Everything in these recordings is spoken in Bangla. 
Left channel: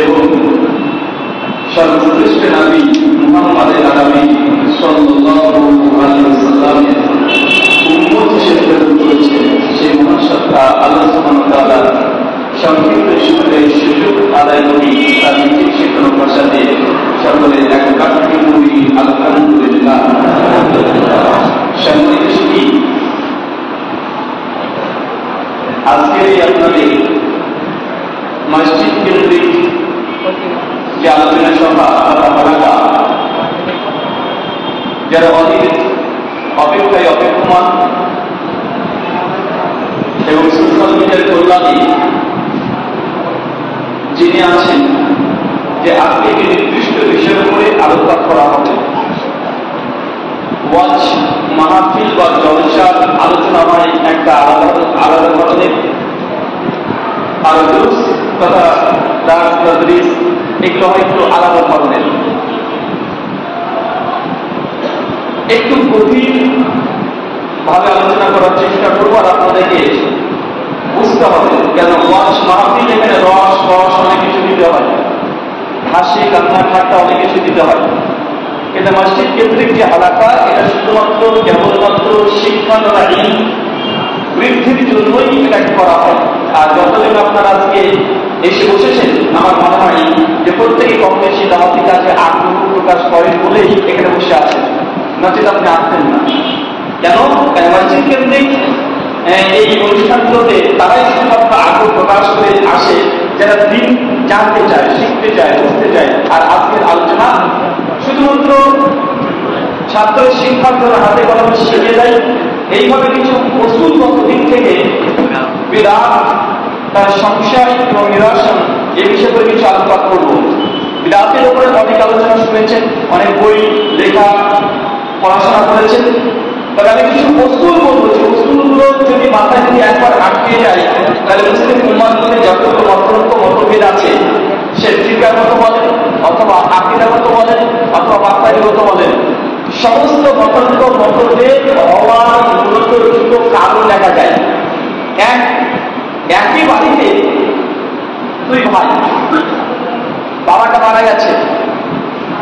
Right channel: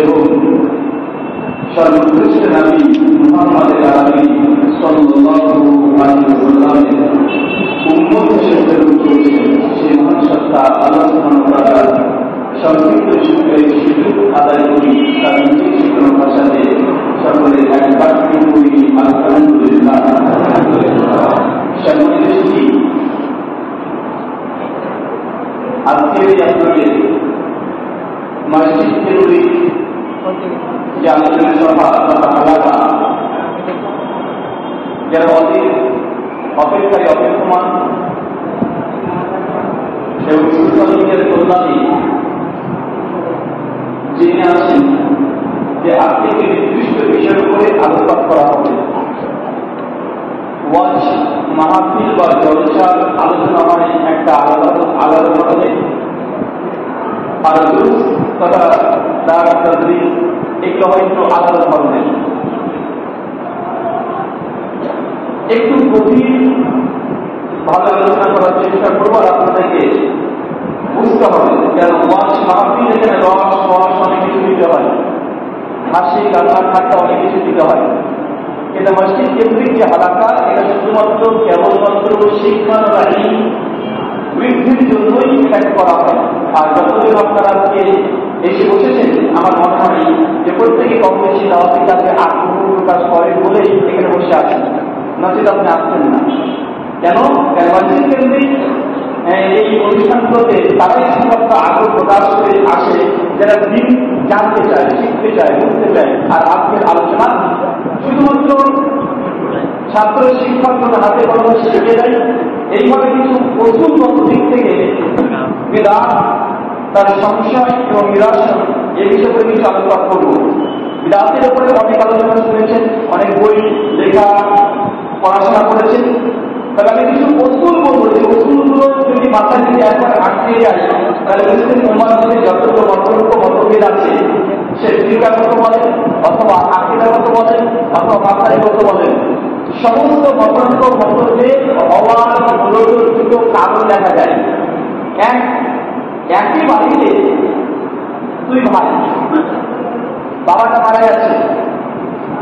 এবং সর্বশ্রেষ্ঠ নবী মুহাম্মদ আরবি সাল্লাল্লাহু আলাইহি ওয়াসাল্লামের উম্মত হিসেবে প্রেরণ করেছেন। সেই মহান সত্তা আল্লাহ সুবহানাহু ওয়া তাআলা সংক্ষিপ্ত শুকরের সুযোগ আদায় করি তার নিজের শিক্ষণ ভাষাতে সকলে এক বাক্যে করি আলহামদুলিল্লাহ। সম্মানিত সুধী, আজকের এই আপনাদের মসজিদ কেন্দ্রিক যে আলোচনা সভা তথা হালাকা, যারা অধীর অপেক্ষায় অপেক্ষমান এবং সোশ্যাল মিডিয়ার কল্যাণে যিনি আছেন যে আজকে একটি নির্দিষ্ট বিষয়ের উপরে আলোকপাত করা হবে। ওয়াজ মাহফিল বা জলসার আলোচনা হয় একটা আলাদা ধরনের, আর দুরুস তথা দারস তাদরিস এগুলো হয় একটু আলাদা ধরনের। একটু গভীর ভাবে আলোচনা করার চেষ্টা করবো আর আপনাদেরকে বুঝতে হবে কেন ওয়াজ মাহফিল এখানে রস অনেক কিছু দিতে হয়, হাসি কান্না ঠাট্টা অনেক কিছু দিতে হয়। এটা মসজিদ কেন্দ্রিক যে হালাকা, এটা শুধুমাত্র কেবলমাত্র শিক্ষা বৃদ্ধির জন্যই এটাকে করা হয়। আর যতদিন আপনারা আজকে এসে বসেছেন, আমার মনে হয় যে প্রত্যেকে কম বেশি দাওয়াতি কাজে আগ্রহ প্রকাশ করেন বলেই এখানে বসে আছেন, নচেত আপনি আসতেন না। কেন মসজিদ কেন্দ্রিক এই অনুষ্ঠানগুলোতে তারাই শুধুমাত্র আগ্রহ প্রকাশ করে আসে যারা দিন জানতে চায়, শিখতে চায়, বুঝতে চায়। আর আজকের আলোচনা শুধুমাত্র ছাত্র শিক্ষার্থীরা হাতে কলমে শিখিয়ে দেয়। এইভাবে কিছু কৌশলগত দিক থেকে বিদাত, তার সংশয় এবং নিরসন এই বিষয়ে করে কিছু আলোচনা করব। বিদাতের উপরে অনেক আলোচনা শুনেছেন, অনেক বই লেখা পড়াশোনা করেছেন। তবে আমি কিছু কৌশল বলবো, যে কৌশলগুলো যদি মাথায় যদি একবার আটকে যায়, তাহলে মুসলিম উম্মাহর মধ্যে যতগুলো মতভেদ আছে, সে ফিকাহগত বলেন অথবা আকীদাগত বলেন অথবা মাসাইলগত বলেন, সমস্ত মতভেদ হওয়ার মূলত দুটো কারণ দেখা যায়। একই বাড়িতে দুই ভাই, বাবাটা মারা গেছে,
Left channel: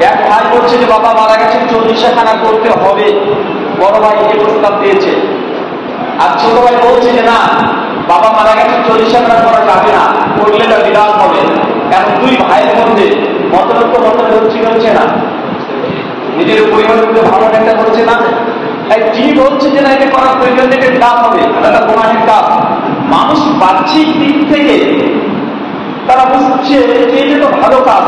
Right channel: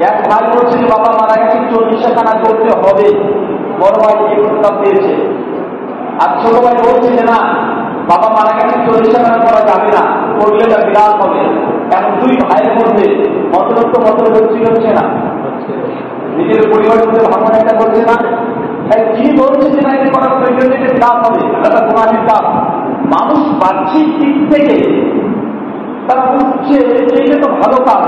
এক ভাই বলছে যে বাবা মারা গেছে 40 খানা করতে হবে, বড় ভাই এই প্রস্তাব দিয়েছে। আর ছোট ভাই বলছে যে না, বাবা মারা গেছে 40 খানা করা যাবে না, করলে তা বিরাট হবে। এখন দুই ভাইয়ের মধ্যে মতভেদ হচ্ছে না, নিজের পরিবারের মধ্যে ভাবনা একটা করছে না। যিনি বলছে যে না এটা করার প্রয়োজন, এটা কাজ হবে, এটা গুনাহের কাজ। মানুষ বাহ্যিক দিক থেকে তারা বুঝছে যে এটা তো ভালো কাজ,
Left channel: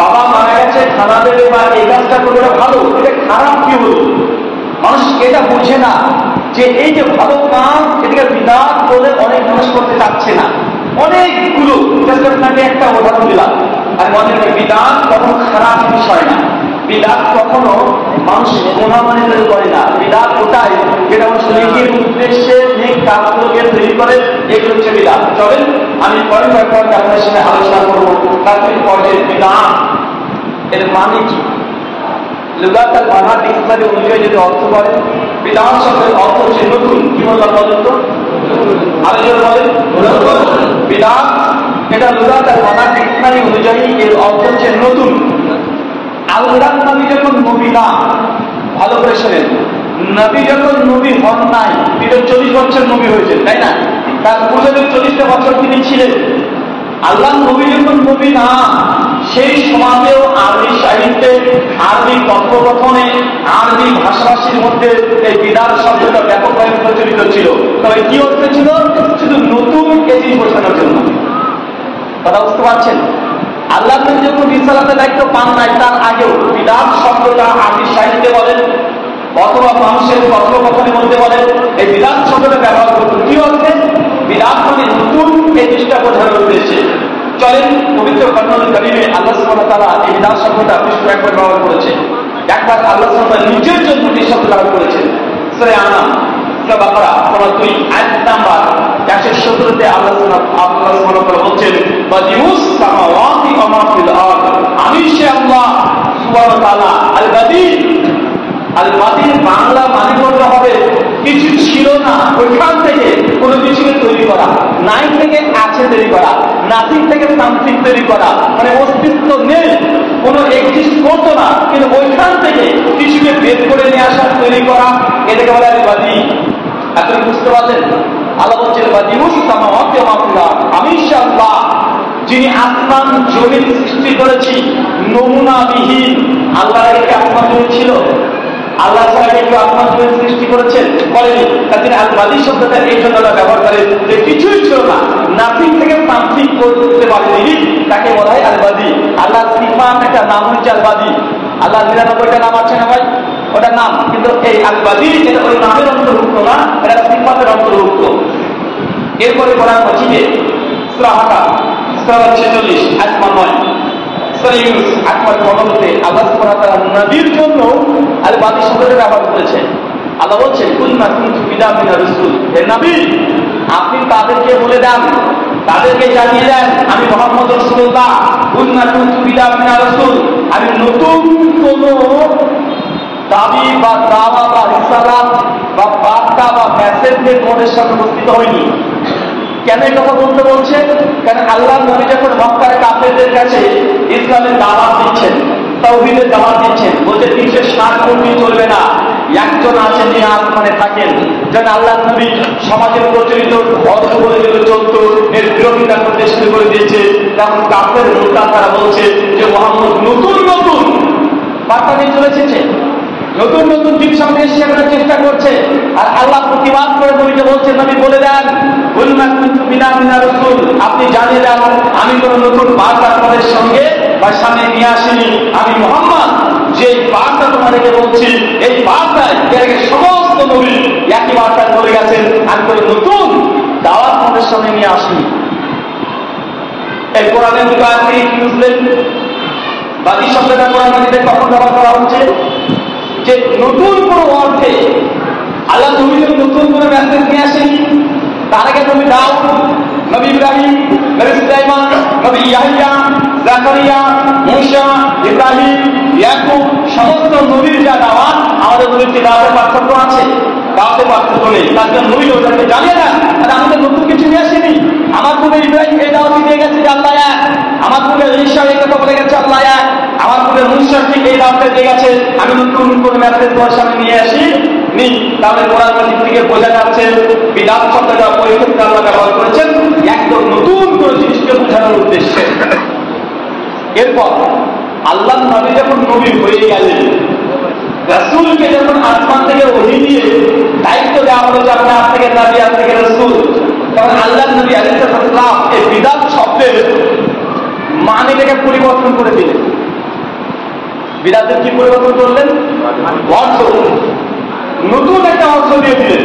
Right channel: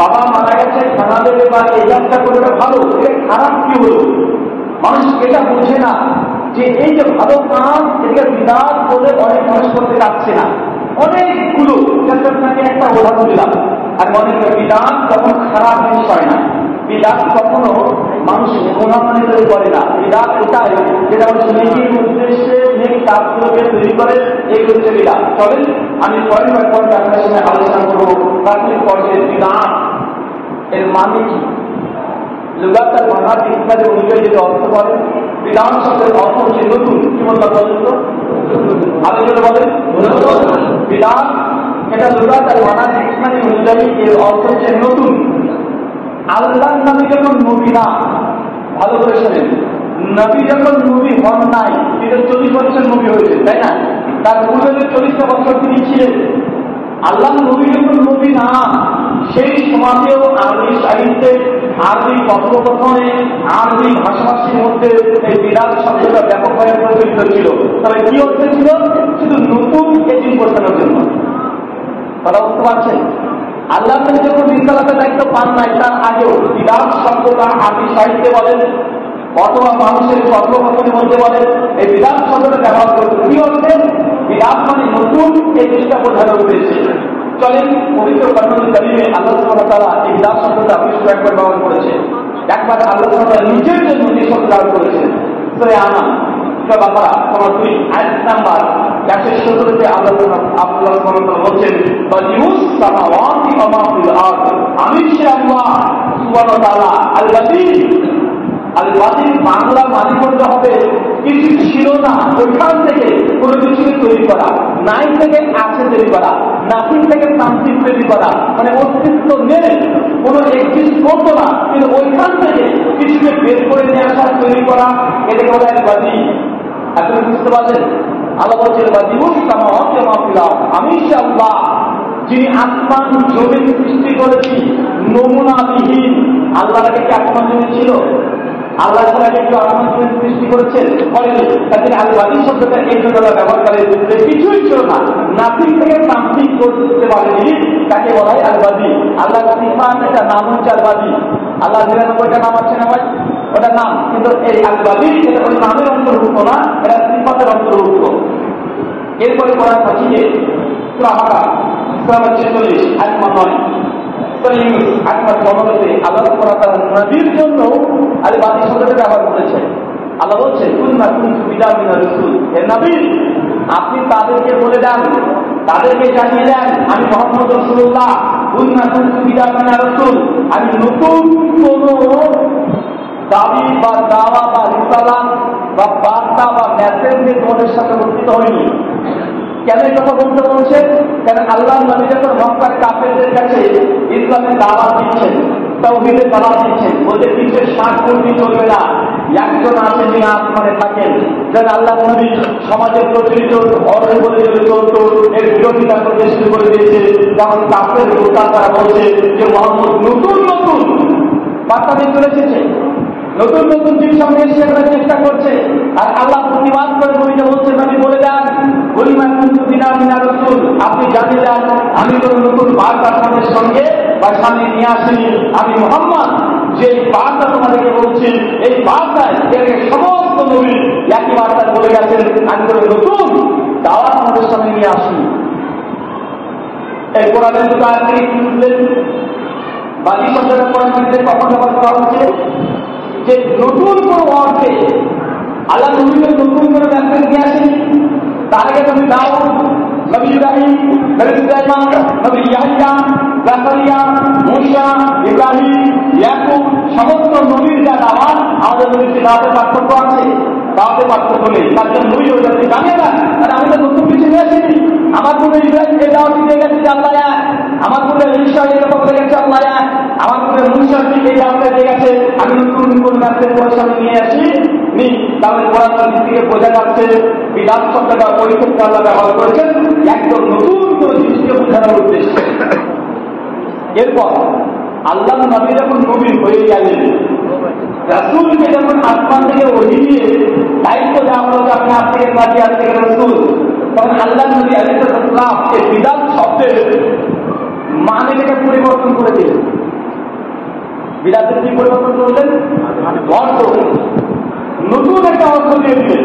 বাবা মারা গেছে খানা দেবে বা এই কাজটা করলে ভালো, এটা খারাপ কি হলো? মানুষ এটা বুঝে না যে এই যে ভালো কাজ, এটাকে বিদাত বলে অনেক মানুষ করতে চাচ্ছে না। অনেকগুলো আপনাকে একটা উদাহরণ দিলাম। আর মনে হয় বিদাত কখনো খারাপ বিষয় না, বিদাত কখনো মানুষ গুনাহ মনে করে না। বিদাত ওটাই যেটা মানুষ নেকির উদ্দেশ্যে নেক কাজগুলোকে তৈরি করে, এগুলো হচ্ছে বিদাত। চলেন আমি পরে আপনার সঙ্গে আলোচনা করবো প্রাথমিক পর্যায়ে বিদাত এর মানে কি। লুগাত আল মানা ডিকশনারি অনুযায়ী যদি অর্থ করে, বিদাত শব্দের অর্থ হচ্ছে নতুন। কি বললাম বলেন তো? আলোচনা বলেন বিদাত, এটা লুগাত আল মানা ডিকশনারি অনুযায়ী এর অর্থ হচ্ছে নতুন। আল্লাহর নবী যখন নবী না, ভালো করে শোনেন, নবী যখন নবী হন নাই, তিনি 40 বছর নবী হয়েছেন, তাই না? তার পূর্বের 40টা বছর তিনি ছিলেন। আল্লাহ নবী যখন নবী না, সেই সমাজেও আরবি সাহিত্যে, আরবি কথোপকথনে, আরবি ভাষাভাষীর মধ্যে এই বিদাত শব্দটা ব্যাপকভাবে প্রচলিত ছিল। তবে কি অর্থ ছিল? শুধু নতুন জিনিস বোঝানোর জন্য। কথা বুঝতে পারছেন? আল্লাহ নবী যখন রিসালাতের দায়িত্ব পান নাই, তার আগেও বিদাত শব্দটা আরবি সাহিত্যে বলেন অথবা মানুষের কথোপকথনের মধ্যে বলেন, এই বিদাত শব্দটা ব্যবহার করত। কি অর্থে? বিদাত মানে নতুন, এই জিনিসটা বোঝানোর উদ্দেশ্যে। চলেন পবিত্র কোরআনুল কারীমে আল্লাহ সুবহানাহু ওয়া তাআলা এই বিদাত শব্দটা বেশ একবার ব্যবহার করেছে। একবার আল্লাহ সুবহানাহু ওয়া তাআলা নিজের জন্য এই শব্দ ব্যবহার করেছেন। সূরা আনাম, সূরা বাকারা সূরা 2 আয়াত নাম্বার 117-তে আল্লাহ সুবহানাহু ওয়া তাআলা বলছেন, বাদিউস সামাওয়াতি ওয়া মা ফিল আরদ, আমি সে আল্লাহ সুবহানাহু ওয়া তাআলা আল বাদি। আল বাদির বাংলা মানে বলতে হবে কিছু ছিল না, ওইখান থেকে কোনো কিছুকে তৈরি করা, নাই থেকে আছে তৈরি করা, নাথিং থেকে সামথিং তৈরি করা, মানে অস্তিত্ব নেই, কোনো এক্সিস্ট করতো না, কিন্তু ওইখান থেকে কিছুকে বের করে নিয়ে আসা, তৈরি করা, এটাকে বলে বাদী। আপনি বুঝতে পারলেন? আল্লাহ বলছেন বাদিউস সামাওয়াতি ওয়া মা ফিল আরদ, আমি আল্লাহ যিনি আসমান জমিন সৃষ্টি করেছি নমুনাবিহীন। আল্লাহর আগে আসমান জমিন ছিল? আল্লাহ ছাড়া কেউ আসমান জমিন সৃষ্টি করেছেন? করেনি। তাদের আল বাদী শব্দটা এই জন্য ব্যবহার করে যে কিছুই ছিল না, নাথিং থেকে সামথিং করতে পারেনি, তাকে বলা হয় আল বাদী। আল্লাহ সিফাত একটা নাম হচ্ছে আল বাদী। আল্লাহ ৯৯টা নাম আছে না ভাই? ওটা নাম, কিন্তু এই আল বাদী এটা ওই নামের অন্তর্ভুক্ত না, এটা সিফাতের অন্তর্ভুক্ত। এরপরে কোরআন মাজিদে সূরা হাকা সূরা ৪৬ আয়াত ৯, সূরা ইউনূস আয়াত ১৫তে আল্লাহ সুবহানাহু ওয়া তাআলা নবীর জন্য আল বাদী শব্দটা ব্যবহার করেছেন। আল্লাহ বলছেন কুল মা কুনতু বিদআম মিনার রাসূল, হে নবী আপনি তাদেরকে বলে দেন, তাদেরকে জানিয়ে দেন আমি মুহাম্মদ রাসূলুল্লাহ কুল মা কুনতু বিদআম মিনার রাসূল, আমি নতুন কোন দাবি বা দাওয়া বা রিসালাত বা বার্তা বা মেসেজ নিয়ে তোমাদের সামনে উপস্থিত হয়নি। কেন এই কথা বলতে বলছে? কারণ আল্লাহ নবী যখন মক্কার কাফেরদের কাছে ইসলামের দাওয়াত দিচ্ছেন, তাওহীদের দাওয়াত দিচ্ছেন, বলছে ৩৬০ কোটি চলবে না, একজন আছেন যিনি আসমানে থাকেন। যেন আল্লাহ নবী সমাজের প্রচলিত ধর্ম বলে যেগুলো চলতো এর বিরোধিতা করতে শুরু করে দিয়েছে। তখন কাফের লোকরা তারা বলছে যে মুহাম্মদ নতুন নতুন বার্তা নিয়ে চলে এসেছে, নতুন নতুন দিক সামনে এসে করার চেষ্টা করছে। আর আল্লাহ প্রতিবাদ করে নবীকে বলছেন নবী বলে দেন কুলমা কুনতু বিদআম মিনার রাসূল, আপনি জানিয়ে দেন আমি কোনো নতুন বার্তা তোমাদের সঙ্গে বা সামনে নিয়ে আসিনি। আমি মুহাম্মদ যে বার্তা তোমাদেরকে বলছি এই বার্তায় এর আগে সমস্ত নবী একই বার্তা বলে গেছেন, আমি কোনো নতুন দাওয়াত তোমাদের সামনে নিয়ে আসিনি। এই কোরআনের দুটো আয়াত থেকে কি বুঝলেন? বাদী শব্দটা কোরআন মাজিদে কখন ব্যবহার করা হচ্ছে? যে নতুন কোনো অর্থে আল্লাহ নবীকে নতুন করে মেসেজ নিয়ে আসেনি। তার আগে নবী দাউদ, নবী ইব্রাহিম, নবী সুলাইমান, নবী ইয়াহইয়া, জাকারিয়া, মূসা, ইব্রাহিম, ইয়াকুব সমস্ত নবীর যা দাওয়াত, আমাদের নবীর কি দাওয়াতের পার্থক্য আছে? দাওয়াতের পার্থক্য নেই। তার জন্য নবী ওদেরকে জানিয়ে দেন আর আমি তো নতুন কিছু নিয়ে আসিনি। আমার পূর্বে ইব্রাহিম এই দাওয়াত দিয়ে গেছে যে আল্লাহ এক, আমার পূর্বে ঈসা এই কথা বলে গেছে আল্লাহ এক, আমার পূর্বে মূসা ঠিক এই দাওয়াতটা দিয়ে গেছে, আমি নতুন কোন মেসেজ তোমার সামনে নিয়ে আসি নি। তাহলে কোরআন মাজিদ থেকে বোঝা যাচ্ছে বিদআত শব্দটা ওই ক্ষেত্রে আল্লাহ ব্যবহার করেছেন একদম নতুন কোনো জিনিসকে বোঝানোর উদ্দেশ্যে। এরপর আল্লাহ নবী যখন নবী হয়ে গেলেন, রাসূলকে যখন আসমান থেকে ওহী নিয়ে দায়িত্ব দেওয়া হলো যে আপনি আজ থেকে নবী, আজ থেকে রাসূল, তখন আল্লাহ নবী আলাইহিস সালাম এই বিদআত শব্দের মানেটাকে পরিবর্তন করে দিলেন। বিদআতের কি পরিবর্তন করলেন? অর্থ, নতুন একটা অর্থ দিয়ে দিলেন।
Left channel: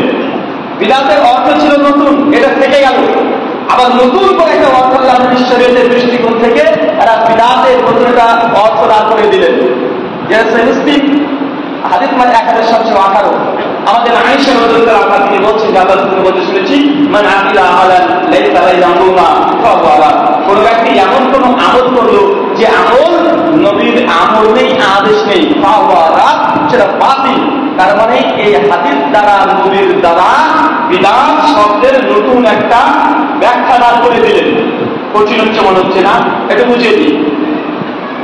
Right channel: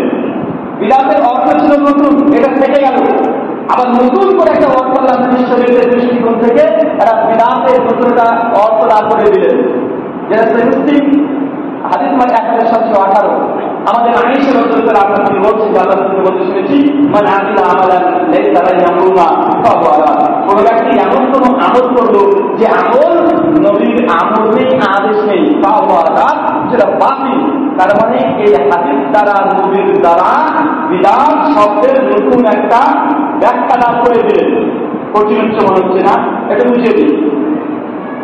বিদআতের অর্থ ছিল নতুন, এটা থেকে গেল। আবার নতুন করে একটা অর্থ আল্লাহ নবী শরীয়তের দৃষ্টিকোণ থেকে একটা বিদআতের নতুন একটা অর্থ দান করে দিলেন। যেটা সহিহ মুসলিম হাদিস মানে 1718 আমাদের আয়েশা রাদিয়াল্লাহু আনহা তিনি বলছেন যে আল্লাহ তিনি বলতে শুনেছি মান আমিলা আমালান লাইসা আলাইহি আমরুনা ফাহুয়া, কোন ব্যক্তি এমন কোন আমল করলো যে আমল নবীর আমল নেই, আদেশ নেই, ফাহুয়া সেটা বাতিল। তার মানে এই হাদিস দ্বারা নবীর দ্বারা বিদআত শব্দের নতুন একটা ব্যাখ্যা দান করে দিলেন। কঠিন হচ্ছে মনে হচ্ছে না? এটা বুঝিয়ে দিই।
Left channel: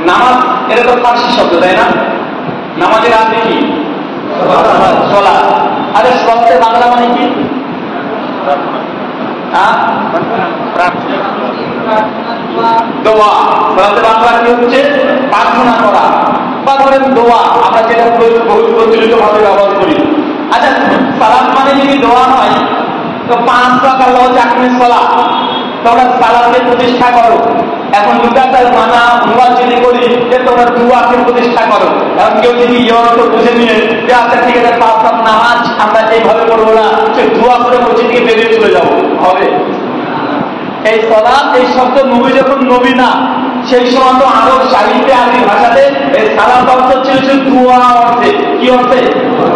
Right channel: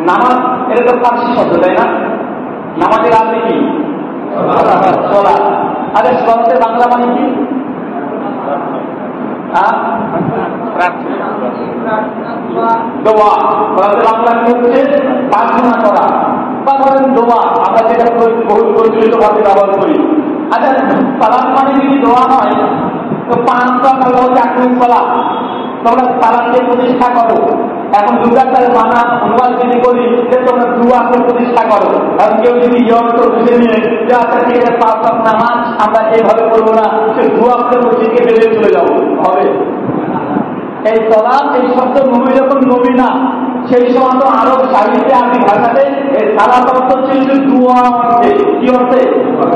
নামাজ এটা তো ফার্সি শব্দ, তাই না? নামাজের আরবি কি? সালাত। আরে সালাতের বাংলা মানে কি? দোয়া। সালাতের বাংলা কি হচ্ছে? প্রার্থনা করা বা ধরেন দোয়া, আমরা যেটা বহু প্রচলিত ভাবে ব্যবহার করি। আচ্ছা, সালাত মানে যদি দোয়া হয় তো 5 ওয়াক্ত আল্লাহ চাকরি সালাত, তোমরা সালাতকে প্রতিষ্ঠা করো। এখন লুগাতার মানা অনুবাদ যদি করি যে তোমরা দুয়াকে প্রতিষ্ঠা করো, কারণ কেউ যদি অর্থ বুঝে নিয়ে যে আচ্ছা ঠিক আছে 5 ওয়াক্ত নামাজ আমরা এইভাবে করবো না, সে দুয়া করে মসজিদ থেকে বেরিয়ে চলে যাবো, হবে? এই সালাত এই শব্দ নবী যখন নবী না, সেই সময় তো আরব সাহিত্যে আরবি ভাষাতে এই সালাত অর্থ ছিল দুয়া অর্থে। কি অর্থে?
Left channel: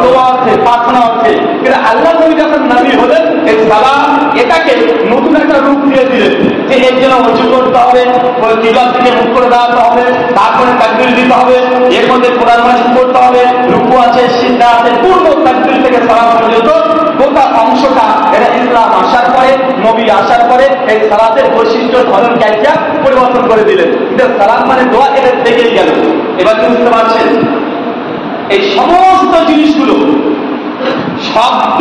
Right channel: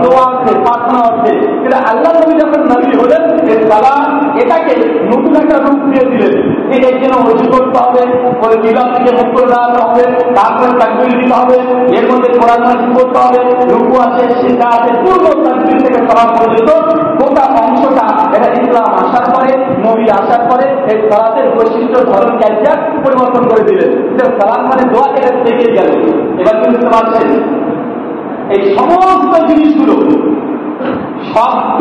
দোয়া অর্থে, প্রার্থনা অর্থে। কিন্তু আল্লাহ নবী যখন নবী হলেন এই সালাত এটাকে নতুন একটা রূপ দিয়ে দিলেন যে এর জন্য উঁচু করতে হবে, ওই কিবলার থেকে মুখ করে দাঁড়াতে হবে, তারপরে তাকবীর দিতে হবে, এর মধ্যে কোরআন মাজিদ পড়তে হবে, রুকু আছে, সিজদা আছে, পুরো তাকবীর থেকে সালাত পর্যন্ত গোটা অংশটা এটা ইসলাম আসার পরে, নবী আসার পরে এই সালাতের বৈশিষ্ট্য ধরন ক্যারিয়া পরিবর্তন করে দিলেন। সালাত মানে দোয়া, এটা থেকেই গেল। এবার কি বুঝতে পারছেন? এই সমস্ত জিনিসগুলো শব্দ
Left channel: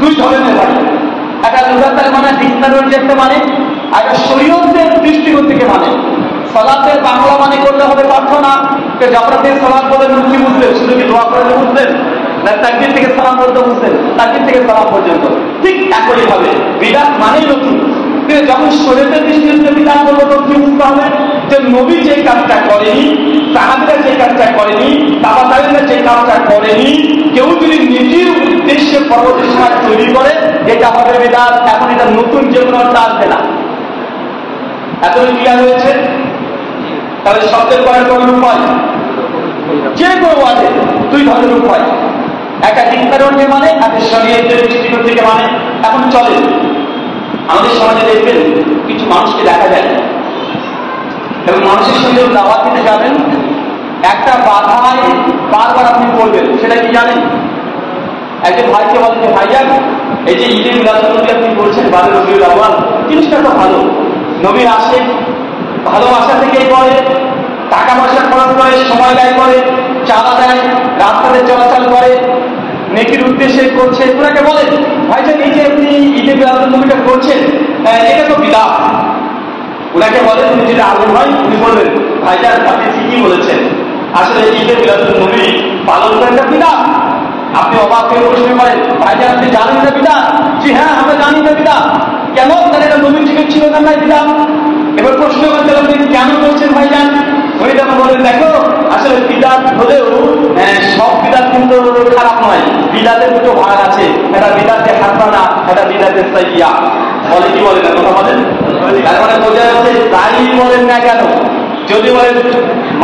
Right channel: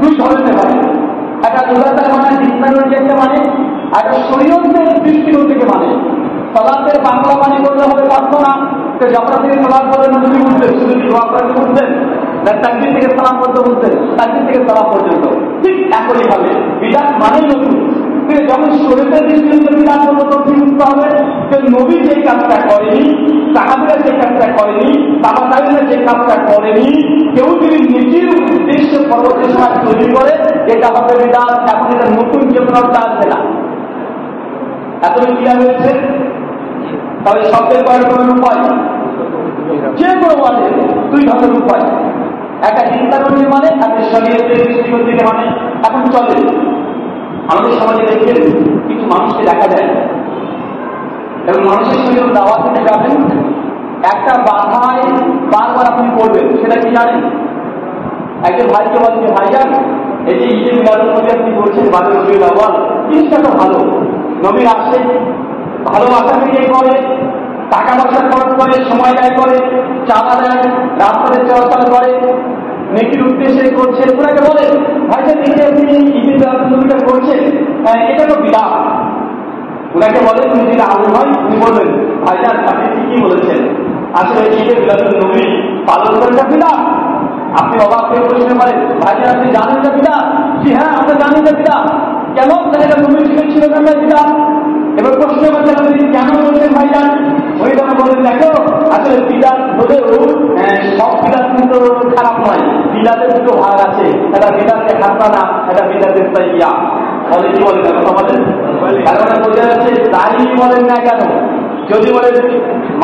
দুই ধরনের হয়, একটা লুগাতের মানে ডিকশনারি একটা মানে, আর একটা শরীয়তের দৃষ্টিকোণ থেকে মানে। সালাতের বাংলা মানে করলে হবে প্রার্থনা, যখন থেকে সালাত বলেন কি বুঝলেন? শুধু কি দোয়া করে বুঝলেন, না তাকবীর থেকে সালাম পর্যন্ত বুঝলেন? তাকবীর থেকে সালাম পর্যন্ত ঠিক একই ভাবে বিদাত মানেই নতুন। যখন শরীয়তের দৃষ্টিতে বিধান করবো তখন কি বুঝতে হবে? যে নবী যে কাজটা করেনি, সাহাবীরা যে কাজটা করেনি, তাবা তাবেঈনরা যে কাজটা করেনি, কেউ যদি নিজের উদ্দেশ্যে পরবর্তী সময় তৈরি করে, এটা হবে বিধান। এখন এটা নতুন যে কোনো অর্থ আসবে না। এতই ক্লিয়ার হয়েছে? তাহলে শব্দের কয়েক রকমের উপায়, যে কোনো ওয়াজে দুই ধরনের উপায়, একটা দিনকারণে মানে, একটা শরীয়তের দৃষ্টিকোণ থেকে মানে। এখন চলে আমাদের সমাজে দেখবেন কিছু মানুষকে দেখা যায় এবং মানুষের সঙ্গে দাওয়াত দিতে যাবেন, একটা বাধায় বারবার আপনি পড়বেন, সেটা কি জানেন? একজন ভাইকে বলেন যে ভাইজান, এই যে ঈদে মিলাদুন নবী আপনি বলছেন 12 রবিউল আউয়াল, জিনিসটা তো ভালো, নবীর আসে, ভালোবাসা থেকেই করে, টাকা পয়সা খরচ করে, সময় ব্যয় করে, চাঁদা দেয়, রাস্তাতে চলাচল করে, নেকির উদ্দেশ্যে করছে। ওনাকে বলেন ভাইজান, এই যে আপনি ঈদে মিলাদুন নবীটা করছেন, এটা তো বিদআত। ওনাকে বলেন, উনি যদি আলেম হয় উনি বলবেন ভাইজান আপনি ঠিকই বলেছেন, আসলে ঈদে মিলাদুন নবী পালন করাটা বিদআত। আপনি অবাক হয়ে প্রশ্ন করেন ভাইজান আপনি জানেন এটা বিদআত? জি হ্যাঁ আমরা জানি এটা বিদআত। কেন? তাহলে এটা নবীর যুগে ছিল না বিদআত। এবার প্রশ্ন করতে আপনি কেন বলছেন ভাইজান? উনি তখন বলেন দেখো আসলে বিদআত হলেও সব বিদআত কিন্তু খারাপ নয়, বিদআতের দুটো ভাগ আছে, এটা বিদআতে হাসানা, এটা বিদআতে সাইয়্যা। বলে কি বলেন? কথা বলেন। তার মানে বোঝা যাচ্ছে তাই বলেন না কেন? যদি বলেন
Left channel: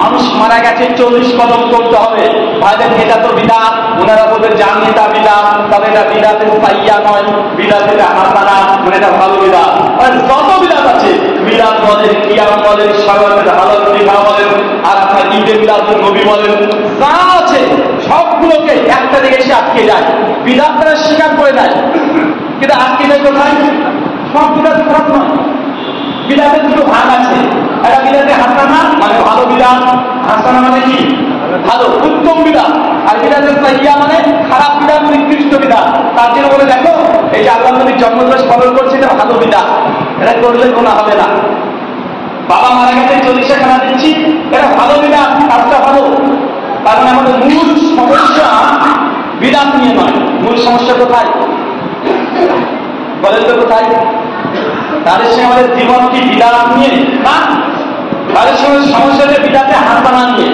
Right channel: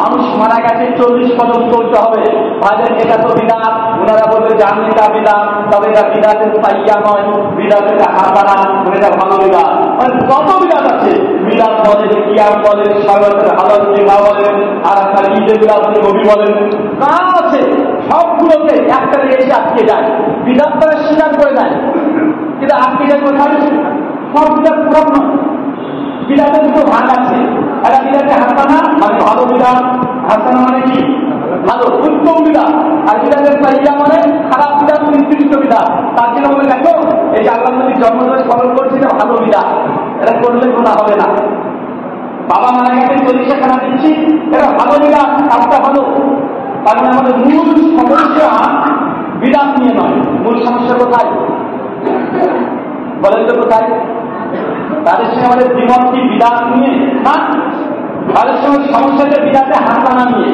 মানুষ মারা গেছে 40 কদম করতে হবে, ভাইজান এটা তো বিদআত, ওনারা বলবেন জানি এটা বিদআত, তবে এটা বিদআতে সাইয়্যা নয়, বিদআতে হাসানা, মানে এটা ভালো বিদআত। মানে যত বিদআত আছে, মিলাদ বলেন, কিয়াম বলেন, শাওয়ালের হালাল বিবাহ বলেন, আর আপনার ঈদে মিলাদুন নবী বলেন, যা আছে সবগুলোকে একটা দিকে এসে আটকে যায়, বিদআত তারা স্বীকার করে নেয়। কিন্তু আটকে যায় কোথায়? সব বিদআত খারাপ নয়, বিদআতের দুটো ভাগ আছে, একটা বিদআতে হাসানা মানে ভালো বিদআত, হাসানা মানে কি? ভালো উত্তম বিদআত, আর বিদআতে সাইয়্যা মানে খারাপ বিদআত, নিকৃষ্ট বিদআত। তার জন্য বলে দেখো এই যে আল্লাহর নবীর জন্মদিবস পালন করছে এটা ভালো বিদআত, এটা করলে গুনাহ হবে না। বাবা মারা গেছে 40 খানা দিচ্ছি, এটা ভালো বিদআত, কাজটা ভালো। তার মানে আমাদের মূল সমস্যা বিদআত নিয়ে নয়, মূল সমস্যা কোথায় বলেন তো? কোথায়? তাদের সঙ্গে আমাদের জীবন কি বিদআত নিয়ে না, তাদের সঙ্গে সমস্যা যে বিদআতে হাসানা নিয়ে।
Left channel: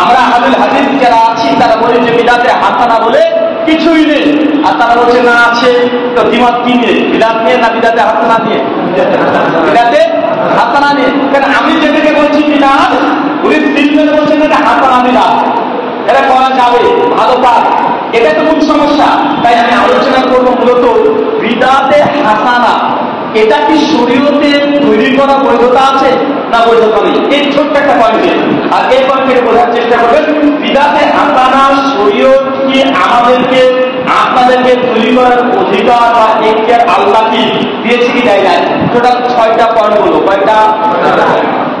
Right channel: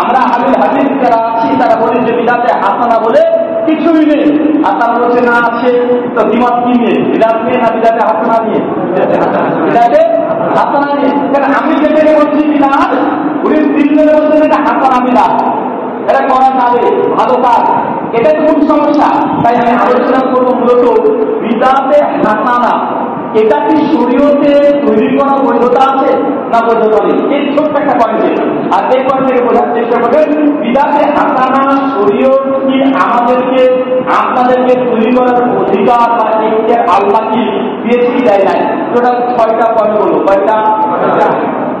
আমরা আহলুল হাদিস যারা আছি তারা বলি যে বিদআতে হাসানা বলে কিছুই নেই, আর তারা বলছে না আছে। তো দ্বিমত কি নিয়ে? বিদআত নিয়ে না বিদআতে হাসানা নিয়ে? বিদআতে হাসানা নিয়ে। কারণ আমি যেটাকে বলছি বিদআত, উনি সিলমের বলছেন এটা হাসানা বিদআত, এটা করা যাবে, ভালো কাজ, এটা তো মূল সমস্যা। তাই আমি আলোচনা করবো মূলত বিদআতে হাসানা, এটা কি শরীয়তে তৈরি করা বৈধতা আছে না বৈধতা নেই, এই ছোট্ট একটা পয়েন্টে। আর এই পয়েন্টে বোঝার চেষ্টা করবেন বিদআতে হাসানা শরীয়ত কি আমাদেরকে আপনাদেরকে তৈরি করার অধিকার বা এখতিয়ার আল্লাহ কি দিয়েছে কি দেয় নাই? টোটাল 6টা পয়েন্ট বলো। কয়টা?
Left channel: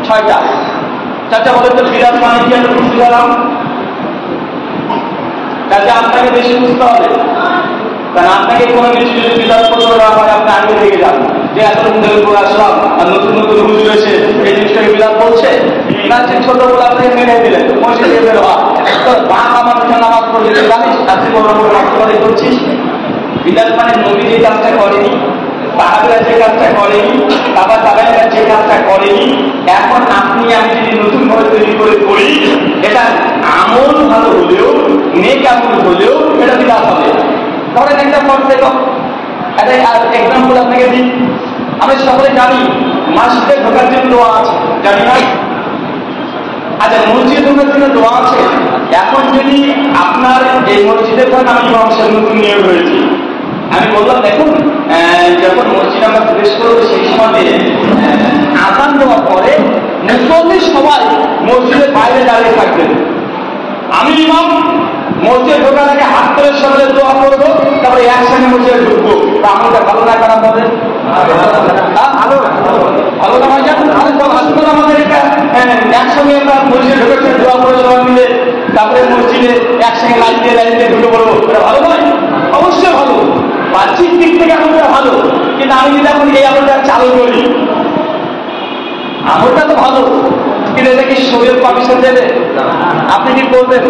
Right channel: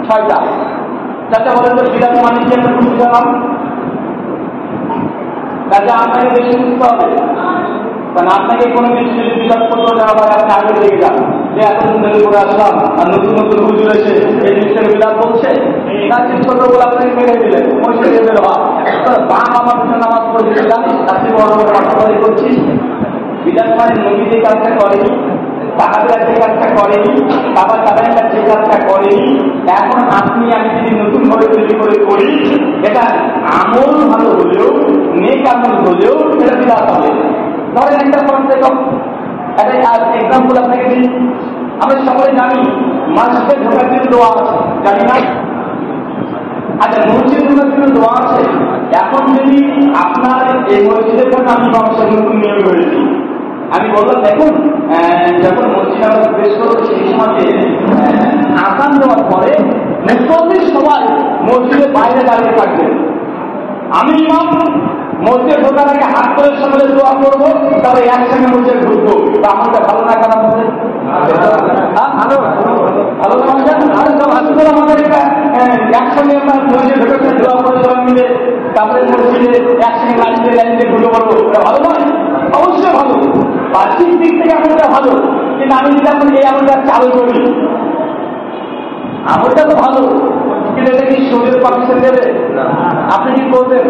6টা। চাচা বলেন তো বিদআত মানে কি? আমরা বুঝতে পারলাম, কাজে আপনাকে বেশি বুঝতে হবে, কারণ আপনাকে কোনো কিছু যদি বিদআত করতে না পারে আপনি আগে থেকে যান যে এতদিন ধরে করে আসলাম আর নতুন নতুন হুজুর এসে এই জিনিসটাকে বিদআত বলছে, না যে ছোটগুলো আপনাকে মেরে দিলেন মসজিদে বের হওয়া, তোর বাপ আমার পিছনে নামাজ পড়ে জানিস, আপনি বড় বড় মাত্রাবাদী করছিস। বিদআত মানে নবী যে কাজটা করেনি, সাহাবীরা যে কাজটা করেনি, তাবা তাবেঈনরা যে কাজটা করেনি, এখন আপনি আমি যদি নতুন ভাবে তৈরি করে করি, এটা আমল ভালো হলেও, নেক আমল হলেও এটা বিদআত হবে। ধরেন একটা একটা এক্সাম্পল আপনাকে দিই। আমরা সকলে জানি মসজিদে ঢোকার জন্য দোয়া আছে, জানি না? আচ্ছা, মসজিদে ঢোকার জন্য দোয়া আছে। এখন যদি আপনার এই মসজিদে ধরেন আমি ইমাম সাহেব নতুন নিয়োগ হয়েছি, আমি বললাম দেখুন যখন মসজিদ আমরা প্রবেশ করবো সেই সময় মুসল্লি সবাই মসজিদের বাইরে দাঁড়িয়ে থাকবেন। আমি ইমাম মসজিদে ঢোকার আগে হাত করে সকলে দোয়া করবো, তারপরে একসঙ্গে মসজিদে ঢুকবো। তা আমাদের ভালো না খারাপ হবে? ভালো ভালো না ভাইজান? আসলে আমাদের এটা একসঙ্গে আমরা মসজিদে ঢুকেছে দোয়া করে সবাই মিলে, তারপরে মসজিদে একসঙ্গে লাইন দিয়ে ঢুকে পড়বো, এটা ভালো নয়? অবশ্যই ভালো, বাহ্যিক দিক থেকে আমলটা ভালো। কিন্তু আমি যদি এখন এই আমলটা চালু করি, আমলটা তো ভালো, কিন্তু এটা কি শরীর পারমিশন দেবে? আপনি কি করবেন?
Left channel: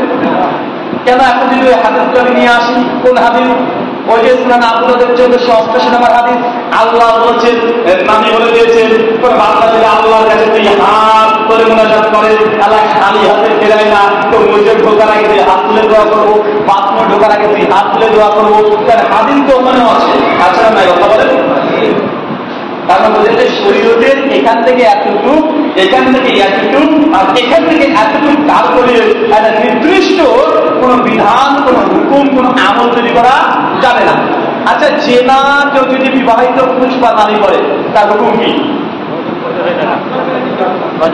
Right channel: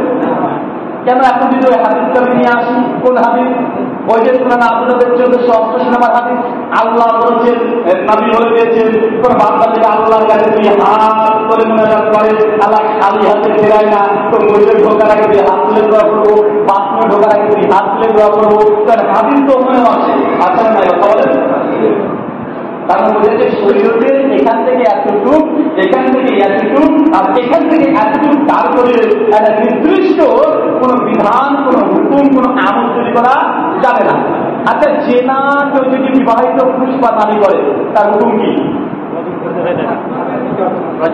কেন? এখন যদি ওই হাদিসটা নিয়ে আসি, কোন হাদিস? ওই যে সুনান আবুদাউদের 1488 নম্বর হাদিস, আল্লাহ বলছেন, নবী বলে দিয়েছেন, কোন বান্দা যদি আল্লাহর কাছে তুই হাত তুলে মুনাজাত করে, আল্লাহ খালি হাতে ফেরায় না। তো মসজিদে ঢোকার আগে তুই হাত তুলে দোয়া করবো, বাথরুমে ঢোকার আগে তুই হাত তুলে দোয়া করবো, কারণ হাদিস তো ওখানেও আছে। আচ্ছা না, কথা বলেন? তারপর বোঝাচ্ছে শরীয়তের এখান থেকে এতটুকু, এখান থেকে এতটুকু, আর এখান থেকে এতটুকু, তারপরে একটা নির্দিষ্ট কোন বিধান, কোন হুকুম, কোন আমল তৈরি করা যাবে না। আচ্ছা, জেনা কেউ যদি বিবাহিত পুরুষ বা নারী করে, তার হুকুম কি?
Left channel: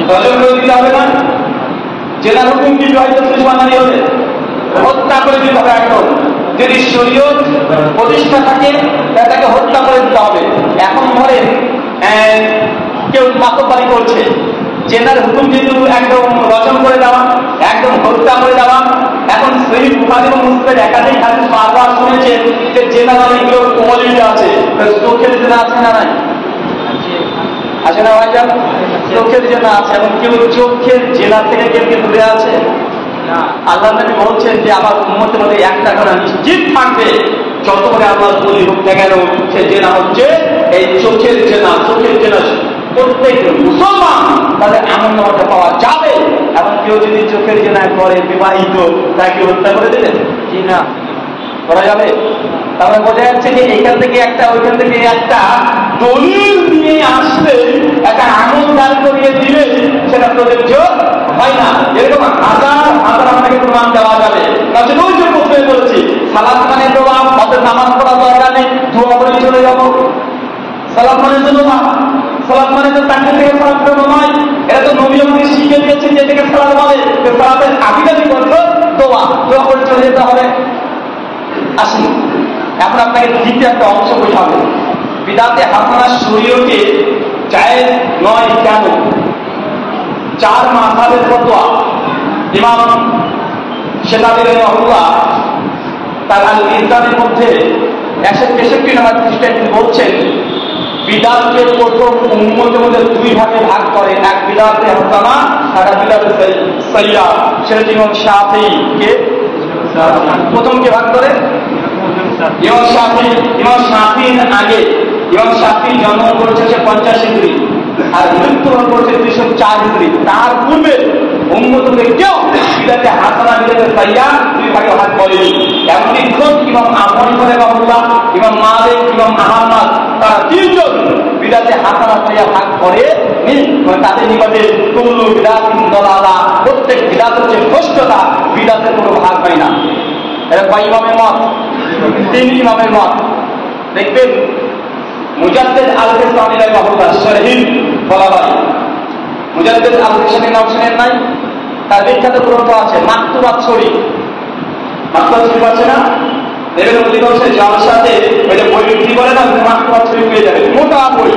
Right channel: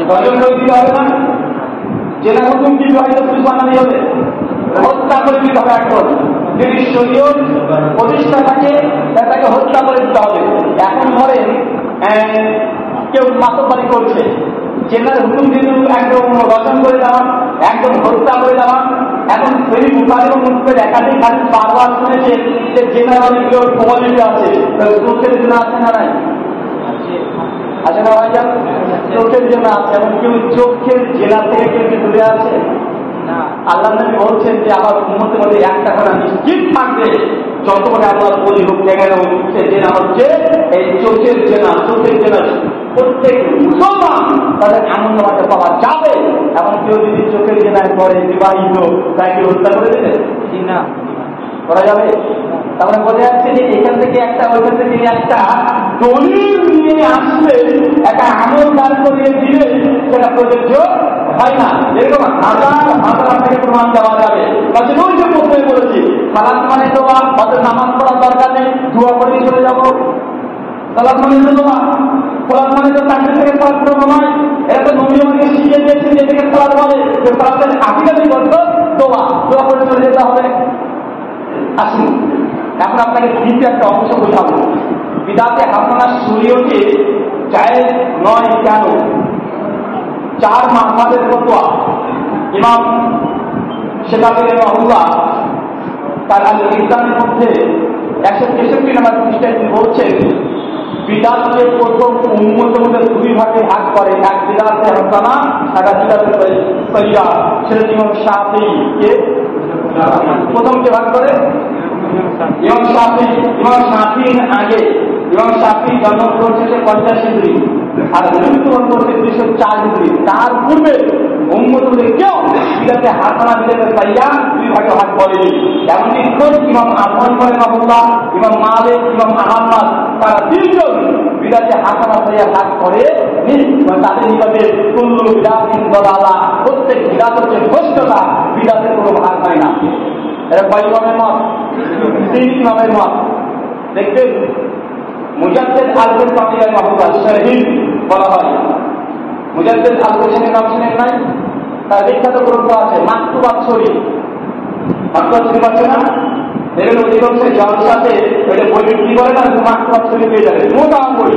গজল করে দিতে হবে না? জেনার হুকুম কি? বিবাহিত পুরুষ বা নারী হলে হত্যা করে দিতে হবে একদম। যদি শরীয়ত প্রতিষ্ঠা থাকে তাকে হত্যা করে দিতে হবে। এখন ধরেন কেউ মাতব্বরি করছে, জেনার হুকুম যেহেতু একদম রচন করে দেওয়া, একদম হত্যা করে দেওয়া। এখন সেই বুখারী এবং মুসলিমের একাধিক হাদিস বারবার শুনেছে যে জেনা অনেকগুলো কোয়ালিটি আছে। চোখের জেনা আছে না নাই? আছে না ভাইজান? চোখের জেনা আছে, এবং কেউ চোখের জেনা থেকে কেউ কি দূরে আছে? আল্লাহ নবী বলছেন যে আমার উম্মতের মধ্যে একটা কথা নিশ্চিত থাকবে, যত করে আল্লাহ বলি হোক না কেন, সে জেনা হচ্ছে এই চোখের জেনা। চোখের জেনা প্রত্যেক মুসলমান তাদের এমন নামাজে পাওয়া যাবে। এবং কেউ যদি চোখের জেনা করে বিবাহিত, তাকে হত্যা করে দেবে কি না? করা যাবে? তাহলে বোঝা যাচ্ছে যে এখান থেকে একটা, ওইখান থেকে একটা দলিল নিয়ে আসলে একটা আমল দাঁড় করিয়ে দিলে সেটা প্রযোজ্য হয় না। এরকম হাজার হাজার আপনাকে প্রমাণ দেওয়া যাবে। তাহলে ওই যে প্রথমে বলেছি, সালাত মানে দোয়া, অর্থাৎ নামাজ পড়া দরকার নেই, দোয়া করে চলে যাবো। সালাত মানে তো দোয়া, সালাত মানে তো তাকে থেকে সালাত করানো নয়। এটা তো নবী আমাকে শিখিয়ে দিয়েছেন যে এটাকে সালাত বলে। সালাতের আবিধানিক অর্থ দোয়া, দোয়া করে চলে যেতে হবে। আসুন এখন আপনাকে দ্বিতীয় একটা অংশ বোঝাবো, বিদাতে হাসানা শরীয়তে জায়েজ নয় কেন। 4 মাযহাবের ফতোয়া। ইমাম শেতাবী রাহিমাহুল্লাহ তার আল মিজানের মধ্যে 163 নম্বর পৃষ্ঠায় তিনি বলছেন, বিদাতকে প্রথম উম্মতের মধ্যে 2 ভাগে ভাগ করে, এক বিদাতে হাসানা আর এক বিদাতে সাইয়্যা। সেটা ইমাম শাফিঈ কে প্রথম কে ভাগ করে? ইমাম শাফিঈ। ইমাম শাফিঈর আগে ইমাম শাফিঈ জন্ম করেছে 50 হিজরি আর মৃত্যুবরণ করেছে 204 হিজরি। তার পূর্বে উম্মতে কেউ বিদাতে হাসানা বিদাতে সাইয়্যা 2 ভাগে ভাগ করেনি। এমনকি খোদ ইমাম আবু হানিফা রাহিমাহুল্লাহ, ইমাম মালিক, ইমাম আহমদ, তারা 3 জন বিদাতে হাসানা সাইয়্যা ভাগ করে নি। তাদের নিকটে কুল্লু বিদাতিন দালালা, প্রত্যেক বিদাত হচ্ছে ভ্রষ্টতা, বিদাতের কোনো ভাগ হয় না। এটা কয় ইমামের মত? 3 ইমামের মত। দেখবেন মুজাদ্দিদ আল-বিস্তামি রাহিমাহুল্লাহ শরীহ বলা হয়। মুজাদ্দিদ আল-বিস্তামির নাম শুনেন নাই? তার বিখ্যাত গ্রন্থ আছে মাকতুবাত শরীফ। মাকতুবাত শরীফ আছে না? দেখবেন অধিকাংশের যাওয়ার সাথে ওইটা বই বিক্রি করে না, মাকতুবাত শরীফ পেয়ে যাবেন। মোটা বই,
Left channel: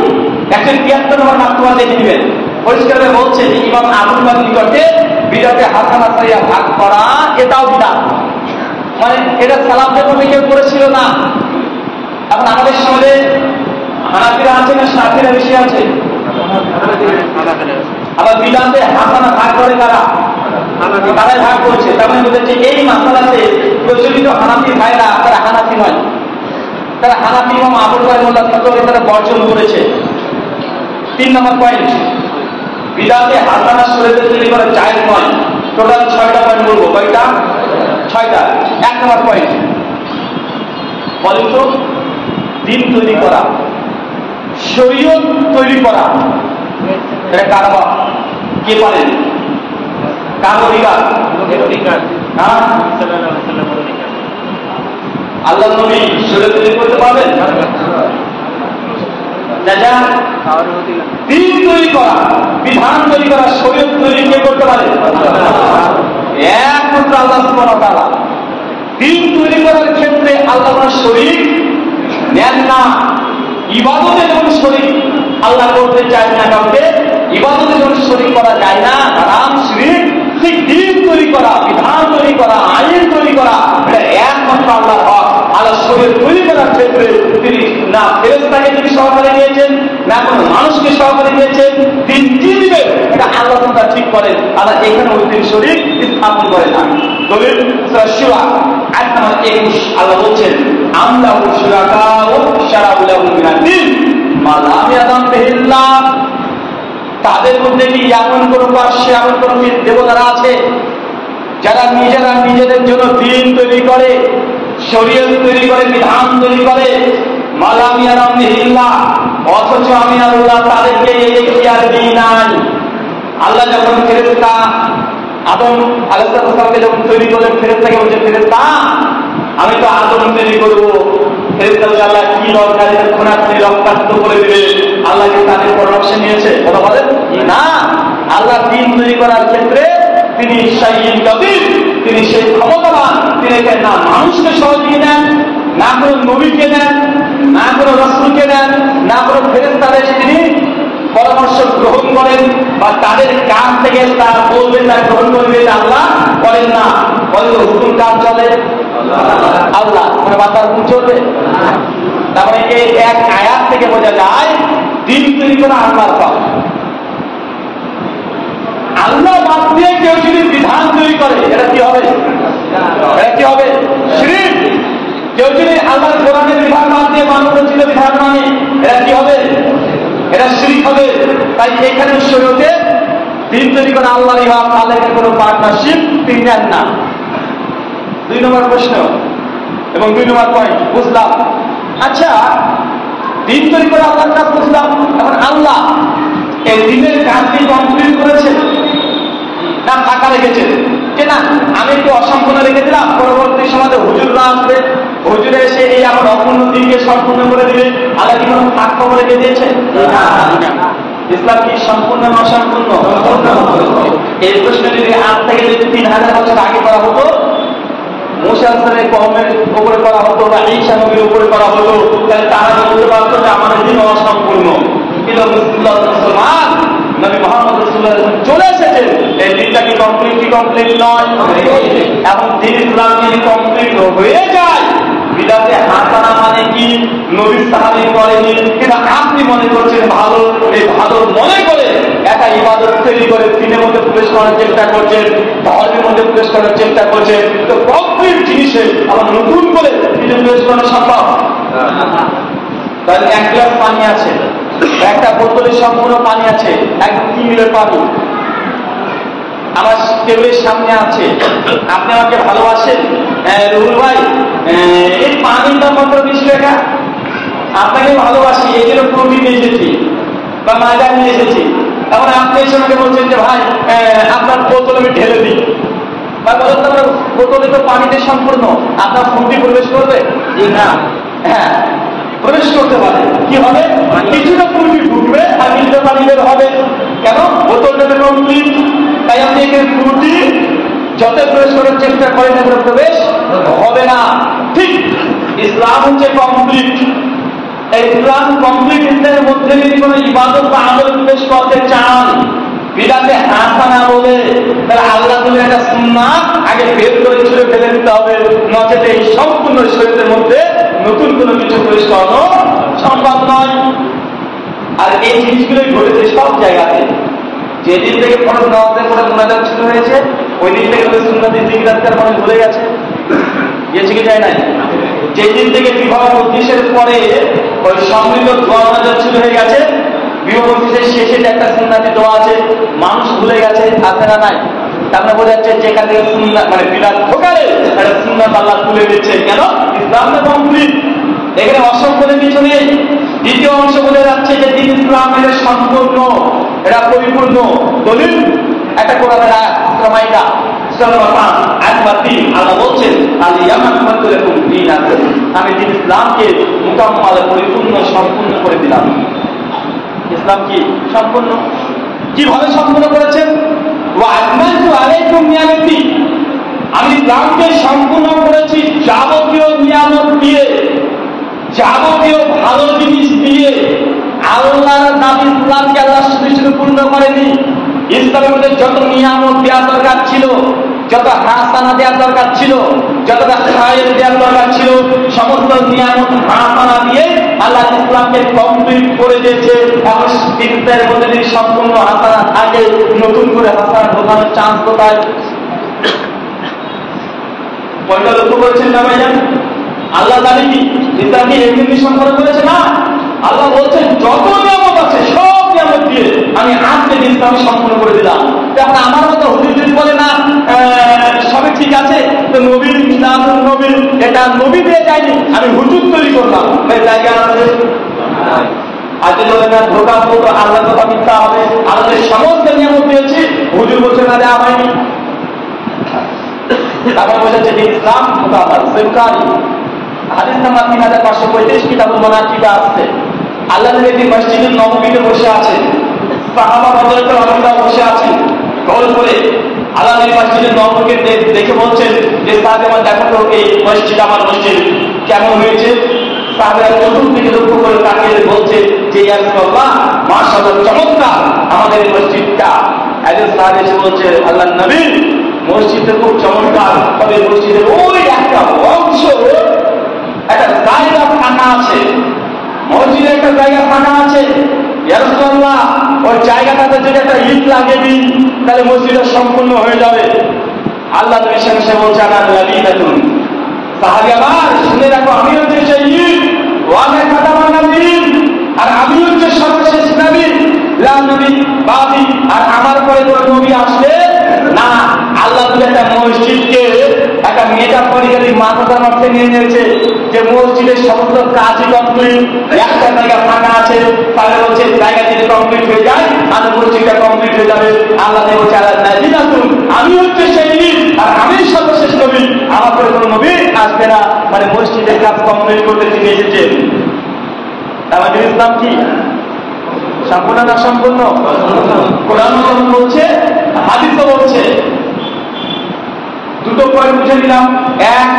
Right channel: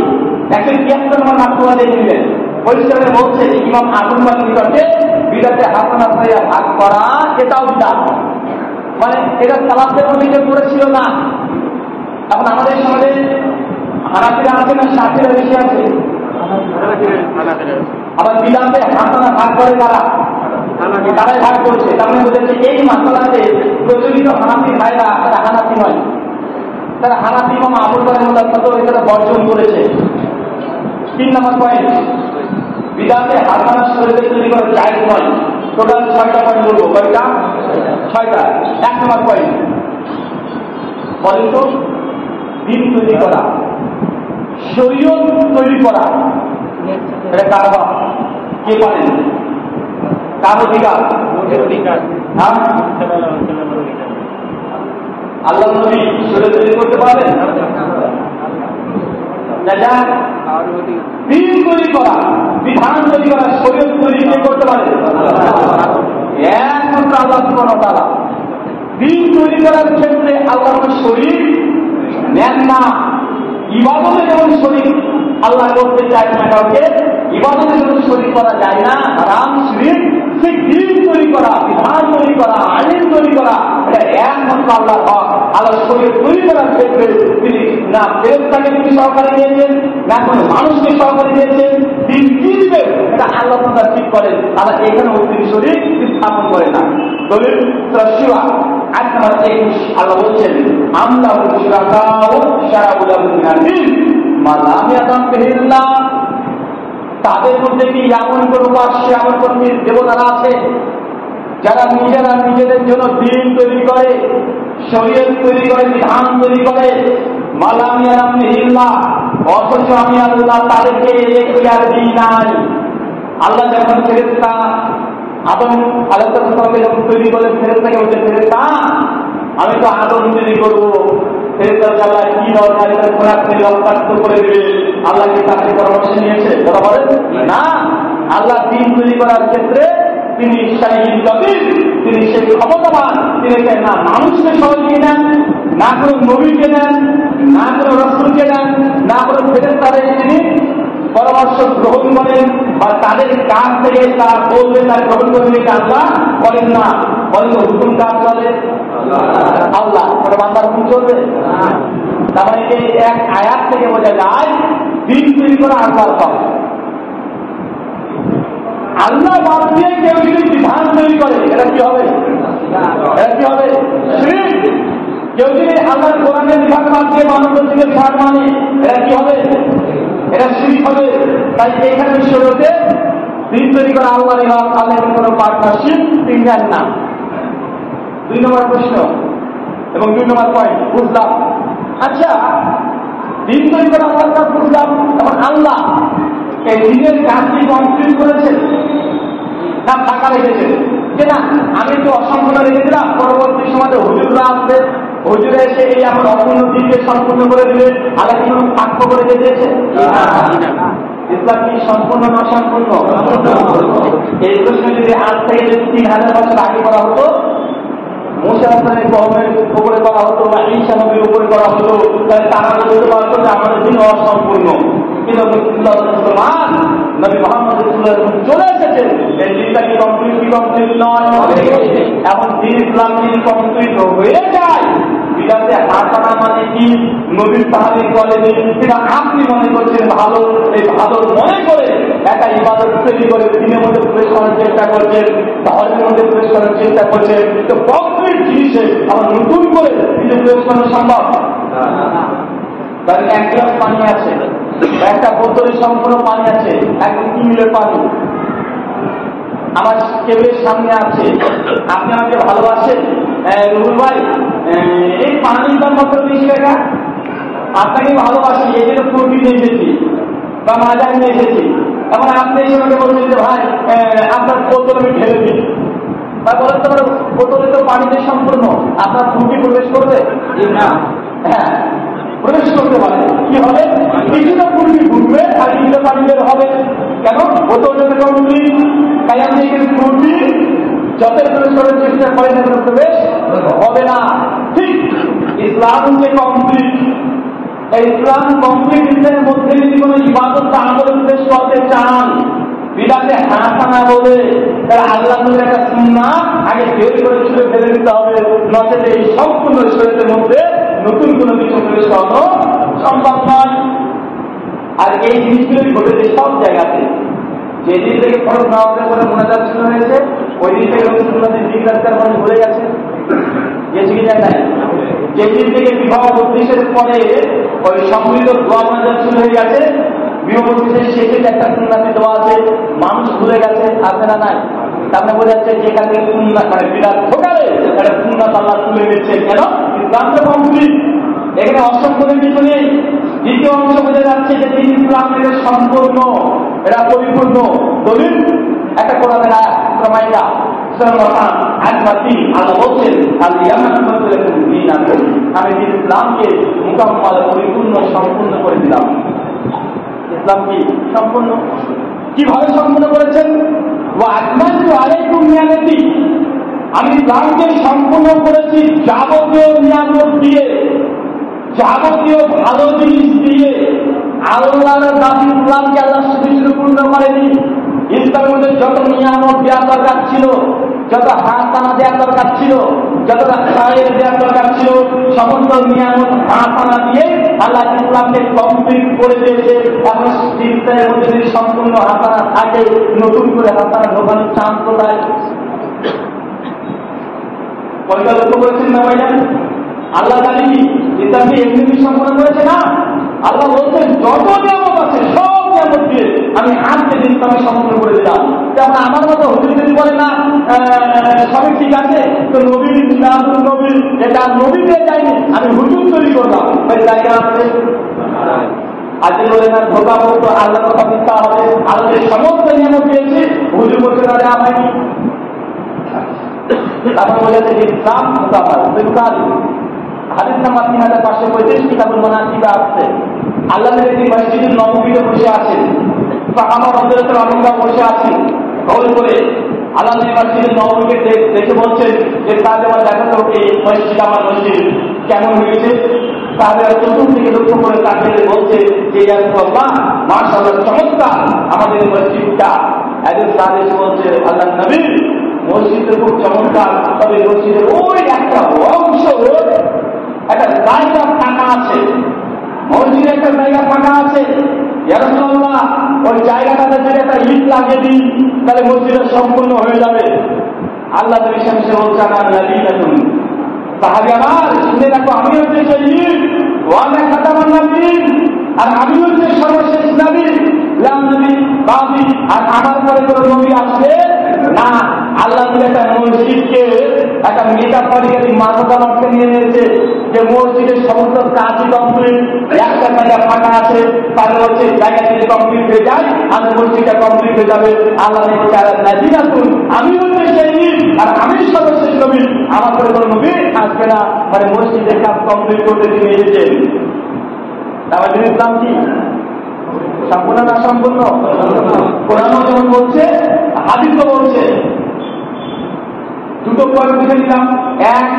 173 নম্বর মাকতুবাত দেখে নেবেন। পরিষ্কার বলছে ইমাম আবু হানিফার নিকটে বিদাতে হাসানা সাইয়্যা ভাগ করা এটাও বিদাত। মানে এটা সালাফদের মধ্যে কেউ করেছিল না। এখন আমাদের সমাজে হানাফিরা আছে না শাফিরা বেশি আছে? আবার বিদাতে হাসানা ভাগ করে কারা? তারাই ভাগ করছে। তার মানে বুঝেছে এই মাসালাতে প্রচলিত হানাফি ভাইরা তারা হানাফি নয়, তারা হানাফি ইমাম আবু হানিফার ফতোয়া তারা বর্জন করেছে। 3 নম্বর পয়েন্ট, বিদাতে হাসানা শরীয়তে তৈরি করা জায়েজ নয়। টোটাল 6টা পয়েন্ট বলবো। কয়টা? 6টা। 1 নম্বর পয়েন্ট, বলেন তো দিন তৈরি করা, শরীয়ত তৈরি করা, এটা কার হক? কে পারেন? কার অধিকার? হ্যাঁ, আল্লাহ নবী শরীয়ত তৈরি করতে পারবেন? যা দিন তৈরি করা, বিধান তৈরি করা, শরীয়ত তৈরি কে করতে পারে? একমাত্র আল্লাহ সুবহানাহু ওয়া তাআলা। দিন তৈরি করার ক্ষেত্রে আল্লাহ কোন শরীক নেন না। ইবাদতে যেমন শরীক আল্লাহ করতে চায় না কাউকে, ইবাদতে যেমন শরীক করা যায় না, হারাম শিরক, ঠিক দিন তৈরি করা, বিধান তৈরি করা, আইন তৈরি করা, এটা একমাত্র আল্লাহর হক। আল্লাহ শরীয়ত তৈরি করার ক্ষেত্রে তিনি না ফেরেশতাকে তিনি সহকারী নিয়েছেন, না কোনো মানুষকে সহকারী নিয়েছেন। দিন কি দিবে এটা আল্লাহ তাআলা ঠিক করেন। আল্লাহ এখানে ওই দিন শরীক স্থাপন করে না। দলিল সূরা শুরা আয়াত নম্বর 21 আল্লাহ বলছেন, আমলাহু শুরাকাউ শারাউ লাহুম মিনাদ দীন মা লাম ইয়াযাম বিহিল্লাহ। তাদের মধ্যে কি এমন কোন পাশে এমন কোন দেবতারা আছে যারা নিজেরা নিজেদের জন্য দিন তৈরি করে, শরীয়ত তৈরি করে, বিধান তৈরি করে, মা লাম ইয়াযাম বিহিল্লাহ, অথচ আমি আল্লাহ তাদেরকে এই এখতিয়ার দিই নাই। আল্লাহ যখন ফেরেশতা আদম আলাইহিস সালামকে যখন তৈরি করলেন, ফেরেশতাকে বলছে, ফেরেশতা আমি তো আদম তৈরি করবো, ফেরেশতা আল্লাহ কি দরকার এটা খুনাখুনি রক্তাক্ত করে দিবে, আল্লাহ কি তাদের পরামর্শ নিয়েছে? কথা বলেন না। আল্লাহ দিন তৈরি করার ক্ষেত্রে তিনি শাইইন কাদির, তিনি সেই ক্ষমতাবান। তিনি না মানুষকে সহযোগী নেন, না কোনো নবীকে নেন, না কোনো রাসূলকে নেন, না কোনো ফেরেশতাদের তিনি পরামর্শ গ্রহণ করেন, বা তাদের কাছ থেকে তা বলবে তা গ্রহণ করবে, তা আল্লাহ করেন না। বলেন হুকুম কার চলে? আল্লাহ। কোনো বান্দার হুকুম চলবে? তার মানে এই এক আয়াত থেকে বোঝা যায় দিন তৈরি করা আল্লাহর কাজ। আল্লাহ বাদ দিয়ে কেউ যদি বিধান তৈরি করে এটা কি হবে? এটা কি হবে? শিরক। কেউ যদি আল্লাহর কোরআনের বিধান বাদ দিয়ে মানব রচিত বিধান মানে এটা কি হবে? এটা শিরক হবে। তাই এখানে শরীয়তে দিন তৈরি করা আল্লাহরই হক, আল্লাহর কোনো পার্টনারশিপ তিনি নেন না। 2 নম্বর প্রশ্ন এবং 2 নম্বর পয়েন্ট বুঝলাম। আচ্ছা, দিন তৈরি করা আল্লাহর কাজ বুঝলাম, এখন আল্লাহ এই দিনের কাজটি কমপ্লিট করেছেন না ফাঁকা রেখেছেন? যে না আমি একটু অসম্পূর্ণ রেখে দিলাম, পরবর্তী সময় হুজুররা আসবে, হুজুরে এসে এই আমার অপূর্ণ দিনকে সম্পূর্ণ করে দিবে, আল্লাহ কি কোনো ফাঁক করে রেখে দিয়েছে? ইসলাম কি সম্পূর্ণ না অসম্পূর্ণ? এই প্রশ্ন যদি আজ থেকে যদি 3000 বছর আগে করা হতো, মুসা আলাইহিস কওমের উপরে করা হতো বা ঈসা নবীর উপরে করা হতো, তাহলে তারা বলতে পারতো যে আমাদের দিন অসম্পূর্ণ। কিন্তু মুসলমান নবী মুহাম্মদ রাসূলুল্লাহ চলে এসেছেন, এই দিনটা কি কমপ্লিট নয়? এখন দিন ইসলাম যদি কমপ্লিট হয়ে যায়, বিদাতে হাসানা মানে কি নবীর সাহাবী বলেনি, কিন্তু আপনি মনে করছেন ভালো, এই ভালো মনে করে একটা ইবাদত তৈরি করে দিনের মধ্যে প্রবেশ করার চেষ্টা করছেন, ধর্মের মধ্যে প্রবেশ করার চেষ্টা করছেন, তো কমপ্লিট জিনিসে আবার নতুন করে কিছু প্রবেশ করা সম্ভব? তাহলে 1 গ্লাস পানি আছে, একটা বোতলে সম্পূর্ণ পানি আছে, একদম কিনলে পানি আমার টেবিলের সামনে আছে, আপনি আমাকে ভালোবাসেন, রুহুল ভাই এই পানির দাম মাত্র 20 টাকা, আপনাকে ভালোবাসি এই জন্য প্রোটিন নিয়ে এসেছি বা ময়দা নিয়ে এসেছি। এখন আপনি এসে আমাকে বলছেন যে ভাই আপনার বোতল আমি ঢেলে দিই, বা বলেন তো বোতলে তো পানিতে সম্পূর্ণ, আপনার ফুটি প্রবেশ করবে না? হ্যাঁ প্রবেশ করতে পারে। কি হবে? কিছুটা ফুটি ঢুকবে আর কিছুটা পানি বের হবে। কেন? বোতলটা কমপ্লিট। তাই আপনি এখানে ফুটি যত প্রবেশ করার চেষ্টা করেন এখানে প্রবেশ হবে না। ঠিক ইসলাম হচ্ছে কমপ্লিট। এই ইসলাম কমপ্লিট ইসলামের মধ্যে যদি কোনো ইবাদত বা আমল প্রবেশ করতে চান, বিদাতে হাসানা বলে, তাহলে আল্লাহ তুমি একটা সুন্নাত আগে বের করে ছুঁড়ে ফেলে দিতে হবে, নচেত এই সম্পূর্ণ শরীরের মধ্যে নতুন কোনো কিছু প্রবেশ করানো সম্ভব নয়। আর এই জিনিসগুলোই ঘটেছে সব জায়গাতে। যেদিন থেকে ফরজ নামাজের করে মোনাজাত শুরু হয়েছে, ওই দিন থেকে সুন্নাতি জিকির মানুষ ভুলে গেছে, গেছে কি যায় নাই? যেদিন থেকে বিবাহ 25-এর পরে ওই সমৃদ্ধ দোয়া মোনাজাত শুরু হয়ে গেছে, বিবাহ 25-এর শেষে যে একটা সুন্নাতি দোয়া আছে মানুষ ভুলে গেছে, আছে না নাই? তারপরে বোঝা যাচ্ছে যেখান থেকে সুন্নাত মানে বিরাট ঢোকালে একটা সুন্নাত আল্লাহ তুলে দিচ্ছে। কেন? ইসলামটা কমপ্লিট, এখানে অসম্পূর্ণ কিছু নেই। দ্বিতীয় অংশ বোঝা যাচ্ছে যে দিন ইসলাম এটা সম্পূর্ণ, এটা পরিপূর্ণ। দলিল একটা কোরআনের আয়াত, সূরা মাইদা সূরা নম্বর 5 আয়াত নম্বর 3 আল্লাহ বলছেন, আল-ইয়াউমা আকমালতু লাকুম দীনাকুম, আমি দিন ইসলামকে মুকাম্মাল পরিপূর্ণ সম্পূর্ণ করে দিলাম। ইসলাম কি সম্পূর্ণ। কিভাবে সম্পূর্ণ করেছেন? ওয়া আকমালতু আলাইকুম নিয়ামতি, আমি ইসলামকে সম্পূর্ণ করেছি যাবতীয় নিয়ামত দিয়ে, যাবতীয় ভালো জিনিস দিয়ে। আল্লাহর দাবি ইসলামকে আল্লাহ শুধু পূর্ণ করেনি, ইসলামের মধ্যে যত নিয়ামত দেওয়ার দরকার ছিল, যত হাসানা দেওয়ার দরকার ছিল, যতটা খায়ের দেওয়ার দরকার ছিল, সমস্ত নিয়ামত হাসানা দিয়ে আল্লাহ ইসলামকে কমপ্লিট করে দিয়েছে। এখন চিন্তার মধ্যে যদি সম্পূর্ণ হাসানা থাকে, নতুন করে হাসানা ঢোকানোর চান্স কোথায়? পয়টা লক্ষ্য করেছেন না ভাইজান? আল্লাহ দাবি কি ইসলাম কি এমনি সম্পন্ন করেছে না? আল্লাহ বলছেন যত নিয়ামত আছে সব নিয়ামত দিয়ে আমি আজকে ইসলামে সম্পূর্ণ করে দিলাম। তখন আমার মতো হুজুর যদি বলে না সবই ঠিক আছে, তো নবীর মিলাদুন নবী এটা নবী দিয়ে যায়নি, আমি হুজুর তৈরি করলাম, ভাই জায়গা আছে? আর যদি বলে না ধোকা বলতো আল্লাহ কথা মিথ্যা হবে, আল্লাহ সমস্ত নিয়ামত দিয়েছি, হুজুর বলছে না দেওয়া হয়নি। তারপর বোঝাচ্ছে যে ইসলাম বুখারী হাদিস নাম্বার 3535 কিতাবুল মানাকিব আসছে। আল্লাহ নবী মসজিদুল নববীতে বসে আছেন, সাহাবা রাদিয়াল্লাহু আনহুরা বসে আছেন গোল করে। আল্লাহ নবী মসজিদুল নববীকে দেখে বলছেন যে সাহাবা আমার দেখো তো এই মসজিদ আমার মসজিদ কেমন হয়েছে। সাহাবারা চতুর্দিকে লক্ষ্য করে তাকিয়ে বলছে যে ইয়া রাসূলুল্লাহ মাশাআল্লাহ চমৎকার আমাদের মসজিদটা। একজন সাহাবী এসে বলছে আল্লাহর নবী মসজিদটা খুব চমৎকার, তবে মসজিদের ওই একটা অংশ একটা জায়গা ফাঁকা আছে, মসজিদে একটা জায়গা ফাঁকা আছে, ইয়া রাসূলুল্লাহ ওই জায়গাটাতে যদি একটা ইট লাগিয়ে দিই তাহলে মসজিদটা সম্পূর্ণ হয়ে যাবে। আল্লাহ নবী সামনে বলছে আনা লাবিদাতুন, সাহাবী আমার শুনে রাখো আমি হচ্ছে সেই ইট, ওয়ানা খাতামান নবীন, আর আমি হচ্ছে সর্বশেষ নবী, লা নবী বাদি, আর আমার পরে কোনো নবী আসবে না। আল্লাহ নবী একটা মসজিদকে একটা মেটাফরিক্যালি মাথার অর্থে নিয়ে নিয়েছে যে মসজিদের সমস্ত কাজই কমপ্লিট, একটা জায়গা ফাঁকা আছে, তাহলে বলছে জায়গা যদি কমপ্লিট হয়ে যায় আর মসজিদটা কমপ্লিট হয়ে যাবে। আল্লাহ নবী বলছে আল্লাহ নাজিনাতুন, আমি হচ্ছে সেই নবী আর আমি সর্বশেষ নবী, আমার পরে কোনো নবী আসবে না। মানে মসজিদের কাজ কমপ্লিট করতে তিনি এসেছেন। তাহলে ইসলাম কি সম্পূর্ণ না সম্পূর্ণ? কোরআন বলছে, হাদিসও বলছে। দুটো পয়েন্ট বুঝে নিলাম। এক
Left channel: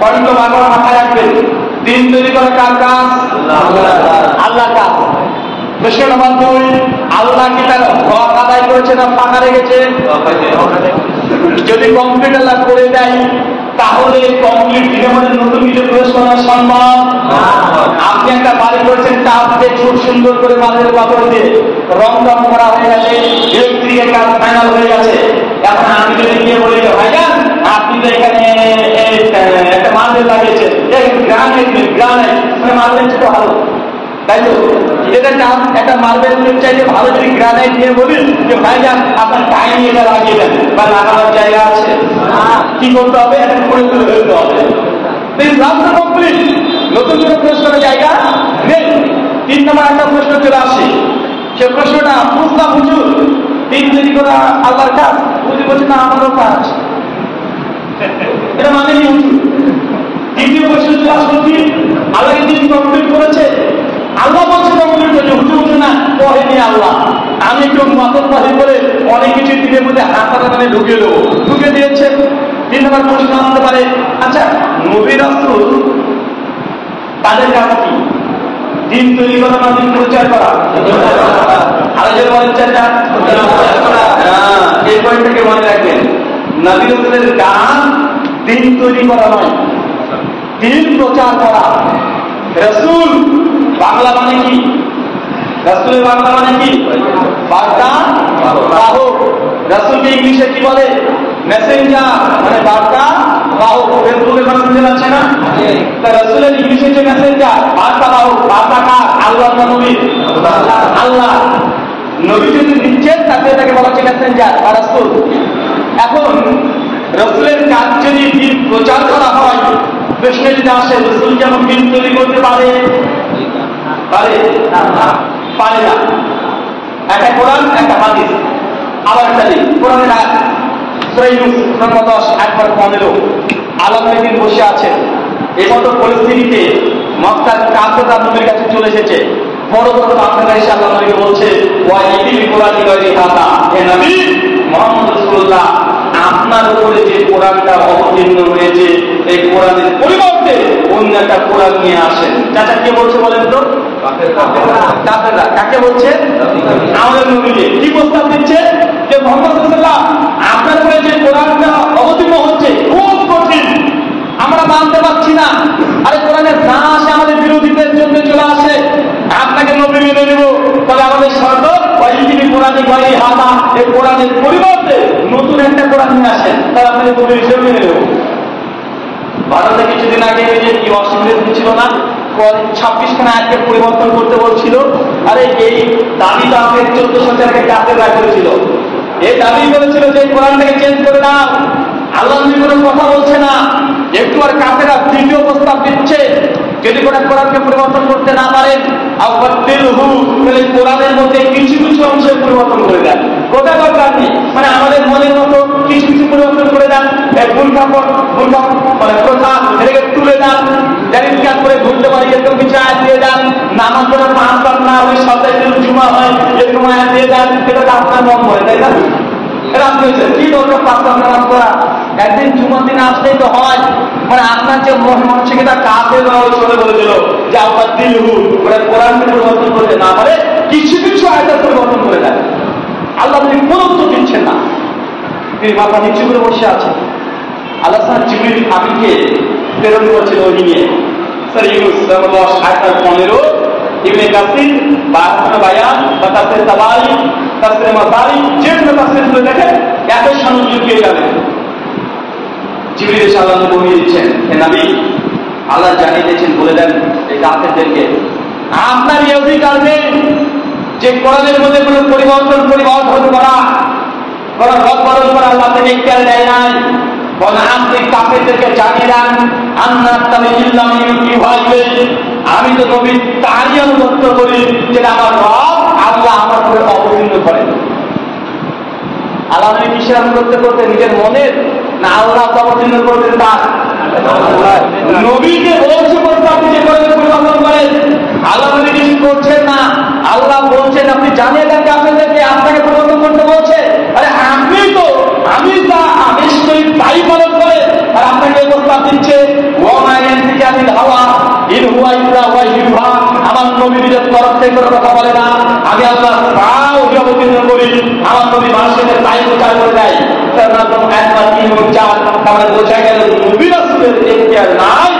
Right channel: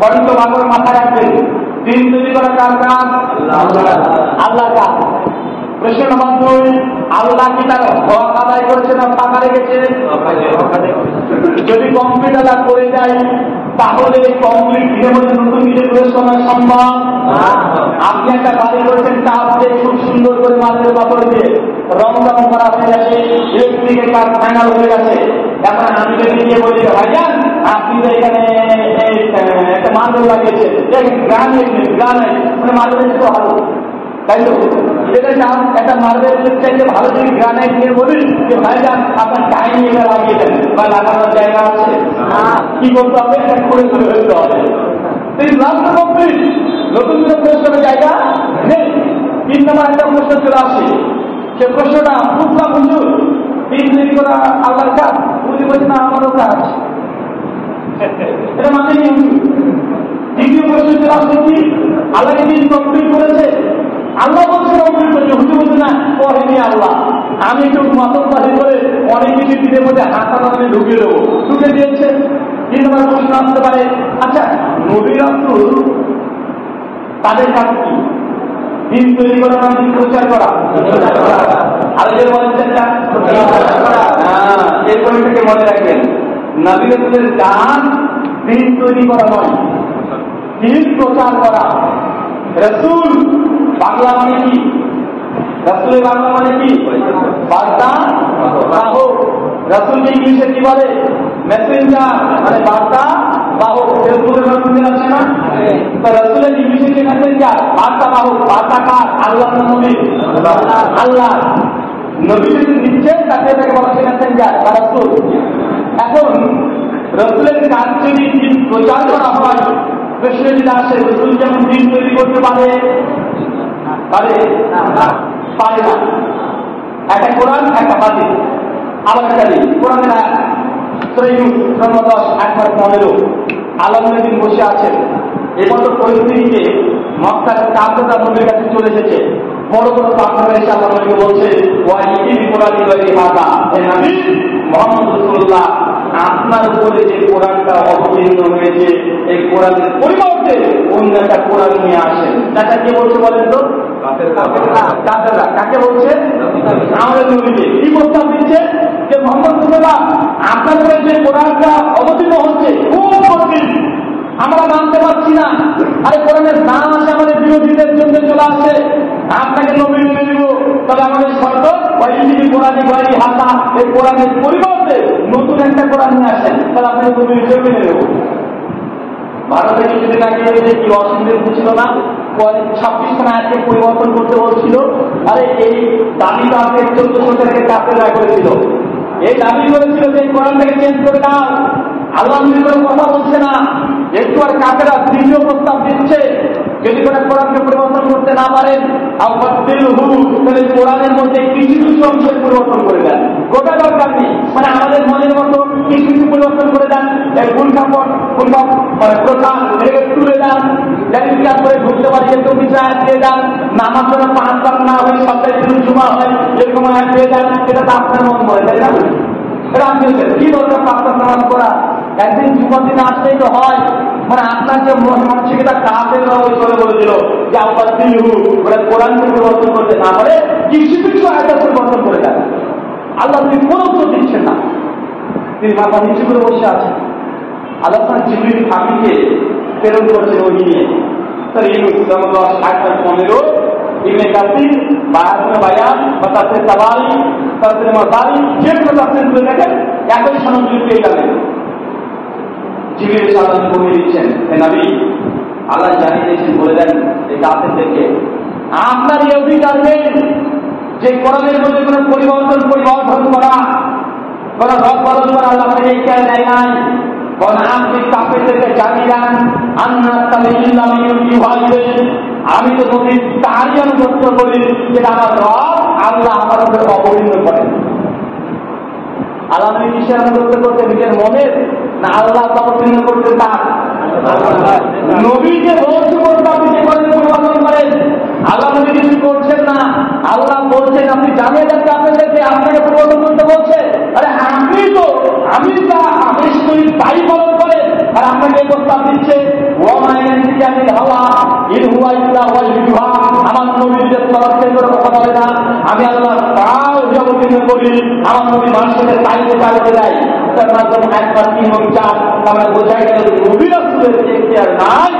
পয়েন্ট বারবার মাথায় রাখবেন, দিন তৈরি করা কার কাজ? আল্লাহ কাজ। প্রশ্ন নম্বর 2, আল্লাহ কি তার হক আদায় করেছে না ফাঁকা রেখেছে? যদি কমপ্লিট আল্লাহ করে দেয় তাহলে কমপ্লিট দিনের মধ্যে নতুন কিছু প্রবেশ করা সম্ভব? আপনি একটা বাড়ি করেছেন, টাপ দিয়ে খুব সুন্দর করে মার্বেল পাথর দিয়ে রং রং করা হয়ে গেছে, ইলেকট্রিকের কাজ ফাইনাল হয়ে গেছে। এখন আমি যদি গিয়ে বলি যে ভাইজান আপনি তো এখানে একটা মার্বেল লাগিয়েছেন, গ্রানাইট নেই, গ্রানাইট মানে মার্বেল ছিল ভালো, তাই তো? এটা একটা মার্বেল চাইলে ভালো যদি গ্রানাইট নিয়ে বলি যে ভাইজান আপনার টাইম এটা লাগিয়ে দেন, বা লাগানোর জায়গা আছে? কি করতে হবে? এটা করে করে ফেলতে হবে। রাস্তা কমপ্লিট, নতুন কোনো প্রশ্নের জায়গা নেই। 3 নম্বর একটা প্রশ্ন চলে আসে, সে প্রশ্নটা বুঝলাম হুজুর দিন তৈরি করা আল্লাহর কাজ, হুজুর বলছে না আমারও কাজ, এটা মানে নি হুজুর। দ্বিতীয় প্রশ্ন চলে আসলো কি আল্লাহ দিন কমপ্লিট করেছে, আল্লাহ বলছে কমপ্লিট করেছে, হুজুর বলছে না কহেনি আল্লাহ, আমি একটু মাতব্বাহি করে অনেক কিছু দিনের মধ্যে হাতাটা মানে ঢুকিয়ে দেবো, ঢুকে দিয়েছে। 3 নম্বর প্রশ্ন আসতে পারে, আচ্ছা নবী রাসূল তাদের কাজ কি? দিন তৈরি করা না দিন প্রচার করা? আলোচনা বলছেন না, এই পয়েন্টটাকে মনে রাখবেন। নবী রাসূলের কাজ দিন তৈরি করা নয়, দিন প্রচার করা। রাসূল বাংলা মানে কি? রাসূলের বাংলা মানে কি? বার্তা বাহক। রাসূলকে ইংলিশে কি বলে? মেসেঞ্জার, মানে বার্তা বাহক। ফেসবুকে মেসেঞ্জার আছে না? রাসূলের ইংলিশে যে মেসেঞ্জার, বার্তা বাহক। বার্তা কার? আল্লাহ না নবী? আল্লাহ। নবী যদি দিচ্ছেন তাকে বলা হচ্ছে মেসেঞ্জার বা রাসূল। এখন রাসূলের কাজ যদি দিন প্রচার করা হয়, প্রশ্ন যদি আসে রাসূল যেমন দিন তৈরি করতে পারে? পারে না। একটা কোরআন, একটা হাদিস, আবার একটা দিন কোরআনের সূরা ইউনূস 10:15 আলম নবী বসে আছেন। এই মতো পরিস্থিতিতে মক্কার কাফেররা নবীর কাছে চলে এসেছে, বড় বড় কাফেররা এসে আল্লাহ নবীকে বলছে ওয়া ইবিল কোরআনি গায়রি হাদা, হে নবী মুহাম্মদ রাসূলুল্লাহ, আপনার উপরে যে কোরআনটা অবতীর্ণ হয়েছে এই কোরআনের পরিবর্তে অন্য একটা কোরআন নিয়ে আসেন। চাচা কে বলছে বলেন তো? কাফেররা। কাকে বলছে? আমাদের নবীকে। কি প্রস্তাব দিচ্ছে যে মুহাম্মদ রাসূলুল্লাহ, আপনার উপরে যে কোরআনটা অবতীর্ণ হচ্ছে খুব কঠিন, আমরা মানতে পারছি না। আরে কোরআনের না আসে আমাদের বিরোধীদের জন্য চলে আসে, আপনাকে নবী মেনে নেব, তবে আমাদের শর্ত ওয়াইজিবি কোরআনে গায়রি হাদা, এই কোরআনের পরিবর্তে নতুন একটা কোরআন নিয়ে আসেন, তাহলে আপনাকে নবী হিসেবে মেনে নেব। ভারতে কিছুদিন আগে কি অসুবিধা হচ্ছিল না, 26খানা আয়াতকে পরিবর্তন করতে বলছিল। আরে এই দাবিটা আমাকে 1400 টাকা কাছে করেছিল। এই দাবি করেছিল যে কোরআনটাকে চেঞ্জ করে দাও, আল্লাহ কোনো কথা বলছে না। একটু আর কাফেরা দ্বিতীয় প্রস্তাব দিচ্ছে, যদি কোরআনকে পরিবর্তন করতে না পারেন তাহলে কোরআনের মধ্যে কিছু কিছু অংশ পরিবর্তন করে দেন, গোটা দরকার নেই, মানে আমাদের মনের মতো কিছু কিছু পরিবর্তন করে দেন। মানে প্রথা এটাকে তুলে দেন, জানিস কাজ করে ঘুরতে পারি এরকম কিছু আয়াত দিয়ে দেন, নামাজ করে 5 বার না হলে সপ্তাহে 3 জুমা হয় এরকম আয়াত দিয়ে দেন, এটা তো আপনার মন করে, তাই না? কি দরকার 5 বার নামাজ করা? একদিন জুমার দিন আসলেই তো হয়। মানে আপনার যে মানসিকতা কাছে চলে বলেছিল যে আপনার দিলহু ওরা কোরআনকে পরিবর্তন করতে না পারে কিছু কিছু আয়াত পরিবর্তন করে দেন। আল্লাহ তিনি কোন উত্তর দিচ্ছেন না, তিনি মাথা নিচু করে বসে আছেন। আল্লাহ জিবরিল আমিনকে প্রেরণ করছেন ওই নিয়ে। স্যার ইউনুস 15 ইবনে কাসির বায়াতুল বায়ান বা তাফসীর তাবারি তাফসীর মাসারি যে কোনো তাফসীর করে দেখেন একই সংযোগ পেয়ে যাবেন। জিবরিল সাল্লাল্লাহু আলাইহি বলে দিচ্ছেন, হে নবী আল্লাহ জানিয়ে দিয়েছেন, বলে দেন এই কাফেরদেরকে আপনার এই অধিকার নেই যে কোরআনের মধ্যে কোনো পরিবর্তন করা, কোনো রদবদল করা আল্লাহ থেকে ইখতিয়ার দেয় নাই। বলেন আপনি কাফেরদেরকে জানিয়ে দেন আমি তো নবী তারই অনুগত করি যেটা আমার রব আল্লাহ আমার উপরে অবতীর্ণ করেন। আল্লাহ নবী কিসের অনুগত করতে? নিজের মনের না আল্লাহ অবতীর্ণ করতেন তার? নবীকে বলছে করতে আপনি যে পরিবর্তন করেন, আল্লাহ নবী কিছু করছেন না। আল্লাহ বলছেন আপনি জানিয়ে দেন কাফেরদেরকে আপনাকে পরিবর্তন করতে বলছে। আরে আপনি তো আমি তা নিশ্চয়ই তাই পালন করে, আর আপনাকে প্রস্তাব দিচ্ছে আমার নবী নিজের তরফ থেকে কোনো কথা বলে না, আমি আল্লাহ তাও অবতীর্ণ করি, আমার নবী মানুষের তাই প্রচার করে দেয়। তার মাধ্যমে একবার 3 ও 4 তাহলে বোঝা গেল নবী রাসূলের ইখতিয়ার নাই,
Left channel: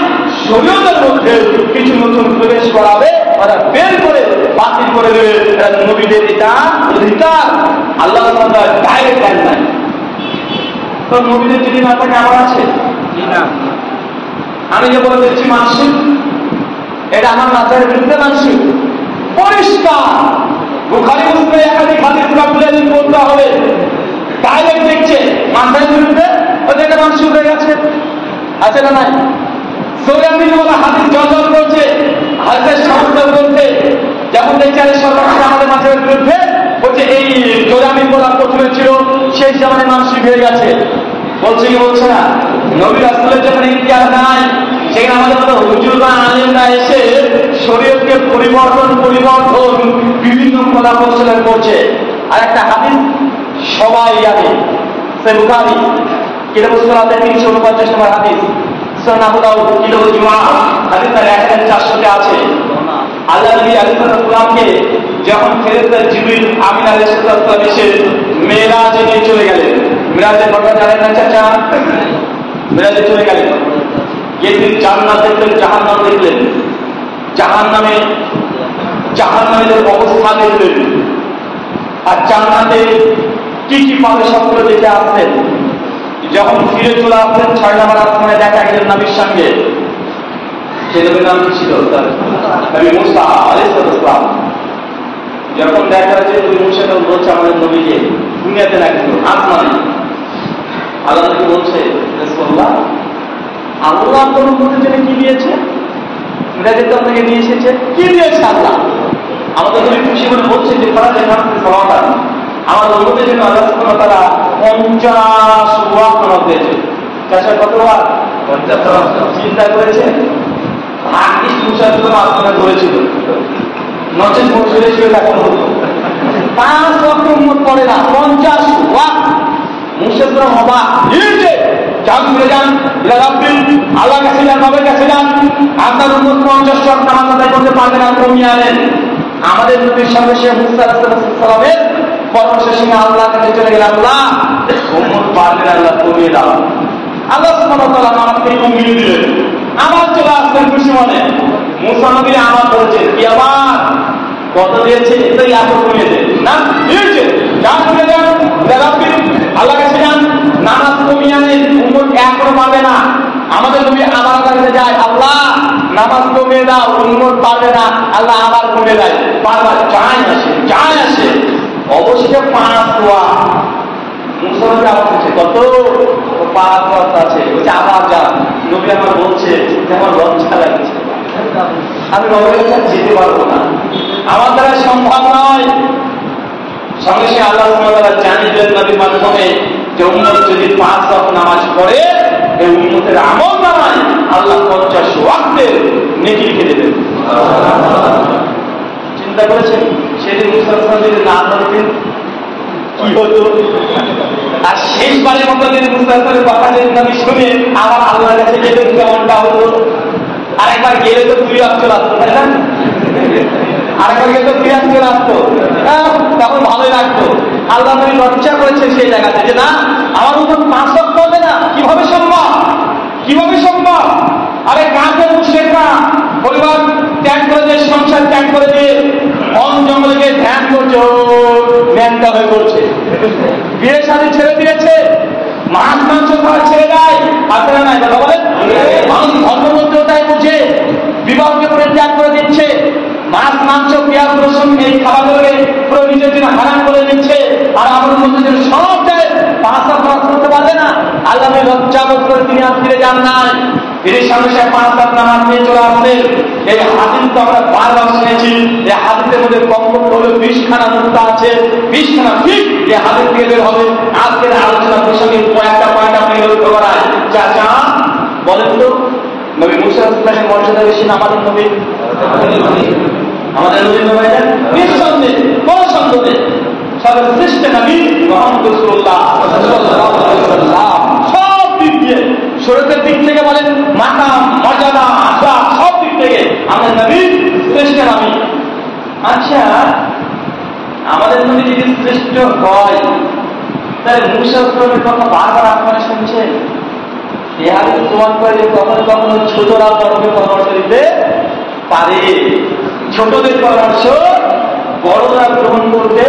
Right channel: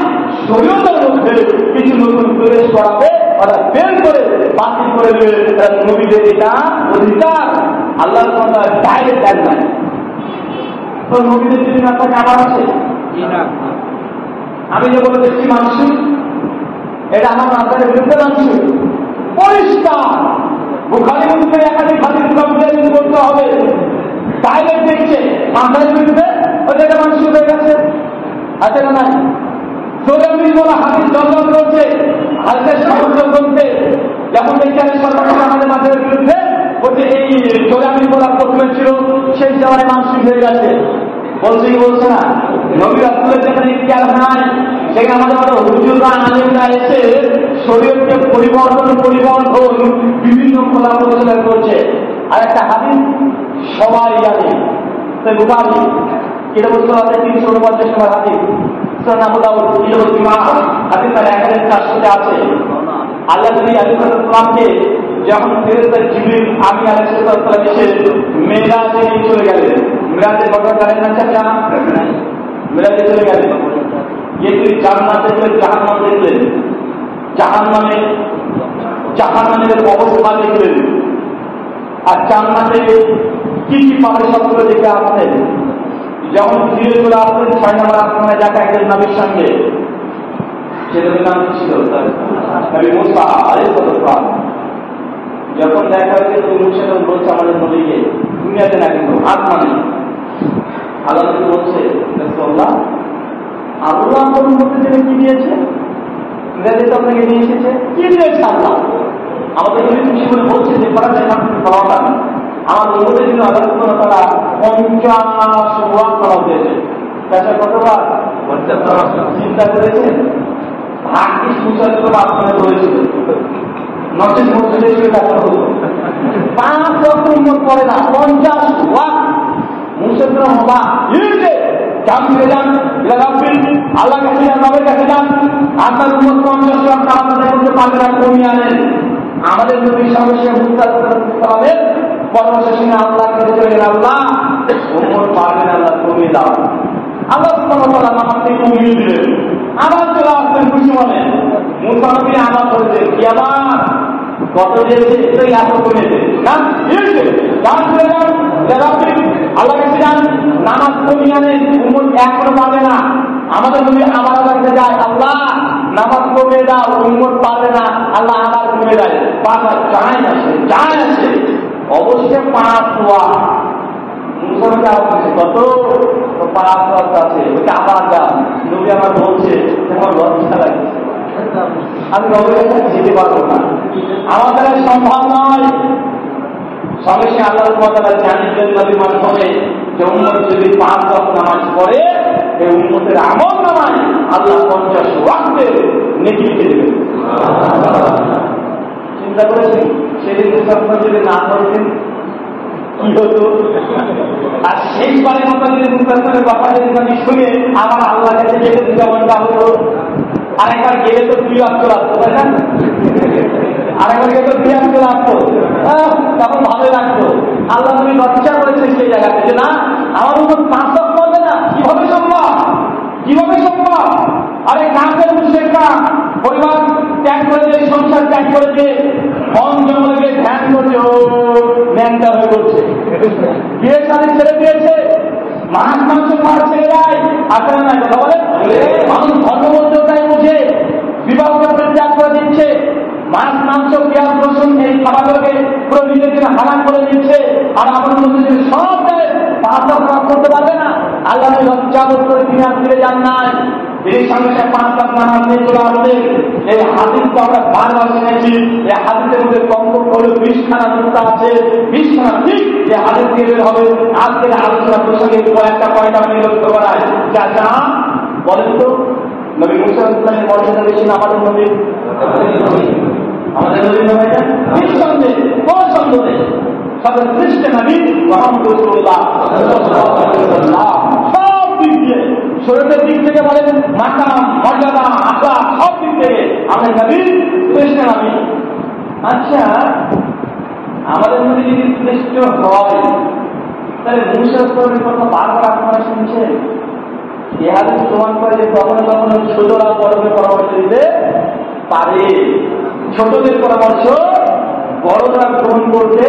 শরীয়তের মধ্যে কিছু নতুন প্রবেশ করাবে, ওরা বের করে বাতিল করে দেবে, নবীদের এটা অধিকার আল্লাহ ডাইরেক্ট দেন নাই। তো নবীদের যদি না থাকে আমার আছে, আমি যে বলে দিচ্ছি মানসিক, এটা আমার মাথার বিরুদ্ধে মানসিক পরিষ্কার। বুখারী মুসলিমে একাধিক হাদিস বলতে হবে, ডাইরেক্ট দেখছে মাথার বিরুদ্ধে, ওদেরকে মানসিক হয়ে গেছে, আছে না নাই? সৌরামি বলা হাদিস জল করছে, হাদিসের সমর্থ করছে, যখন দেখছে সরকার আমাদের মাথার বিরুদ্ধে বলছে এই জোরামি বলা প্রথমে ছিল, সেই জামানে মানসিক হয়ে গেছে। বলছে কি বলছে না? নবী রাসূলের যেখানে ইখতিয়ার নাই সেখানে আমাদের মতো হুজুররা আলেমরা এসে শরীয়তকে পরিবর্তন বিভিন্ন কলা কৌশলে করছে। আর একটা হাদিস সবাই জানে, সে বুখারী কিতাবুস সালাতে 349 নম্বর হাদিস, সুনান আবু দাউদ কিতাবুল জুমআ হাদিস নাম্বার 1400 আছে। আল্লাহ নবী আলাইহিস সালামকে যখন ফেরেশতা জিবরিল আমিন আলাইহিস সালাম এসে মেরাজে নিয়ে চলে গেলেন, মেরাজের ঘটনা জানেন না চাচা? মেরাজে চলে গেলেন, গিয়ে জান্নাত দেখলেন, জাহান্নাম দেখলেন, জাহান্নামের অবস্থা দেখলেন, আর জান্নাতে কি কি পাবে সবগুলো দেখে আসলেন। যখন ফিরে চলে আসলেন 6 নম্বর আসমানে দেখা গেলেন নবীর সঙ্গে। সে নবীর নাম ছিল নবী মুসা আলাইহিস সালাম। যখন দেখা হয়েছে নবী মুসা বলছে আমাদের নবীকে দুনিয়াতে না কিন্তু আসমানে, আল্লাহ নবী বলছে রাসূলুল্লাহ আল্লাহ আপনার উম্মতের জন্য কি দিয়েছে? মেরাজে তো আপনাকে নিয়ে এসেছে, কি দিয়েছে আল্লাহ? আমাদের নবী খুশি করে বলছে যে ফরাজের নাম সালাওয়াত আমার উম্মতের জন্য আল্লাহ সুবহানাহু ওয়া তাআলা 50 ওয়াক্ত নামাজ দিয়েছে। কাছে কত ওয়াক্ত? 50। চিন্তা করেছে হাদিস মুসাফির আসমানে ধরেছিল, নচেত মসজিদে শুয়ে থাকতে হতো। 5 ওয়াক্ত উম্মত পড়ে না, 50 ওয়াক্ত। মুসলিমরা অবাক, যান ফিরে যান, আল্লাহ কাছে যান, নবের কাছে যান। আপনার উম্মত 50 ওয়াক্ত নামাজ আদায় করতে পারবে না, কমিয়ে আনেন। আমাদের নবীর সঙ্গে সে মুসা আলাইহিস সালামের পরামর্শের সঙ্গে আল্লাহ কাছে চলে গেল, আল্লাহ উম্মত পারবে না, আল্লাহ কমিয়ে দাও। আল্লাহ সুবহানাহু ওয়া তাআলা নামাজকে কমিয়ে দিলেন। আমার চলে আসলেন খুশি মনে। মুসা নবী আমার করেছেন কি, আবার কত দিয়েছে এটাই এখন কমিয়ে দেন না, দিয়েছে যান ফিরে যান, আল্লাহ কাছে যান, নামাজ কমিয়ে আনেন, উম্মত এখনো পারবে না। আমাদের নবী আবার আল্লাহ কাছে যায়, আল্লাহ নামাজ কমিয়ে দাও, উম্মত পারবে না, আল্লাহ আবার কমিয়ে দেয়। বারবার যায় আসে অবশ্যই 5 ওয়াক্ত। মুসলমানকে আবার বলছে কত, 5 ওয়াক্ত আছে, বলছে আবার যান। নবী আমার বলছে আমার লজ্জা লাগছে, আমি নবীর কাছে যেতে পারবো না, আমার দ্বারা সম্ভব নয়। সঙ্গে সঙ্গে আল্লাহ সুবহানাহু ওয়া তাআলা জানিয়ে দিলেন নবীর মাধ্যমে যে উম্মত যদি 5 ওয়াক্ত নামাজ পড়ে, এই উম্মতের আমল নামায় আল্লাহ 50 ওয়াক্তের নেকি লিখে দেবেন। চিন্তা করেছেন সেদিন মুসলমান যদি না পড়তেন কি হতো? আর শেষবারের মতো যদি মুসলমানের কথা যদি নবী শুনে আমার আল্লাহর কাছে যেতেন কেমনটা হতো? আরেকবার গেলে তো 2 ওয়াক্ত চলে আসতো, তাই না? আরেকবার গেলে তো 2 ওয়াক্ত চলে আসতো, তখন ভালোই লাগতো। আল্লাহ নবী লজ্জা করেছেন সেই জায়গাতে যে না, আমার উম্মত 5 ওয়াক্ত পড়বে না, কিভাবে সম্ভব? আরে কাকে মুশরিকরা পরিবার ত্যাগ করে দিয়ে, সংসার ত্যাগ করে দিয়ে বন জঙ্গলে গিয়ে ধ্যান করছে, ধ্যানটা হয়ে করছে, বিয়ে শাদী ছেড়ে দিয়েছে, মাছ মাংস খাওয়া ছেড়ে দেয়। আপনারা না এটা বলেন, মানুষ ধর্মমধ্যেও তাই বুঝে বিবাহকে পরিত্যাগ করে দিচ্ছে, মাছ মাংস পেঁয়াজ রসুন এই খাবারগুলোকে পুরো নিজের জন্য হারাম করে দিচ্ছে। আর আমাদের মধ্যে সব দেয় 5 ওয়াক্ত করতে পারবে না, আল্লাহ লজ্জা বোধ করে তিনি আর ফিরে যান নাই। তিনি সঙ্গে সঙ্গে 5 ওয়াক্ত নামাজ নিয়ে চলে আসলেন। এই হাদিস তো আমরা বারবার শুনেছি, এই হাদিসের মধ্যে কমপক্ষে হলো 20খানা নুকতা আছে, 20খানা ঠিক এই হাদিস দিয়ে বের হবে। আজকের আলোচনা প্রসঙ্গে কয়েকটা পয়েন্ট আপনি লক্ষ্য করায় যা বলেন তো, নবী মুসা আলাইহিস মর্যাদা বেশি না আমাদের নবী? আমাদের নবী নবীটা নিঃসন্দেহে, কোন সন্দেহ নেই, সর্বশ্রেষ্ঠ নবী মুহাম্মদ রাসূলুল্লাহ সাল্লাল্লাহু আলাইহি ওয়াসাল্লাম। সব দিক দিয়ে, শরীয়তের দিক থেকে বলেন, মাকাম মর্যাদা আখলাক, সব দিক থেকে আমাদের নবী শ্রেষ্ঠ নবী। আচ্ছা, আমাদের নবী যদি শ্রেষ্ঠ হয়, তাহলে মুসা আলাইহিস কথা বারবার আপনারা শুনছেন। এই হাদিস প্রমাণ করে যে কখনো কখনো ছোটরা বড়কে পরামর্শ দিতে পারে, ছোটদের পরামর্শ বড়রা গ্রহণ করতে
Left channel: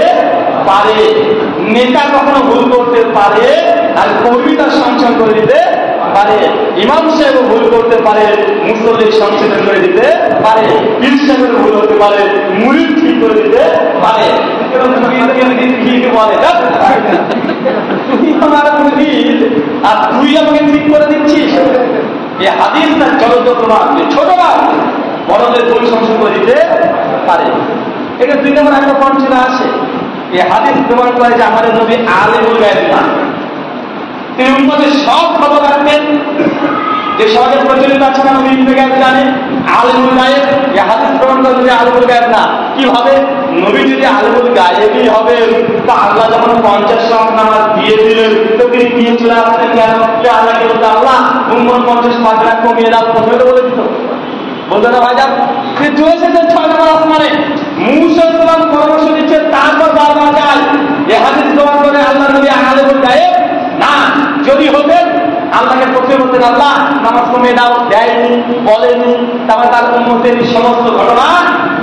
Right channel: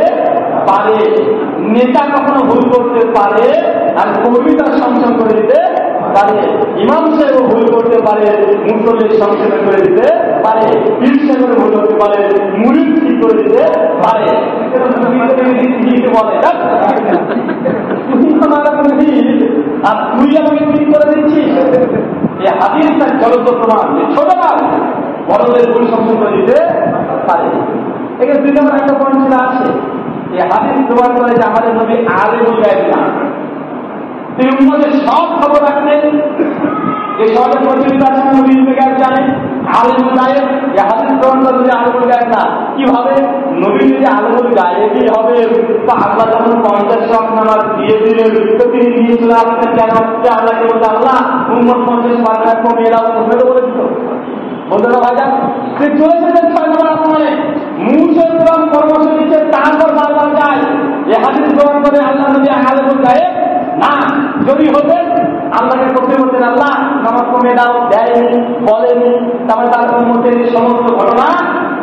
পারে, নেতা কখনো ভুল করতে পারে, আর কবিতা সংশোধন করে দিতে পারে, ইমাম সাহেব ভুল করতে পারে, মুসল্লি সংশোধন করে দিতে পারে, পীর সাহেবের ভুল হতে পারে, মুরিদ ঠিক করে দিতে পারে। বলে তুই আমার মুরিদ আর তুই আমাকে ঠিক করে দিচ্ছিস। এই হাদিস তার জ্বলন্ত প্রমাণ, ছোটরা বড়দের ভুল সংশোধন করে দিতে পারে। এখানে 2 নম্বর একটা পয়েন্ট চলে আসে। এই হাদিস প্রমাণ করে যে আমাদের নবী আলিমুল গায়ব না, তিনি উম্মতের সব খবর রাখতেন। যে সমাজের প্রচলিত আছে না, নবী ইলমে গায়ব জানেন, আলিমুল গায়ব। এই হাদিস প্রমাণ করে নবী আলিমুল গায়ব না। কিভাবে? নবী যদি আলিমুল গায়বই হবে, তো আল্লাহ যখন 50 ওয়াক্ত নামাজ দিয়ে দিলেন, তো তিনি নিয়ে চলে আসতেন কেন? আল্লাহকে বলতে, আল্লাহ উম্মত 50 পারবে না, কমিয়ে দাও। প্রথমে তো বলে দিত, বলতে না ভাই যান, সে চলেছে 6 নম্বর আসমানে, মুসা সালাম পরামর্শ দিচ্ছে, তারপর বারবার যায়। এই হাদিস প্রমাণ করে আল্লাহ নবী আলিমুল গায়ব না। যদি হতেন আল্লাহকে প্রথমে বলতেন, আল্লাহ নামাজ কমিয়ে দাও, দেয়নি, বলেনি, তারপরে তার উম্মতের সমস্ত ঘটনা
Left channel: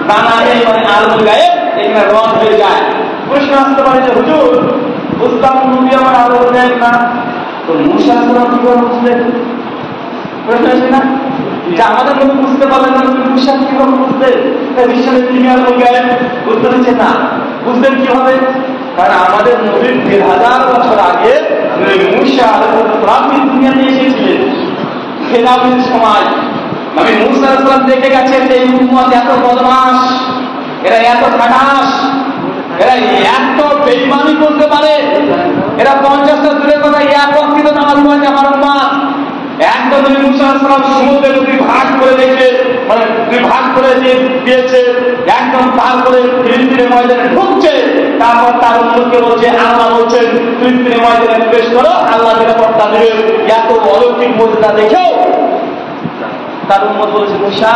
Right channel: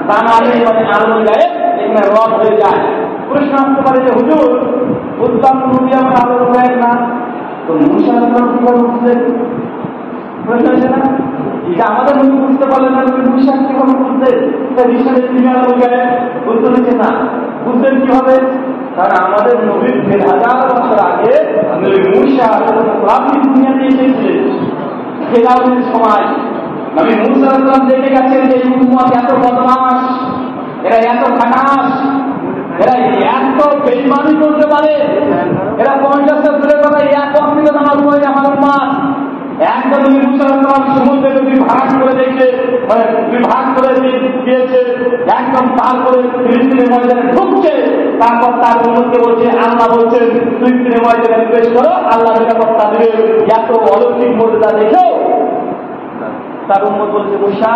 জানা নেই, মানে আলিমুল গায়ব এখানে রদ হয়ে যায়। প্রশ্ন আসতে পারে যে হুজুর, বুঝলাম নবী আমার আলিমুল গায়ব না, তো মুসা সালাম কি করে বুঝলেন? প্রশ্ন আছে না, যে আমাদের মধ্যে বুঝতে পারলেন না, বিশ্বাস কিভাবে বুঝলেন? বিশ্বাসের তিনি আলিমুল গায়ব বুঝতে দিচ্ছেন না। বুঝলেন কিভাবে? কারণ আমাদের নবীর 1000 বছর আগে মুসা আলাইহিস দুনিয়াতে এসেছিলেন। ফেরাউনের সময় নবী মুসা আলাইহিস সালাম দেখে গেছেন যে এই উম্মত এত বদমাশ, এরা এত খাটাস, এরা এত বেঈমানি করতে পারে, এরা 50টা দূরের কথা এক ওয়াক্ত নামাজ পড়ে আমার উম্মত। একদম নবী মুসা আলাইহিস সালাম সমুদ্রের নদী ভাগ করে দেখে মানে বিভাগ করে দিয়েছে, একদম তারপরে ফিলিস্তিনের ময়দানে ঢুকছে। তারপর তার উম্মতকে বলছে, আল্লাহ বলছেন ফিলিস্তিনের ময়দানে প্রবেশ করো, আল্লাহ নিরাপত্তা দেবে। এত অলৌকিক মর্যাদা দেখেও তার উম্মত বলছে, মুসা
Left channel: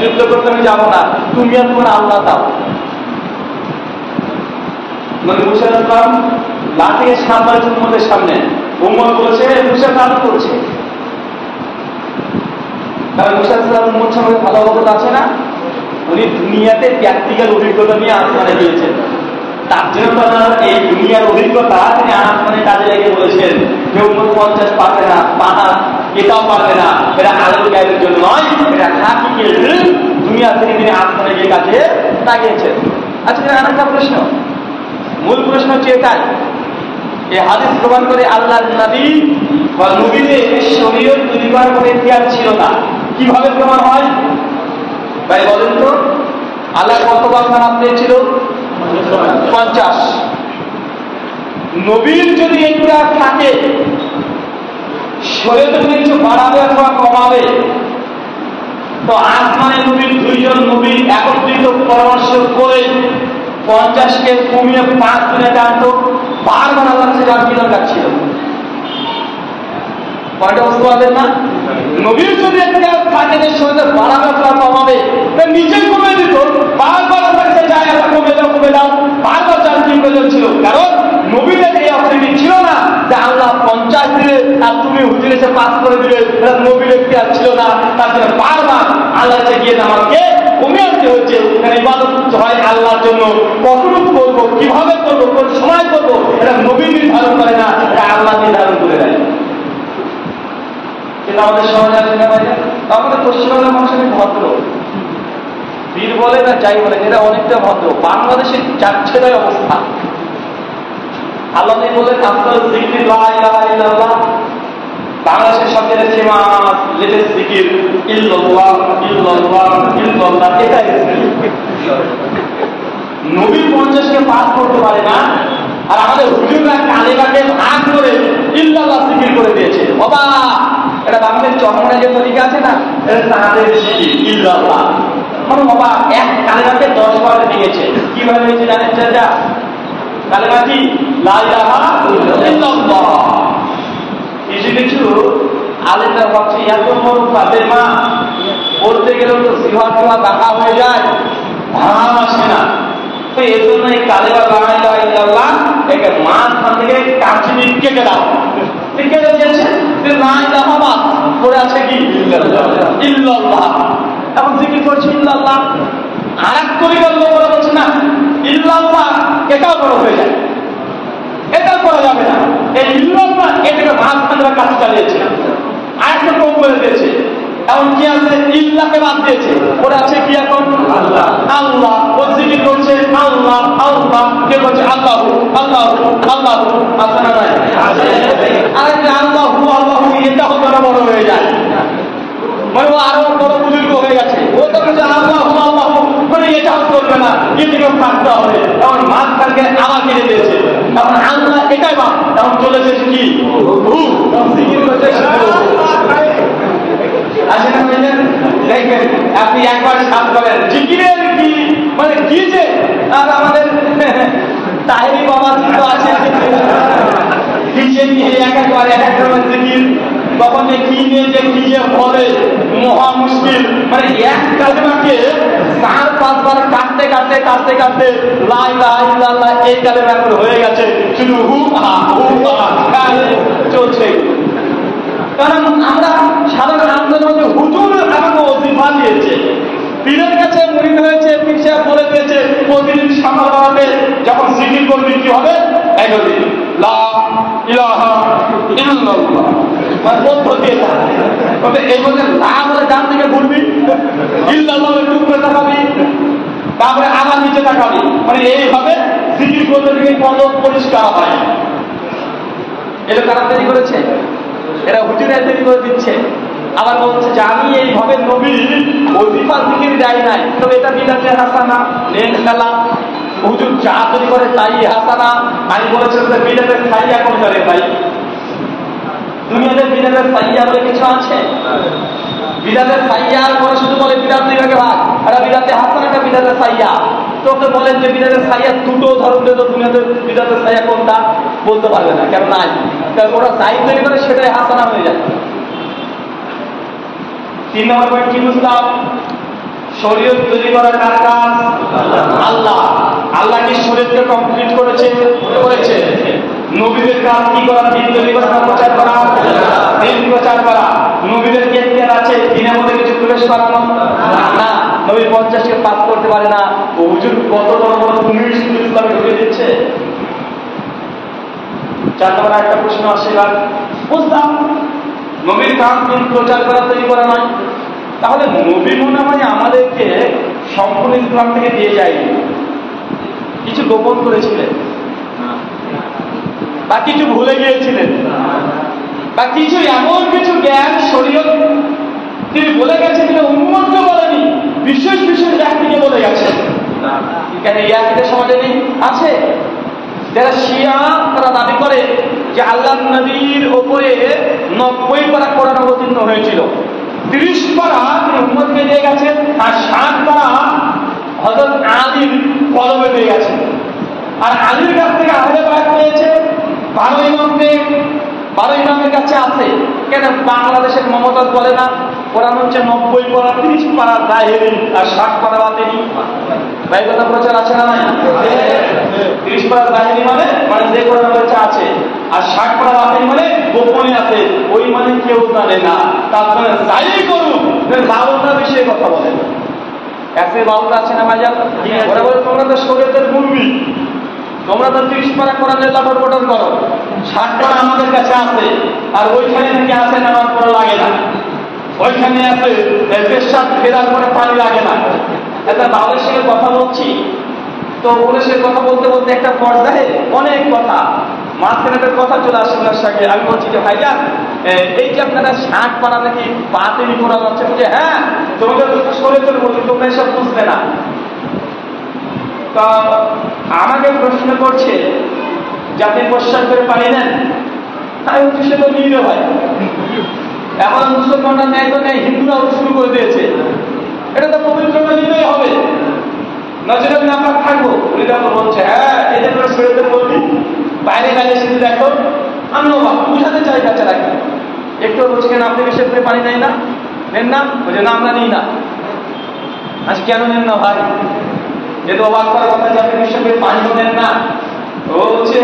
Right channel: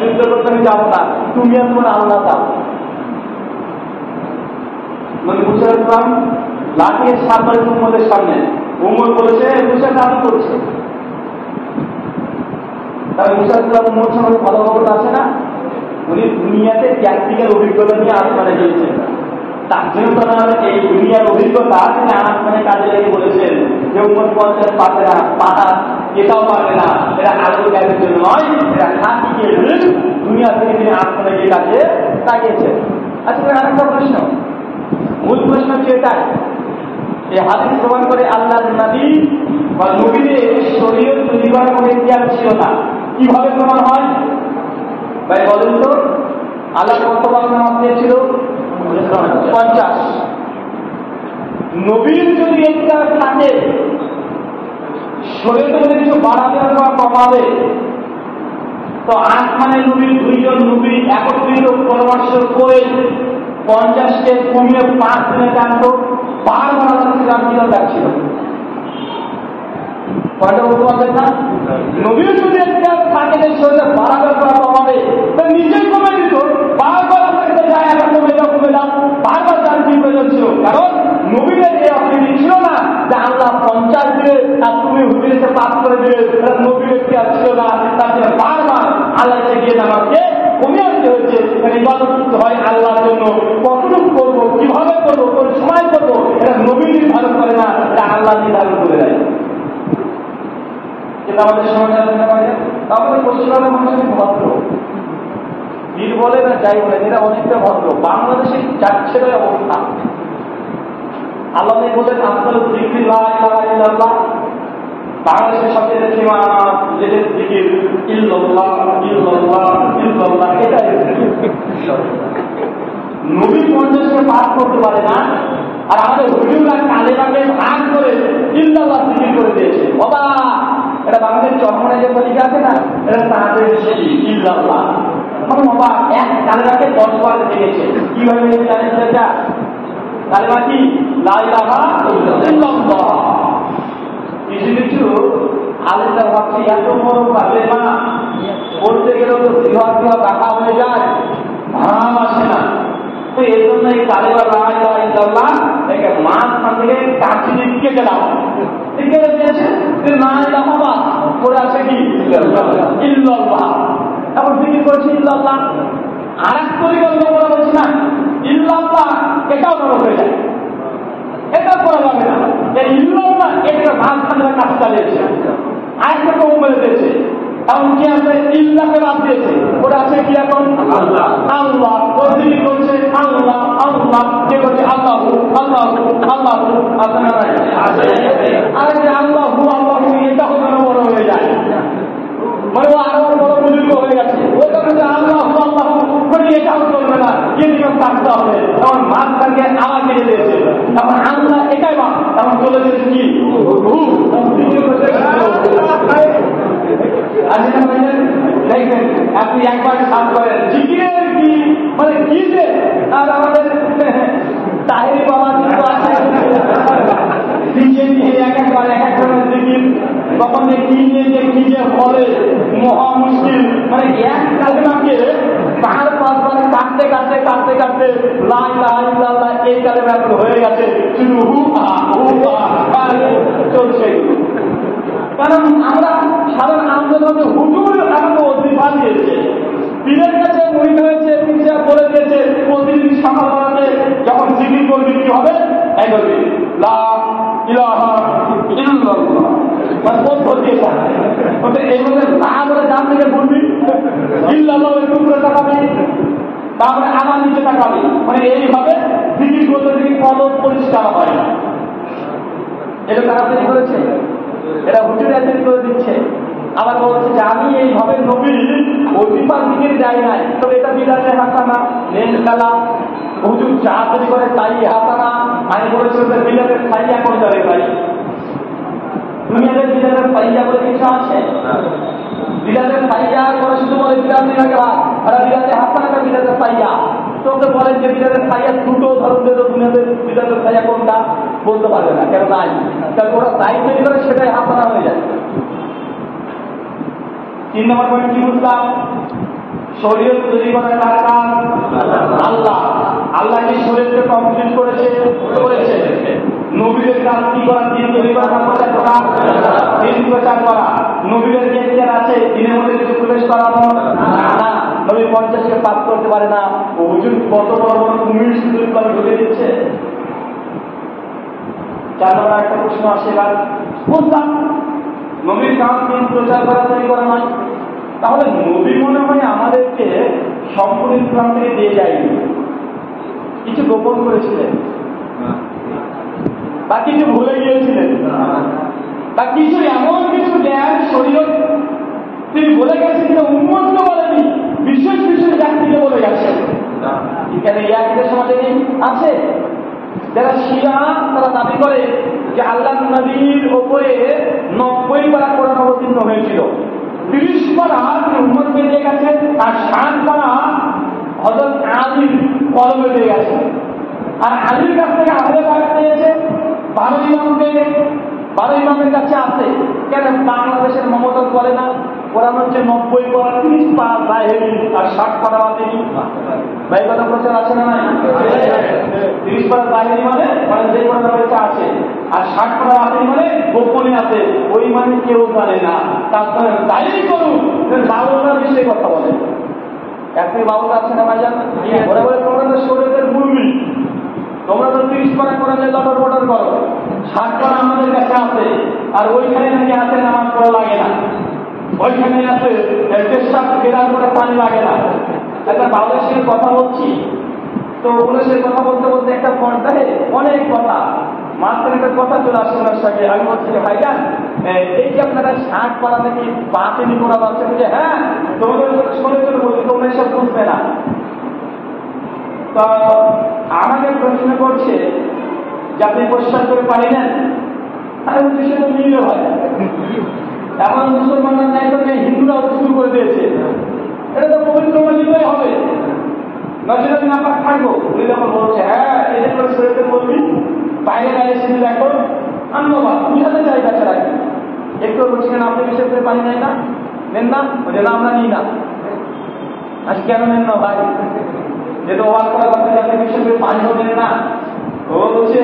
যুদ্ধ করতে আমি যাবো না, তুমি আর তোমার আল্লাহ দাও। মানে মুসা ইসলাম লাঠি সামনে উম্মতের সামনে, উম্মত বলেছে মুসা কাজ করছে। তাহলে মুসা ইসলাম উম্মত সঙ্গে ভালো খবর আছে না? উনি দুনিয়াতে প্র্যাকটিক্যাল অভিজ্ঞতা নিয়ে আসমানে গিয়েছেন, তার জন্য এই দুনিয়ার অভিজ্ঞতা তিনি আসমানে কাজে লেগে বলেছেন যে উম্মত 50 পারবে না, পানা এটাও পারবে না, এটা আলোর গায়ের জন্য নয়, এটা খাকি দুনিয়া থেকে তিনি আসমানে গিয়ে কাজে লাগিয়েছেন। আচ্ছা, আর একটা প্রশ্ন, মূল প্রশ্ন হচ্ছে এটাই, এই হাদিস প্রমাণ করে আল্লাহর নবী বা নবীদের শরীয়ত তৈরি করার কোনো ইতিহাস ছিল না। কিভাবে প্রমাণ হয় ভাই বলেন তো? আল্লাহ কতবার নামাজ দিয়েছিল? 50। নবীর যদি ইতিহাস থাকে, শরীয়তে যদি কিছু বাড়াবে অথবা কমাবে, তো আসমানের নবীর 2 জন নবী একত্রিত পরামর্শ করে 50কে কমিয়ে 5 দিনে টানতো, বারবার আল্লাহ কাছে যাওয়ার কি দরকার ছিল? কয়টা বুঝতে পারবেন না? নবীর যদি একটা থাকে যে শরীরে বাড়াবে অথবা কমাবে, নিজেই কমে দিত, বারবার আল্লাহ কাছে যায়, আল্লাহ কমে দাও, বারবার যার কি প্রয়োজন ছিল। কারণ নবীদের এই অপরিণতি ছিল না যে আল্লাহ 50 দিলে আর তুমি হুজুর এসে 5 করে দিলে, নবীর ইতিহাস ছিল না। তার জন্য বারবার আল্লাহ কাছে গিয়ে আমাকে কমিয়ে আনতে হয়েছে। ইবাদত হয় আল্লাহর জন্য, কতটুকু করবো, কিভাবে করবো, কোন সময় করবো, এটা নবী নির্ধারণ করে না, এটা আল্লাহ নির্ধারণ করে দেয়। কিন্তু আমাদের সমাজে আছে না বাইরে, আমাদের পশ্চিমবঙ্গের মানুষের ভদ্র, বীর বলে না যাই বলে, এটা অনেকটা ভদ্র। বাংলাদেশে যাচ্ছে তাই অবস্থা। আল্লাহ বলেন আফদাল যিকরি লা ইলাহা ইল্লাল্লাহ, বাংলাদেশের সবচেয়ে ফেমাস লেটেস্ট জিকির ইল্লাল্লাহ ইল্লাল্লাহ ইল্লাল্লাহ, এটাই নবী 50কে পাস করতে পারে না, আর আমাদের হুজুররা কালেমাকে ভাগ করে ইল্লাল্লাহ জিকির করে দিয়েছে। বাবা, এটা বাংলাদেশ চরমনের যে তরিকা আছে না, এটা তাদের জিকির ইল্লাল্লাহ। মানে বাবা, এক কালেমাকে 10 বার দিয়েছে। কিভাবে হয়েছে জানেন? সেটা কালেমা কি? লা ইলাহা ইল্লাল্লাহ। কিছু কিছু আলেমরা ভাবছে এত বড় কালেমা বলতে গেলেও তো জিহ্বা বাঁকা হয়ে যায়, ভাব আসে না। তো এর জন্য এই কালেমা লা ইলাহা ইল্লাল্লাহ একে মাঝখান থেকে কাঠি কেটে দাও, কেটে দিয়েছে। লা ইলাহা বাদ পড়ে আছে কি? ইল্লাল্লাহ। এখন জিকির করেছে ইল্লাল্লাহ, আর এক তরিকার লোকেরা বলছে না ইল্লাল্লাহ এটাও বড় হয়ে যায়, এটা করা যাবে না। এই ইল্লাল্লাহ এটাকে মাঝখানে কাজ চালিয়েছে, আর একটা কম করে দিয়েছে। এখন কি আছে? ইল্লাহকে বাদ দিয়েছে, ওটা আছে কি এখন? আল্লাহ। আল্লাহ ও জিকির করছে আল্লাহ আল্লাহ, কে করছে আল্লাহ আল্লাহ আল্লাহ, আছে না নাই? আর আল্লাহ আল্লাহ, এটা হতো না, বড় হয়ে যায়, মানে ও আরো বড় বুজুর্গ হয়ে গেছে। ও তো বলছে আল্লাহ আল্লাহ, মানে এটাও করবে না, এদিকে থাকতে হবে। তখন মাঝখানকে আবার কেটে দিয়েছে, তখন আল্লাহ এটাই বাদ, তখন চলেছে কি? দেখবেন আপনি একবার সাপ করেন জিকিরের কি মানে কি যে। আর আমাদের তাহেরি বাবা তো আছে, একবার এক এক ধরনের জিকির, কখন যে কি নিয়ে যে কি যে বলে, মহা মুশকিল। মানে এক কালেমাকে 4-5 বার কাটতে কাটতে কাটতে কাটতে লা ইলাহা ইল্লাল্লাহ এই কালেমা এখন হয়ে গেছে শুধু হু চলছে। কারণ আমরা সাধারণ আমাদের মধ্যে হুজুর আমাকে ওজিফা দিয়েছে, পীরের কাছে মুরিদ হয়েছে, পীর সাহেব বলে দিয়েছে প্রতিদিন সকালবেলাতে যখন জিকির করবি কি হবে? এই বলি লা ইলাহা ইল্লাল্লাহ, মানে পদ্ধতি এটা। এই বলে লা বলে ডান দিকে ঘুরবি, ইল্লাল্লাহ একটু উপরে তাকাবি, তারপরে আবার নিচে তাকাবি, মানে এইভাবে জিকির করতে গিয়ে পদ পরিষ্কার হয়। এটা কারা তৈরি করেছে? এরা হুজুরা তৈরি করে দিচ্ছে। আবার বলছে যে আমি এইভাবে নবীর ওজিফা জিকির যাই নাই, তবে এটা বিদাতে হাসানা নেন খেলা, হুজুর যা তৈরি করে তাই হাসানা। আমি বলেছিলাম যে বিদাতে সাইয়া কোন করে ভাই? দুনিয়াতে বিদাতে সাইয়া বলে কিছু আছে? বিদাতের সাইয়ার পরে শুধু বলে বিদাত দুই ভাগে ভাগ, একটা বিদাতে হাসান, একটা বিদাতের সাইয়া। তোকে বলেন যে বিদাতের সাইয়া দুটো ধরুন তো দুনিয়াতে বিদাতের সাইয়া কোনটা বলতে পারবে না, কেন নাই, কারণ ওরা যাই তৈরি করে সেটাই হাসানা হয়ে যায়। 3 নম্বর পয়েন্ট কি বুঝলাম? শরীয়ত তৈরি করা কার কাজ? আল্লাহ। আল্লাহ কি শরীয়তকে কমপ্লিট করেছে? নবীদের কাজ কি করা? দিন তৈরি করা, প্রচার করা, দিন প্রচার করা। নবীদের কি এখতিয়ার আছে দিনের মধ্যে কিছু প্রবেশ করানো? না। নবী 50কে পাস করতে পারে না। ও হুজুর কত বড় বড় কুমির শুধু ইসলামে ঢুকে দিচ্ছে। 4 নম্বর একটা প্রশ্ন আসে, এবার বুঝলাম নবীর কাজ দিন প্রচার করা, তৈরি করা নয়। তাহলে নবী মনে হয় আমাদেরকে সম্পূর্ণ ইসলাম থেকে দিয়ে যায়নি, কিছু গোপন করেছিলেন, বা কিছু ভুলে গিয়েছিলেন, বা কিছু এমন কিছু জ্ঞান শরীয়ত তিনি বলে গেছেন যে উম্মতকে বলেনি, বিশেষ বিশেষ ব্যক্তিকে বলে গেছেন। কেন এই আকিদের সমাজে নেই? আছে। যারা শিয়া তারা দাবি করে যে আল্লাহ নবীর ওপরে 90 পারা কোরআন অবতীর্ণ হয়েছিল, 30 পারা তিনি উম্মতকে দিয়ে গেছেন, আর 60 পারা হযরত আলীর কলমে দিয়ে গেছেন। আর আলীর কাছ থেকে আহলে বায়াত পেয়েছে 12 ইমামের কাছে আছে। কেন বাংলাদেশের মমতাজ বলে না কোরআন হচ্ছে 90 পারা, 30 পারা জাহেরি আর 60 পারা বাতিনি? ভাই কথা প্রচার আছে না নাই? 30 পারা জাহেরি মানে যে কোরআন হচ্ছে আছে, আর 60 পারা বাতিনি মানে গোপনে আছে, ওই মানে কেউ জানে না। তারপরে যাই করুক বাউলরা বিষয়ে কথা বলে, একে বাউল আছে না ভাইজান? ওরা বলে তোমরা তো শরীয়তের মুরব্বি, তোমরা তো 30 পারা কোরআনের লটর বটর করো, 60 পারা আমাদের কাছে আছে, আর ওইখানে নাকি আছে নামাজ পড়া লাগে না, ওইখানে আছে পেশাব ফেরার পরে পানি লাগে না। একটা বাউলের সঙ্গে কথা বলছি, তো ওদের সঙ্গে কথা বলতে বলতে একটা পর্যায়ে অনেক কথা, মাঝখানে একটা কথা চলে আসে ওনার সঙ্গে। আমি বলছি যে ভাইজান এই যে আপনারা 60 পারা নাকি বাতিল করা যাচ্ছে, বুঝে হ্যাঁ তোমাদের শরীয়তের মধ্যে তোমরা এসব বুঝবে না। তো আমাকে প্রশ্ন করছে যে আপনি প্রশ্ন করে পানি নেন, আমি বলছি সে তো নিয়ে ভাই, এখন মুসলমানরা নেয় তো নেই, হিন্দুরাও শুরু করে দিয়েছে, এটা তো পবিত্র নিতেই হবে, নজরে আমি আপনার থাকবো। উনি যখন বলছে হ্যাঁ এদের করে শরীয়তের বলবি, বাইরে বাইরে শুধু দেখো আমি বুঝাতে চাই বাচ্চারা কি একটু বলছি কেন আপনি বেশি করে পানি নেয় না, নেন না? বলছে না আমরা নিই না। আজ কেন নেন না ভাই? যেহেতু অবাক করার কথা যে আপনি বিশ্ব করে পানিও নেন না। ও বলছে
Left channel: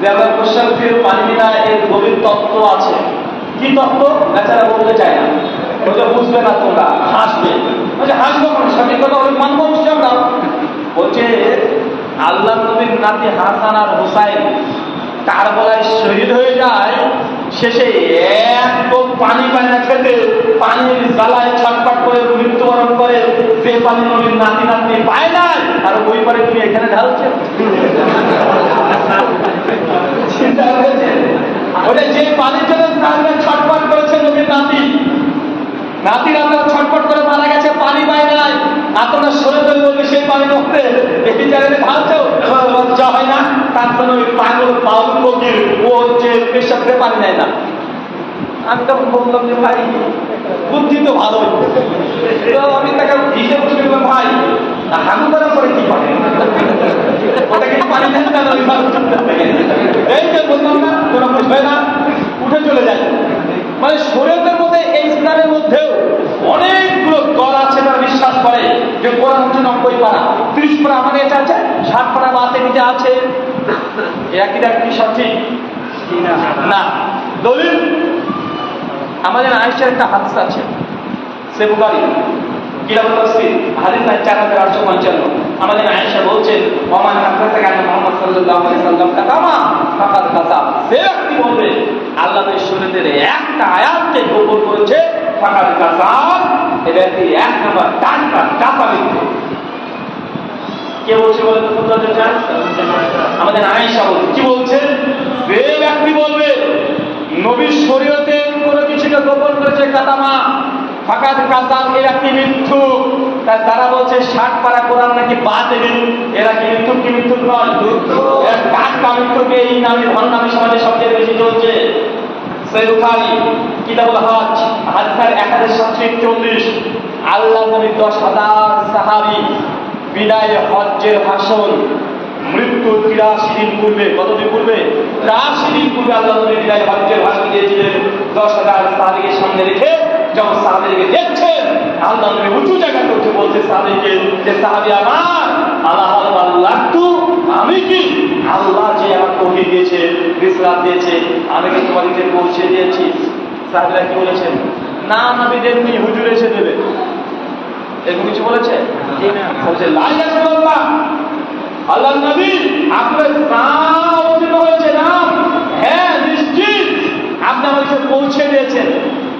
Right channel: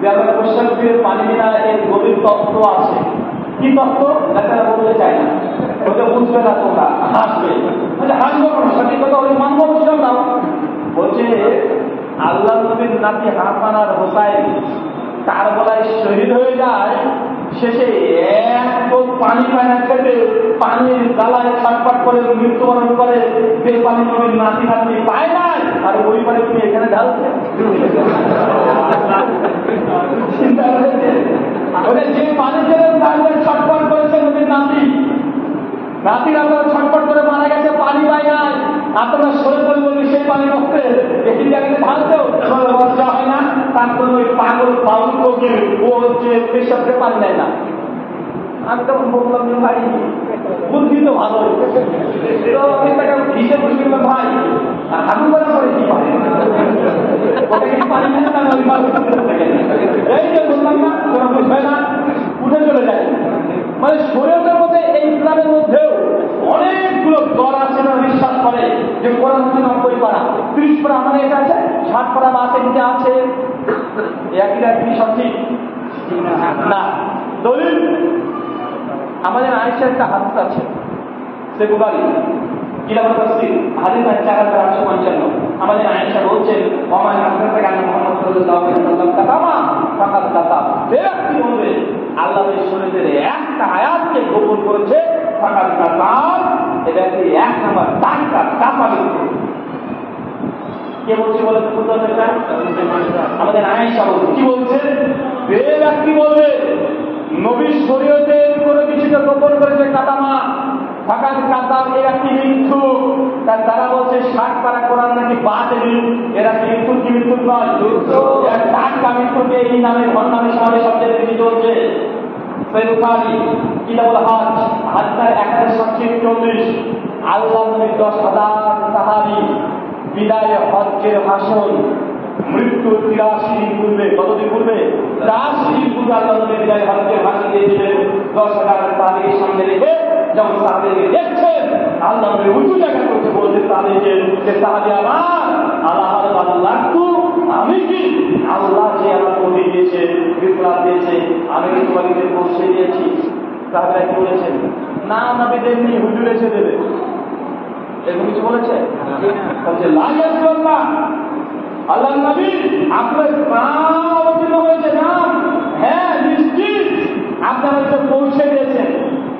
যে আমার কোশ্চেন ফিরে পানি নেওয়া এর গভীর তত্ত্ব আছে। কি তত্ত্ব? বেচারা বলতে চায় না, বলছে বুঝবে না, তোমরা হাসবে। বলছে হাসবো না, সঠিক কথা ওই মানবো অবশ্যই আমরাও। বলছে আল্লাহ নবীর নাতি হাসান আর হোসাইন কারবালায় শহীদ হয়ে যায়, শেষে এত পানি পায় না খেতে, পানির জ্বালায় ছটফট করে মৃত্যুবরণ করে, যে পানি নবীর নাতি নাতনি পায় না, আর ওই পানি তুমি এখানে ঢালছে। চিন্তা করেছে ওটা যে পানির জন্য ছটফট করেছে নবীর নাতি, নাতির আপনারা ছটফট করে মারা গেছে, পানি পায় নাই, আর তোমরা শরীর বলবে সেই পানি রক্তে এই জায়গাতে ঢালছেও, লজ্জা হয় না? তার জন্য ওই পাগল বাউল ফকির ও হচ্ছে পেশাবকে পানি নেয় না। আমি তখন বললাম যে ভাই বুদ্ধি তো ভালোই, তো আমি তাকে দিতে বসে বললাম ভাই হাগু করার পরে কি পানি, ওটা কি পানি নেন না? এই যে বললাম না তোরা বুঝবে না, উঠে চলে যায়। মানে শরীয়তের মধ্যে এই ইসলামের মধ্যেও অনেকগুলো দল আছে তারা বিশ্বাস করে যে কোরআন হচ্ছে 90 পারা, 30 পারা আমাদের এটা আছে, 60 পারা বাতিনিতে আছে। একই কি সঠিক না? দলিল আমাদের আয়েশার একটা হাদিস আছে, সে বুখারী কিতাবুত তাফসীর হাদিস 4855। আমাদের আয়েশা বলছেন ওমান হাদাসা কানা মুহাম্মদ সাল্লাল্লাহু আলাইহি ওয়াসাল্লাম কাতামা ফাকাদ কাযাব, যে ব্যক্তি বলবে আল্লাহর শরীয়তের একটা আয়াতকে গোপন করেছে ফাকাদ কাযাব, এই ব্যক্তি এক নাম্বার টাকা মিথ্যা। কে বলছে বলে তো উত্তর চান? আমাদের আয়েশা বলছে। কি বলছে? যে ব্যক্তি বলবে নবীর শরীয়তে কোনো কিছুকে গোপন করেছে কাতামা ফাকাদ কাযাব, এর একটি মিথ্যুক। তারা বলছে 60 পারা কোরআন নাকি বাতিল, এরা কি মিথ্যুক? কি মিথ্যুক নয়, টাটকা মিথ্যুক। এই নামে ভণ্ডামি সমাজে সবচেয়ে বেশি চলছে। সহিহ বুখারী কিতাবুল হজ হাদিসের 1740 আল্লাহ নবী 10,000 সাহাবী বিদায় হজ্জের ভাষণ মৃত্যু 83 দিন পূর্বে, কতদিন পূর্বে? 83 দিন পূর্বে আল্লাহ নবী বিদায় হজ্জের ভাষণ দিয়েছিলেন 10,000 সাহাবীকে সামনে রেখে। যখন সাহাবীকে দেখছেন আল্লাহ নবী উঁচু জায়গাতে উঠে বলছে সাহাবীকে যে সাহাবী আমার আল্লাহ আল্লাহ তু আমি কি আল্লাহ যে আমাকে ওহী দিয়েছে, রিসালাত দিয়েছে, আমি কি তোমাকে পৌঁছে দিয়েছি? সাহাবীরা কি বলেছেন? না নবী দেননি, হুজুর এসে দেবে। এরকম কিছু বলেছে? বলছে লা ইয়াসুল্লাহ, আল্লাহ নবী আপনার নাম অবতীর্ণ হয়েছে। নাম? হ্যাঁ নিশ্চিত, আপনি আমাকে পৌঁছে দিয়েছেন,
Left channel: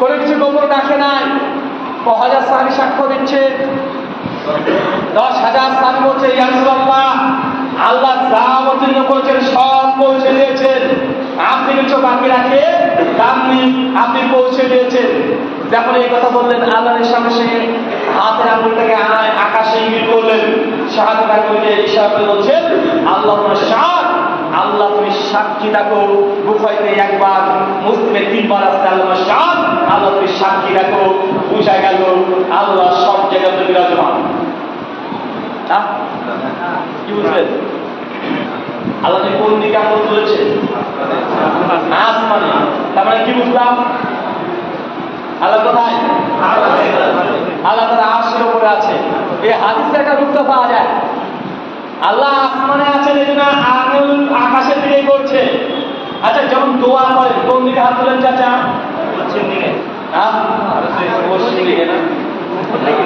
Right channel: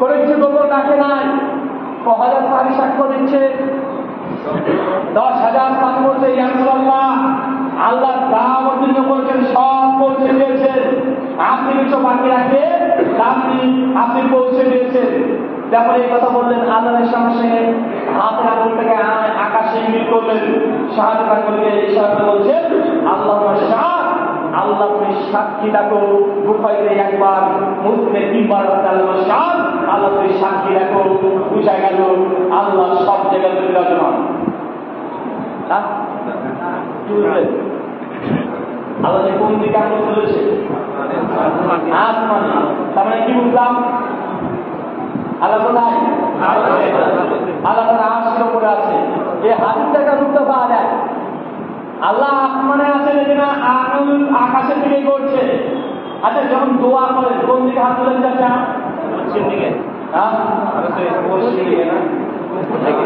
কোনো কিছু গোপন রাখে নাই। 10,000 সাহাবী সাক্ষ্য দিচ্ছে, 10,000 সাহাবী বলছে ইয়া রাসূলুল্লাহ আল্লাহ যা অবতীর্ণ করেছেন সব পৌঁছে দিয়েছেন, আপনি কিছু বাকি রাখে আপনি পৌঁছে দিয়েছেন। যখন এই কথা বললেন আল্লাহর সঙ্গে সঙ্গে হাতের আঙুলটাকে আকাশে ইঙ্গিত করলেন, শাহাদাত আঙ্গুলকে ইশারা করে বলছেন আল্লাহুম্মা শাহাদ, আল্লাহ তুমি সাক্ষী রাখো। বুখারীতে একবার, মুসলিমে 3 বার আছে আল্লাহুম্মা শাহাদ, আল্লাহ তুমি সাক্ষী রাখো। বুঝা গেল আল্লাহ সব জায়গাতে বিরাজমান। কি বুঝলেন? আল্লাহ কোন দিকে আঙুল তুলেছে? আসমানে। তার মানে কি বুঝলাম? আল্লাহ কোথায়? আল্লাহ তার আরশের উপরে আছে। এই হাদিসে একটা রূপটা পাওয়া যায়, আল্লাহ আসমানে আছেন এই জন্য আঙুল আকাশের দিকে করছে। আচ্ছা যখন দোয়া করে কোন দিকে হাত তুলেন চাচা? পশ্চিম দিকে। পশ্চিম দিকে না,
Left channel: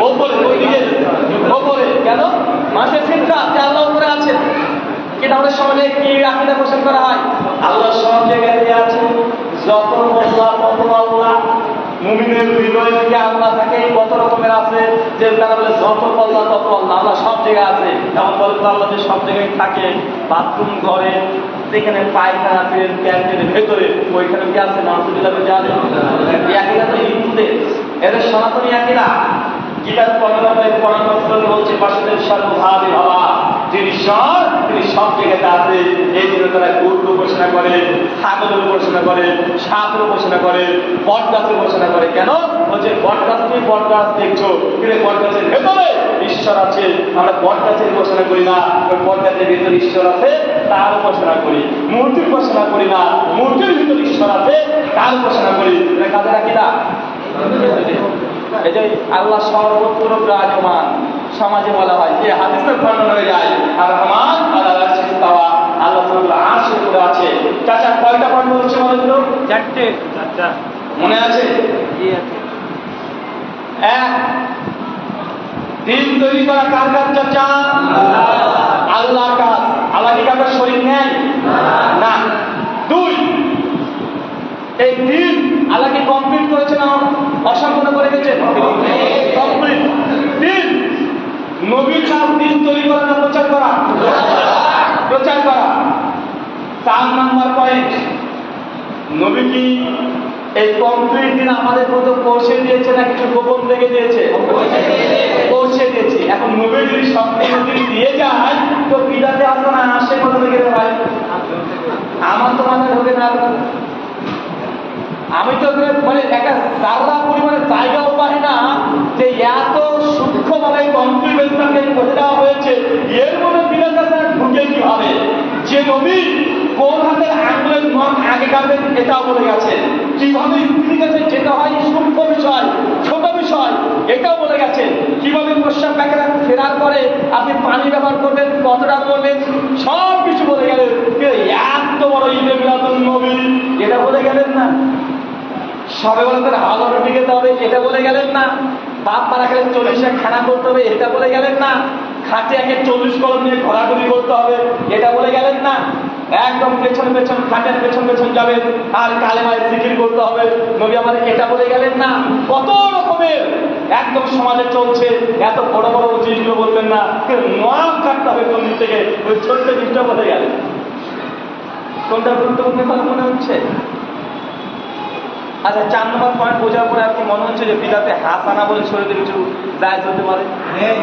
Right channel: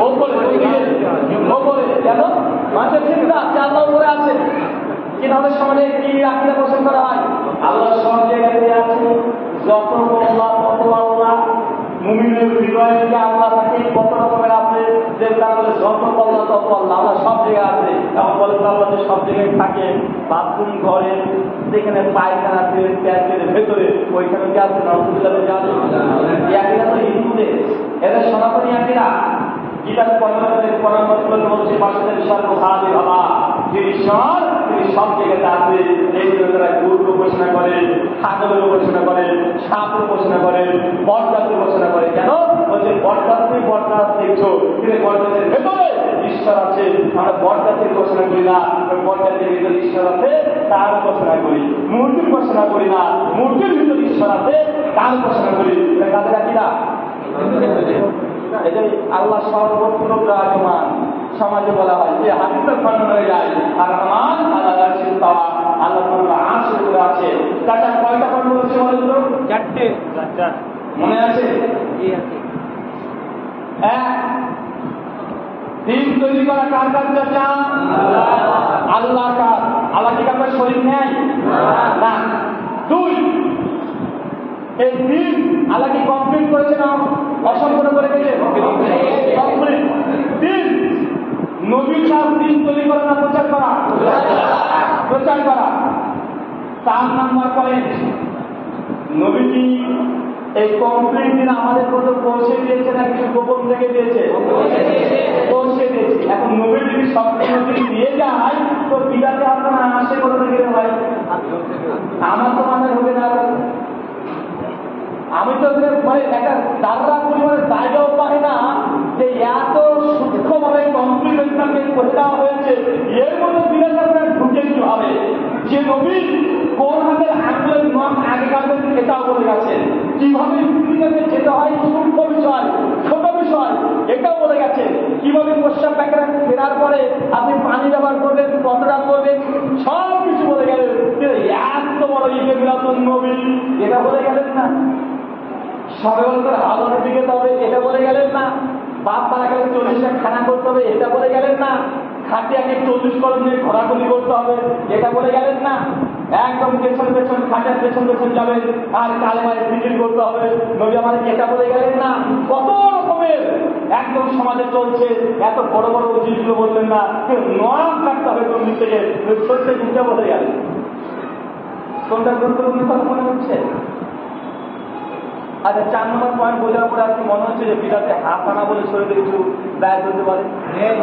ওপরে। ওই দিকে ওপরে। কেন? মানুষের চিন্তা যে আল্লাহ উপরে আছেন। কিন্তু আমাদের সমাজে কি আকীদা পোষণ করা হয়? আল্লাহ সব জায়গাতে আছে, যত আল্লাহ তত আল্লাহ। মুমিনের হৃদয়ে যে আল্লাহ থাকে কত রকমের আছে, যে তারা বলে যত আল্লাহ তত আল্লাহ, আল্লাহ সব জায়গায় আছে। এমন বলে তো আল্লাহ যে সব জায়গায় থাকে, বাথরুম ঘরে, যেখানে পায়খানাতে প্যান্টের ভেতরে, ওইখানে কি আছে? নাউযুবিল্লাহ জানে। এই আকীদা তো হিন্দুদের, এদের সনাতনী আকীদা। গীতার 15 বলছে পাশের সর্বভাবে ভাবা, যিনি ঈশ্বর তিনি সব জায়গাতে আছে। এই জন্য তারা গরুর উপাসনা করে, ছাগলের উপাসনা করে, সাপের উপাসনা করে, বট গাছের উপাসনা করে। কেন? বলছে বট গাছ তুমি বট গাছ দেখছো, কিন্তু বট গাছের ভেতরে ঈশ্বর আছে। আমরা বট গাছের উপাসনা করি না, ওই বট গাছের ভিতরে ঈশ্বর আছে তার উপাসনা করি। মূর্তির উপাসনা করি না, মূর্তির ভিতরে ঈশ্বর আছে তার উপাসনা করি। এটা কাদের আকীদা? এই যে আল্লাহ সর্বত্র বিরাজমান, সমাজে বলা হয় যে হাদিসের বর্ণনা হয়ে যায় আর রহমান আল্লাহ আরশে ইস্তাওয়া, আল্লাহ তাআলা আরশের উপরে আছে। চাচা কয়টা পর্ব হচ্ছে বলেন তো? 4টে। মনে আছে? এক, দিন তৈরি করা কার কাজ চাচা? আল্লাহর কাজ। আল্লাহ কি কারো শরীক নেই? না। 2, এই দিন আল্লাহ কি কমপ্লিট করেছে না অসম্পূর্ণ করে গেছে? কমপ্লিট। 3, নবীর কাজ দিন তৈরি করা না প্রচার করা? প্রচার করা। 4 নম্বর পয়েন্ট, নবী কি এই কমপ্লিট দিন আমাদের মতো পৌঁছে দিয়েছে না কিছু গোপন রেখে দিয়েছে? পৌঁছে দিয়েছে। এখন নবী যদি সম্পূর্ণ দিন দিয়ে যায় তো বিদাতে আসবে না, আসে কোথা থেকে ভাই? আমার তো মাথায় ঢোকে না। আমি তো মানে একটা জাররা পরিমাণে জায়গাও পাই না যে এত সূক্ষ্মভাবে কমপ্লিমেন্টটাকে করে দেওয়া হয়েছে। এর মধ্যে বিরাট ঢুকে কিভাবে? যে নবী কোন হাতের আঙুলের নখ আগে কাটবেন এটাও বলে গেছেন, কিভাবে স্ত্রীর কাছে যেতে হয় সূক্ষ্ম বিষয়, ছোট বিষয় এটাও বলে গেছেন, কিভাবে প্রস্রাব প্যাকেট ফেরার পরে আপনি পানি ব্যবহার করবেন, কতটা করবেন, সব কিছু বলে গেলেন। এত বড় ঈদে মিলাদুন নবী এটা বলে গেলেন না। সবে বরাতের হালুয়া রুটি খেতে হবে এটা বলে গেলেন না। বাপ মারা গেলে 40 খানা করতে হবে এটা বলে গেলেন না। খাটে আগে 40 কলম নিয়ে ঘোরাঘুরি করতে হবে এটা বলে গেলেন না। একদম পেছন পেছন খাটের পেছন পেছন যাবেন আর কালেমায় জিকির করতে হবে নবী আমাদের এটা বলে গেলেন না। কত রকমের একদম সমাজে চলছে, এত বড় বড় জিনিসগুলো বলবেন না, নাম কাটতে হবে কোন দিক থেকে, ওই ছোট্ট জিনিসটা বলে গেলেন। কোনটা গুরুত্বপূর্ণ কথা মনে হচ্ছে? আচ্ছা 4 নম্বর পয়েন্ট বোঝার পরে আর কি মনে হচ্ছে যে বিদাতে হাসানা বলে শরীরে কিছু জায়েজ হতে পারে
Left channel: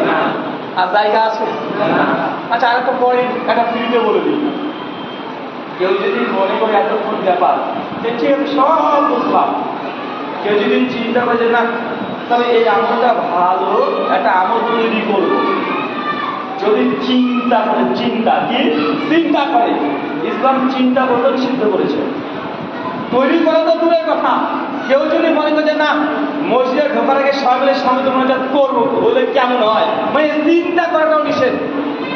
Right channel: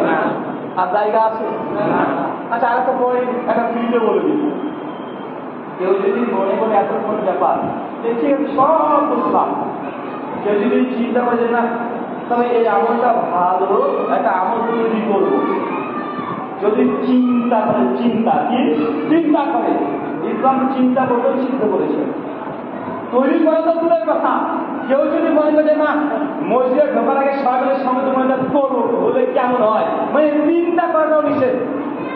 না, আর জায়গা আছে? আচ্ছা আর একটা পয়েন্ট একটা ফ্রিতে বলে দিই, কেউ যদি মনে করে এতক্ষণ ব্যাপার যে ঠিক সব বুঝলাম, কেউ যদি চিন্তা করে যে না তবে এই আমলটা ভালো, একটা আমল তৈরি করবো, যদি চিন্তা করে, চিন্তা করে, ইসলাম চিন্তা করতে নিষিদ্ধ করেছে। তৈরি করা তো দূরের কথা, কেউ যদি মনে করে যে না মসজিদে ঢোকার আগে সকালে সঙ্গে মনোজাত করবো, বলে কেমন হয়, মানে চিন্তা করাটাও নিষেধ,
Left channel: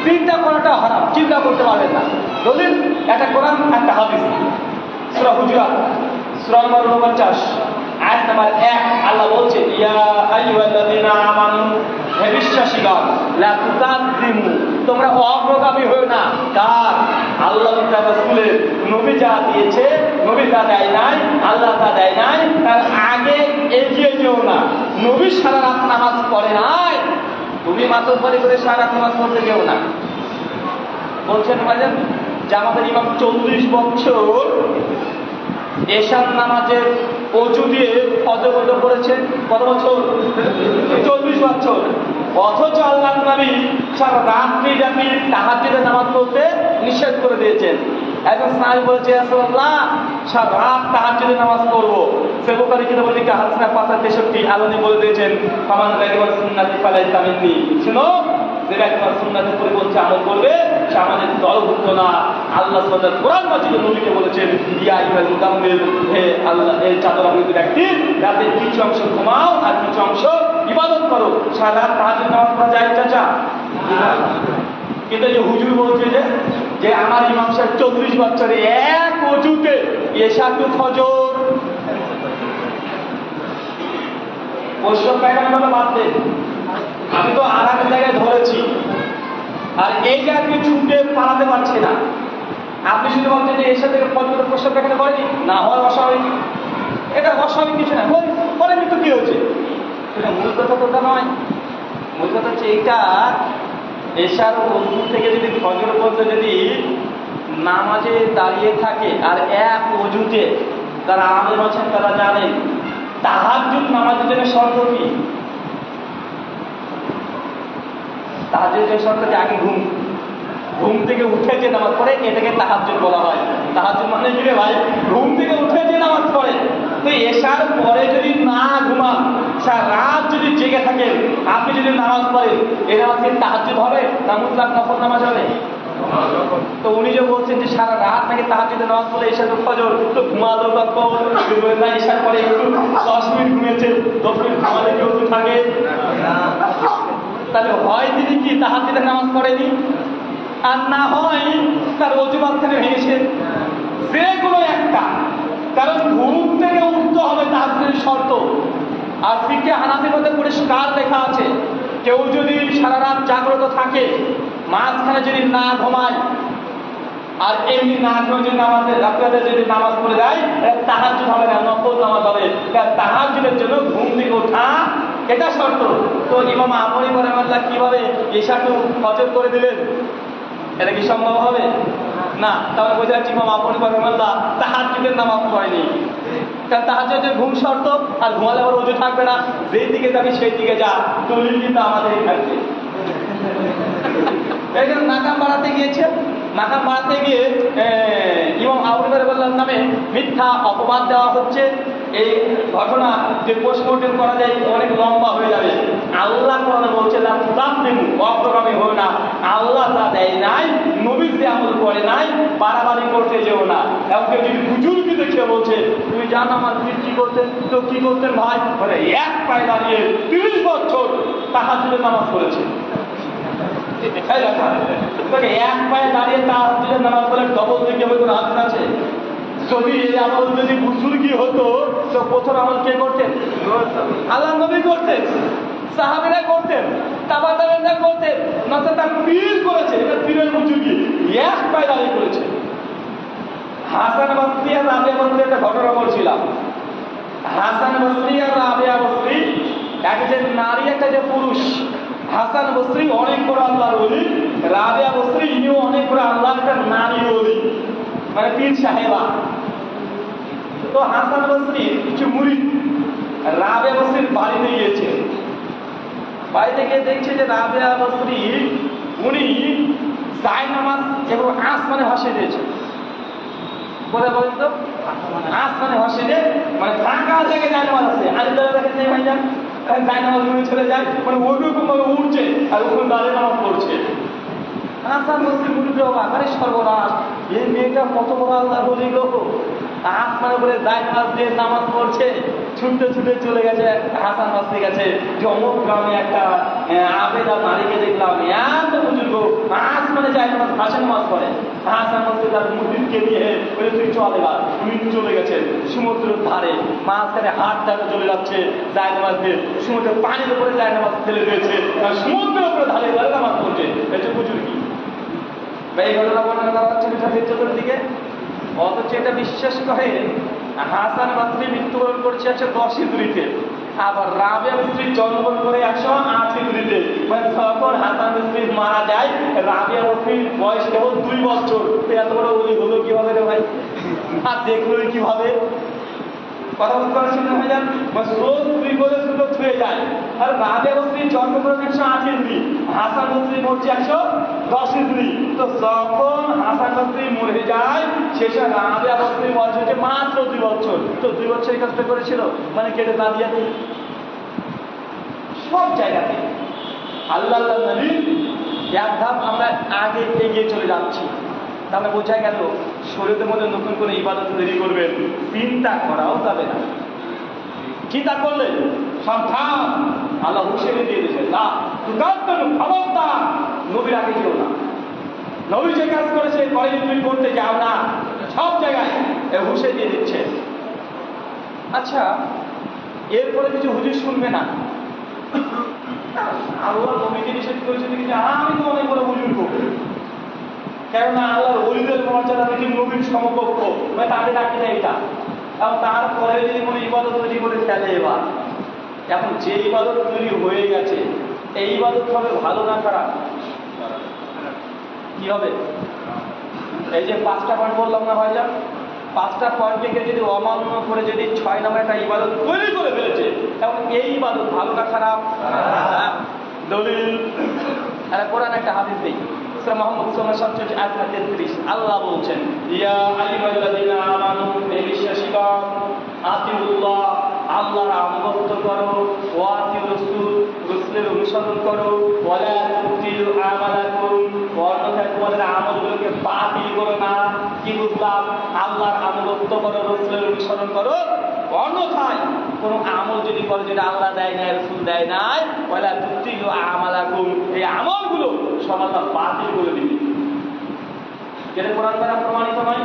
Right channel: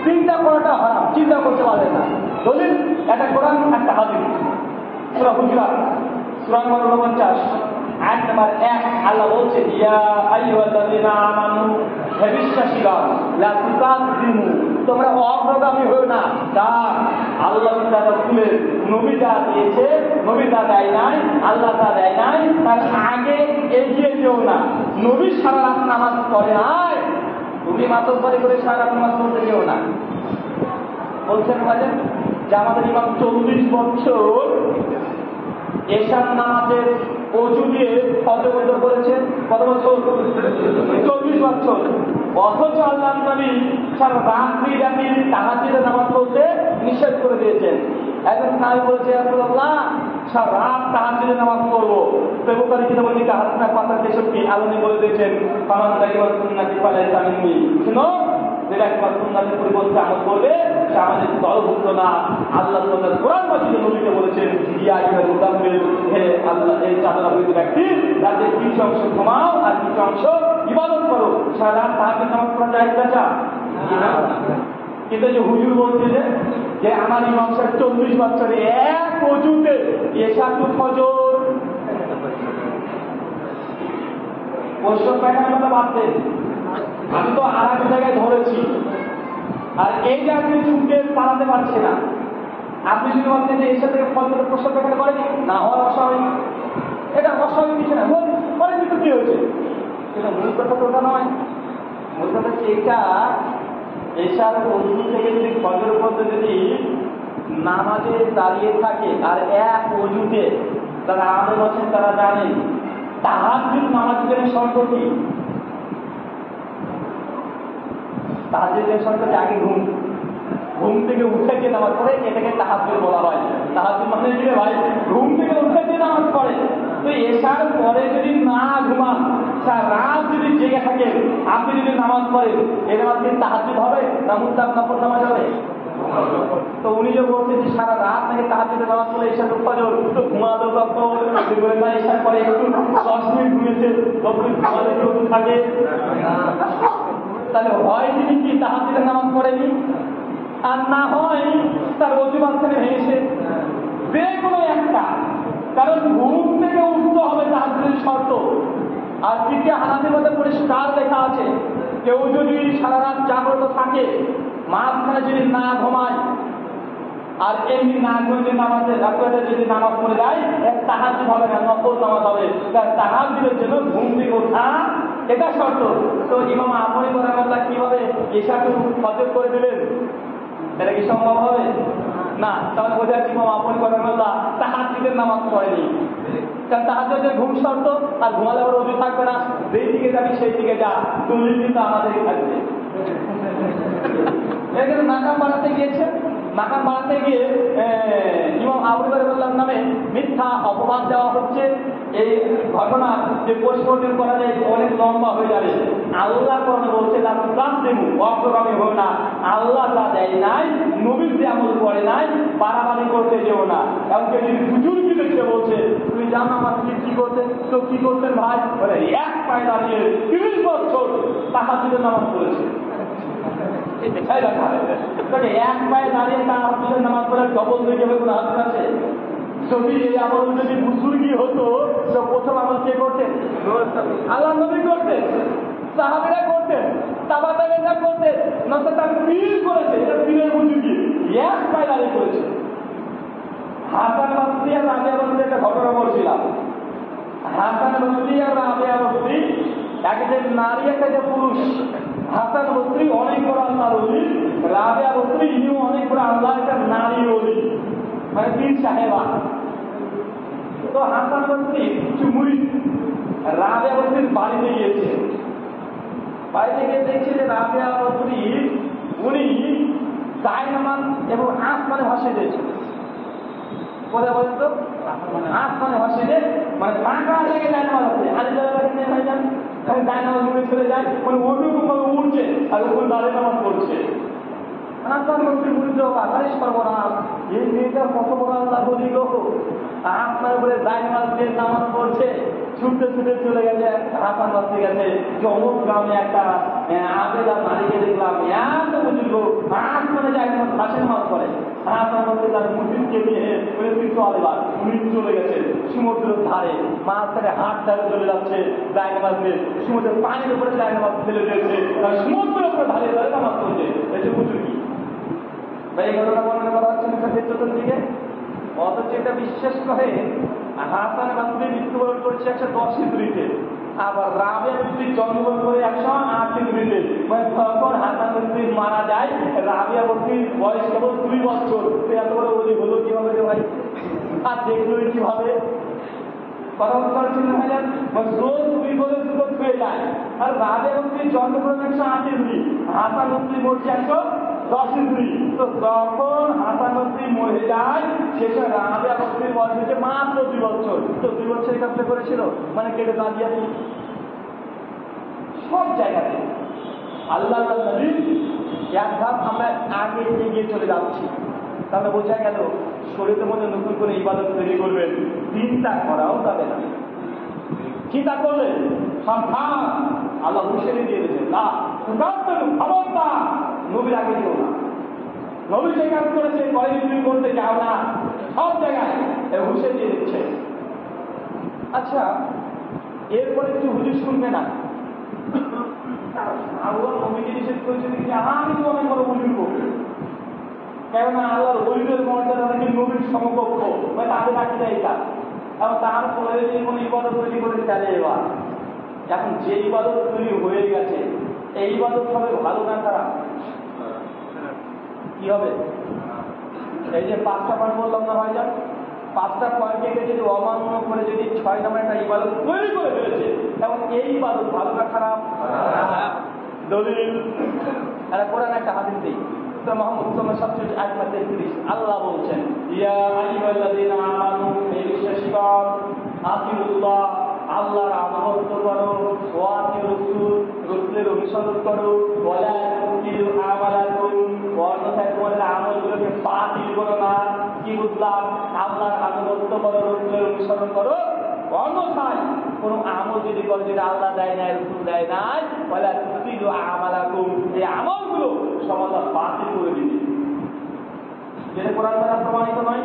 চিন্তা করাটা হারাম, চিন্তা করতে পারবে না। দলিল একটা কোরআন, একটা হাদিস। সূরা হুজুরাত সূরা নম্বর 49 আয়াত নাম্বার 1, আল্লাহ বলছেন ইয়া আইয়ুহাল্লাযীনা আমানু, হে বিশ্বাসীগণ, লা তুকাদ্দিমু, তোমরা অগ্রগামী হয়ো না, কার? আল্লাহ তাআলা রাসূলের, নবী যা দিয়েছে, নবী যা দেয় নাই, আল্লাহ যা দেয় নাই, তার আগে এগিয়ে যেও না। নবী সারা রাত নামাজ পড়ে নাই, তুমি মাতব্বরি করে সারা রাত নামাজ পড়তে যেও না। বলছেন ভাইজান যে আমাদের ইমাম 40 বছর এশার নামাজের অজু দিয়ে ফজর করেছে, কত বছর? 40 বছর। অথচ আল্লাহর নবী সারা রাত্রি ব্যাপী তাহাজ্জুদের নামাজ পড়তে নিষেধ করে দিয়েছেন। একজন সাহাবী বলেছে রাসূলুল্লাহ সারা রাত তাহাজ্জুদের নামাজ পড়বো। সহিহ বুখারী কিতাবুল নিকাহ হাদিস নাম্বার 563 আল্লাহ নবী বলে দিয়েছেন ফামান রাগিবা সুন্নতি ফালাইসা মিন্নি, শুনো যে ব্যক্তি সুন্নাতের পরিবর্তে আমল করবে সে আমাদের দলভুক্ত না। আল্লাহ সুবহানাহু কোরআন মাজিদে নবীকে বলেছেন ইয়া আইয়ুহাল মুদাম্মিল, হে আল্লাহ এর চাদর আবৃত ব্যক্তি, রাতের কিছু অংশ ঘুমাও আর কিছু অংশ ইবাদত করো। সারা রাত তাহাজ্জুদ নামাজ পড়া যায় চাচা? কিন্তু যে হুজুর বলছে যে আমার ইমাম সাহেব 40 বছরে এক ওযুতে এশা টু ফজর, বৈষ্ণব পায়খানা কথা বাদ দেন, আমি তো আর এক জায়গায় ধরেছি, আর এইটা আপনি ছুটে পালাতে পারছে না। আপনি শুধু বলছেন যে এর সাথে ফজর প্রস্তাব দেখাতে পারেনি, না হয় অস্বাভাবিক, এটা অস্বাভাবিক কিছু না, বলেনি তো কি হয়েছে। এটা মূল কথা তো ওটা নয়, মূল কথা হচ্ছে এইটা এশার ওযু থেকে যদি ফজর পর্যন্ত যদি নামাজে দাঁড়িয়ে থাকে আর এক ওযুতে, যারা আলেম আছেন তারা জানেন তাহাজ্জুদ নামাজের জন্য শর্ত কি? তাহাজ্জুদের শর্ত আগে ঘুম থেকে উঠে যে নামাজ পড়ে এটাকে তাহাজ্জুদ বলা হয়। তাহাজ্জুদ মানে কি রে ভাই? ঘুম থেকে উঠে যে নামাজ পড়ে। তো এশার পরে যদি না ঘুমান, সারা রাত যদি জেগে থাকেন, আপনি যদি নামাজ পড়েন, এই নামাজ কি তাহাজ্জুদ হবে না মুতলাক নফল নামাজ হবে? তো উনি যে বলছেন যে সারা রাত নাকি তাহাজ্জুদের নামাজ পড়ে এশা তো ফজর, তো ঘুমালো বাপ্পাও না, এশার পরে একটু 10 মিনিট ঘুমিয়েছে, 10 মিনিট ঘুমালে কেউ থাকে, তাহলে হয় তিনি কি তাহাজ্জুদের নামাজ পড়েনি, আর না হয় তার ওযু মাঝখানে ভেঙেছে, যে কোনো একটা। কারণ ঘুম থেকে উঠতে হবে তাহাজ্জুদের শর্ত। আর ফিকহে হানাফির মধ্যে পরিষ্কার লেখা আছে কেউ যদি সারা রাত জাগ্রত থাকে, মাঝখানে যদি না ঘুমায়, আর এমনি না ঘুমিয়ে যদি নামাজের রাতে যদি নামাজ পড়ে যায়, তাহাজ্জুদ হবে না, নফল নামাজ হবে। তাহাজ্জুদের জন্য ঘুম থেকে ওঠা এটা শর্ত। তো ইমাম আবুল রাহমাতুল্লাহ কিভাবে এশাটু ফজর করে দিলেন? এটা কি সম্ভব হবে? না। তাহলে বোঝা যাচ্ছে ইমাম আবুল রাহমাতুল্লাহ তাহাজ্জুদের নামাজ পড়েনি, কারণ তাহাজ্জুদের ঘুম শর্ত, আর ঘুমালে আবার ওযু থাকবে না, যেই দিকে যাবি সেই দিকে যা, দলিল কিন্তু আমাদেরই থাকবে। এখানে নাকাম বাড়াতে গিয়েছে, নাকাম বাড়াতে গিয়ে ইমাম আবুল রাহমাতুল্লাহর নামে মিথ্যা অপবাদ দেওয়া হচ্ছে। এই ঘটনা যে পোস্টমর্টেম করা যায় অনেক লম্বা হয়ে যাবে। আল্লাহ কোরআনে বলছে না তুকাদ্দিমু, অগ্রগামী হও না, আল্লাহ যা দেয় নাই, নবী যে আমল করে নাই, বাড়াবাড়ি করতে যেও না। এমনকি যদি বুজুর্গি দেখে বলছে তুমি জানো আমার পীর কি করতেন, তো কি করতেন ভাই? বলে এক পায়ে দাঁড়িয়ে 30 বছর তাহাজ্জুদের নামাজ পড়েছে। এক পায়ে দাঁড়িয়ে তাহাজ্জুদের নামাজ পড়ে ডবল দিকে কোনো হাদিস আছে? যদি এই আমল যদি বুজুর্গি হতো তো প্রথম আমল কে করতেন? আল্লাহ নবী করতেন, সাহাবীরা করতেন, তাবাতাবেনরা করতেন, নয়তো তার পীর করেছে। এটা পীরের বুজুর্গি, এক পায়ে দাঁড়িয়ে করেছে। হাসান বসরি আর রাবিয়া বসরি একটা ঘটনা বলছিলাম। হাসান বসরি আর রাবিয়া বসরি, একটা নারী একটা যে পুরুষ। হাসান বসরি অনেক বড় আল্লাহর ওলি, রাবিয়া বসরি ইনিও অনেক বড় আল্লাহর একটা নারী ওলি, মানে পীর সাহেবা। তো হাসান বসরি কিছু মুরিদ রাবিয়া বসরির বাড়িতে গিয়েছে। বাড়িতে গিয়ে দেখছে যে রাবিয়া বসরি উনি জায়নামাজ এবং আসমানে ভাসিয়ে দিয়েছে। কোথায় বলেন তো? আসমানে মসজিদে, মানে ফাঁকা জায়গায় জায়নামাজ আছে, আজ দেখেন নেই ভাই যান, জায়নামাজ রুমে চলে যায়, মানে ওইরকম ভাবে উঠছে আর ওখানে দাঁড়িয়ে নামাজ পড়ছে। হাসান বসরি মুড়ির বাগারে সর্বনাশ, এই মেয়েটা কত বড় আল্লাহ বলি গো, আসমানে বলে জায়নামাজ দিয়ে নামাজ পড়ছে, ছুটতে ছুটে চলে গেছে হাসান বসরি গেছে যে অমুক গ্রামে একটা আবেদা নারীকে দেখলাম এত বুজুর্গ আসমানে জায়নামাজ ভাষা নামাজ পড়ে। হাসান বসরি তার মুদিরকে নিয়ে বলে তুই চল এবার, তুমি চলে গেছেন সমুদ্রের ধারে, মাঝখানে হাট ধারে চলে যাচ্ছে জায়নামাজ দিয়ে, সমুদ্রের পানির উপরে জায়নামাজ ফেলে দিয়েছে, সমুদ্রের উপরে ধারে ধারে নামাজ পড়ছে। এটা বুজুর্গি এই ঘটনা বর্ণনা করা হচ্ছে চতুর্দিকে। অথচ এটা বিশ্বাস করে হাসান বসরি মৃত্যুবরণ করছে 110 হিজরিতে, আবার রাবিয়া বসরি জন্মগ্রহণ করে 108 হিজরিতে। মানে যখন হাসান বসরি মারা যায় রাবিয়া বসরির বয়স কেবল 2 বছর। এত বড় ওলি হলো কিভাবে রে ভাই, আর দেখলোই কিভাবে? কথা বুঝতে পারছেন না ভাইজান? রোজ দুই করে দুটো ছুঁয়ে যায়। আর রাবিয়া বসরির জন্মগ্রহণ 108 হিজরি, হাসান বসরি মরছে 110 হিজরি। তো যখন হাসান বসরি মরে যায় শেষে রাবিয়া বসরির বয়স হচ্ছে মাত্র 2 বছর। তো 2 বছর এই কাজটা করেছিল, মানে কেটে দাঁড়িয়ে সব জায়গাতে আল্লাহ নবী এক ধাপ আমরা আগে এগিয়ে চলে যাচ্ছি। তাহলে বোঝা গেল শরীরের মধ্যে নতুন করে ইবাদত তৈরি করবেন, চিন্তা করাও যাবে না। চিন্তা করলে সাবধান, আল্লাহ হুঁশিয়ারি দিয়ে দিয়েছেন, না খবরদার নবীর আগে যেও না, নবী যে কাজ করেছে কলেজে তুমি করতে যাও না, সব জায়গায় হুঁশিয়ারি দিয়ে দিচ্ছে। আচ্ছা, এরপরে কিছু হুজুর শুনবে না, আল্লাহ নবীকে নিষেধ করেছে যে আমি তো অনেক বড় বুজুর্গ, কেননা আল্লাহর ওলিদের মর্যাদা নাকি নবীর সমকক্ষ, মানে তাদের রাখি না এটা। এবং তারপরে যদি কোনো ইবাদত তৈরি করে ফেলে, এবার এখন যে ইবাদত তৈরি হয়ে গেছে এই ইবাদত হবে ভালো না খারাপ? কি হবে? এই যে 5টা পয়েন্ট বললাম না ভাইজান, 5টা পয়েন্টকে যদি অমান্য করে যদি 6 নম্বর একটা ইবাদত তৈরি করে ফেলেছে, তখন এই ইবাদত ভালো না খারাপ? দলিল একটা কোরআন একটা হাদিস দেই, সূরা মুহাম্মদ 37 আল্লাহ বলছেন, ইয়া আইয়ুহাল্লাযীনা আমানু, হে বিশ্বাসীগণ, আতিউল্লাহ, আল্লাহর আনুগত্য করো, ওয়া আতিউর রাসূল, রাসূলের অনুসরণ করো, ওয়ালা তুতিলু আমালাকুম, অন্যথায় তোমাদের আমলগুলোকে বাতিল করো না। কি বুঝলাম? আল্লাহর আনুগত্য করো, রাসূলের অনুসরণ করো, অন্যথায় কোন আমল যদি করে যেটা আল্লাহ দেয় নাই, রাসূল দেয় নাই, ওয়ালা তুতিলু আমালাকুম, এই আমলগুলো সব আল্লাহ বাতিল করে দিবে। যেটা কোরআন দ্বারা প্রমাণিত নয়,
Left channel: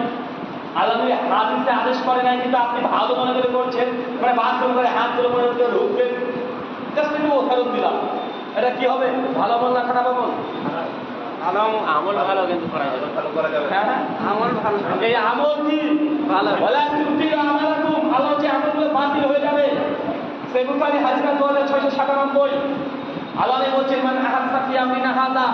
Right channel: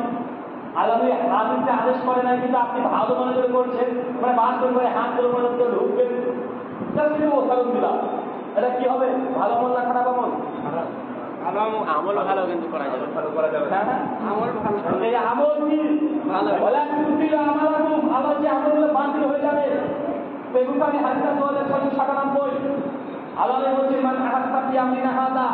আল্লাহ নবী হাদিসে আদেশ করে নাই, কিন্তু আপনি ভালো মনে করে করছেন, মানে বাদ করে হাতগুলো মনে করে ঢুকবেন। জাস্ট একটু উদাহরণ দিলাম, এটা কি হবে? ভালো আমল না খারাপ আমল? আমল ভালো, কিন্তু করা যাবে, ভালো করা যাবে। হ্যাঁ, এই আমল কি ওয়ালা তুতিলু আমালাকুম, আল্লাহ যে আমলগুলো বাতিল হয়ে যাবে। সেই বুখারী হাদিস 2697, আল্লাহ বলছেন, মান আহাসা ফি আমরিনা হাযা,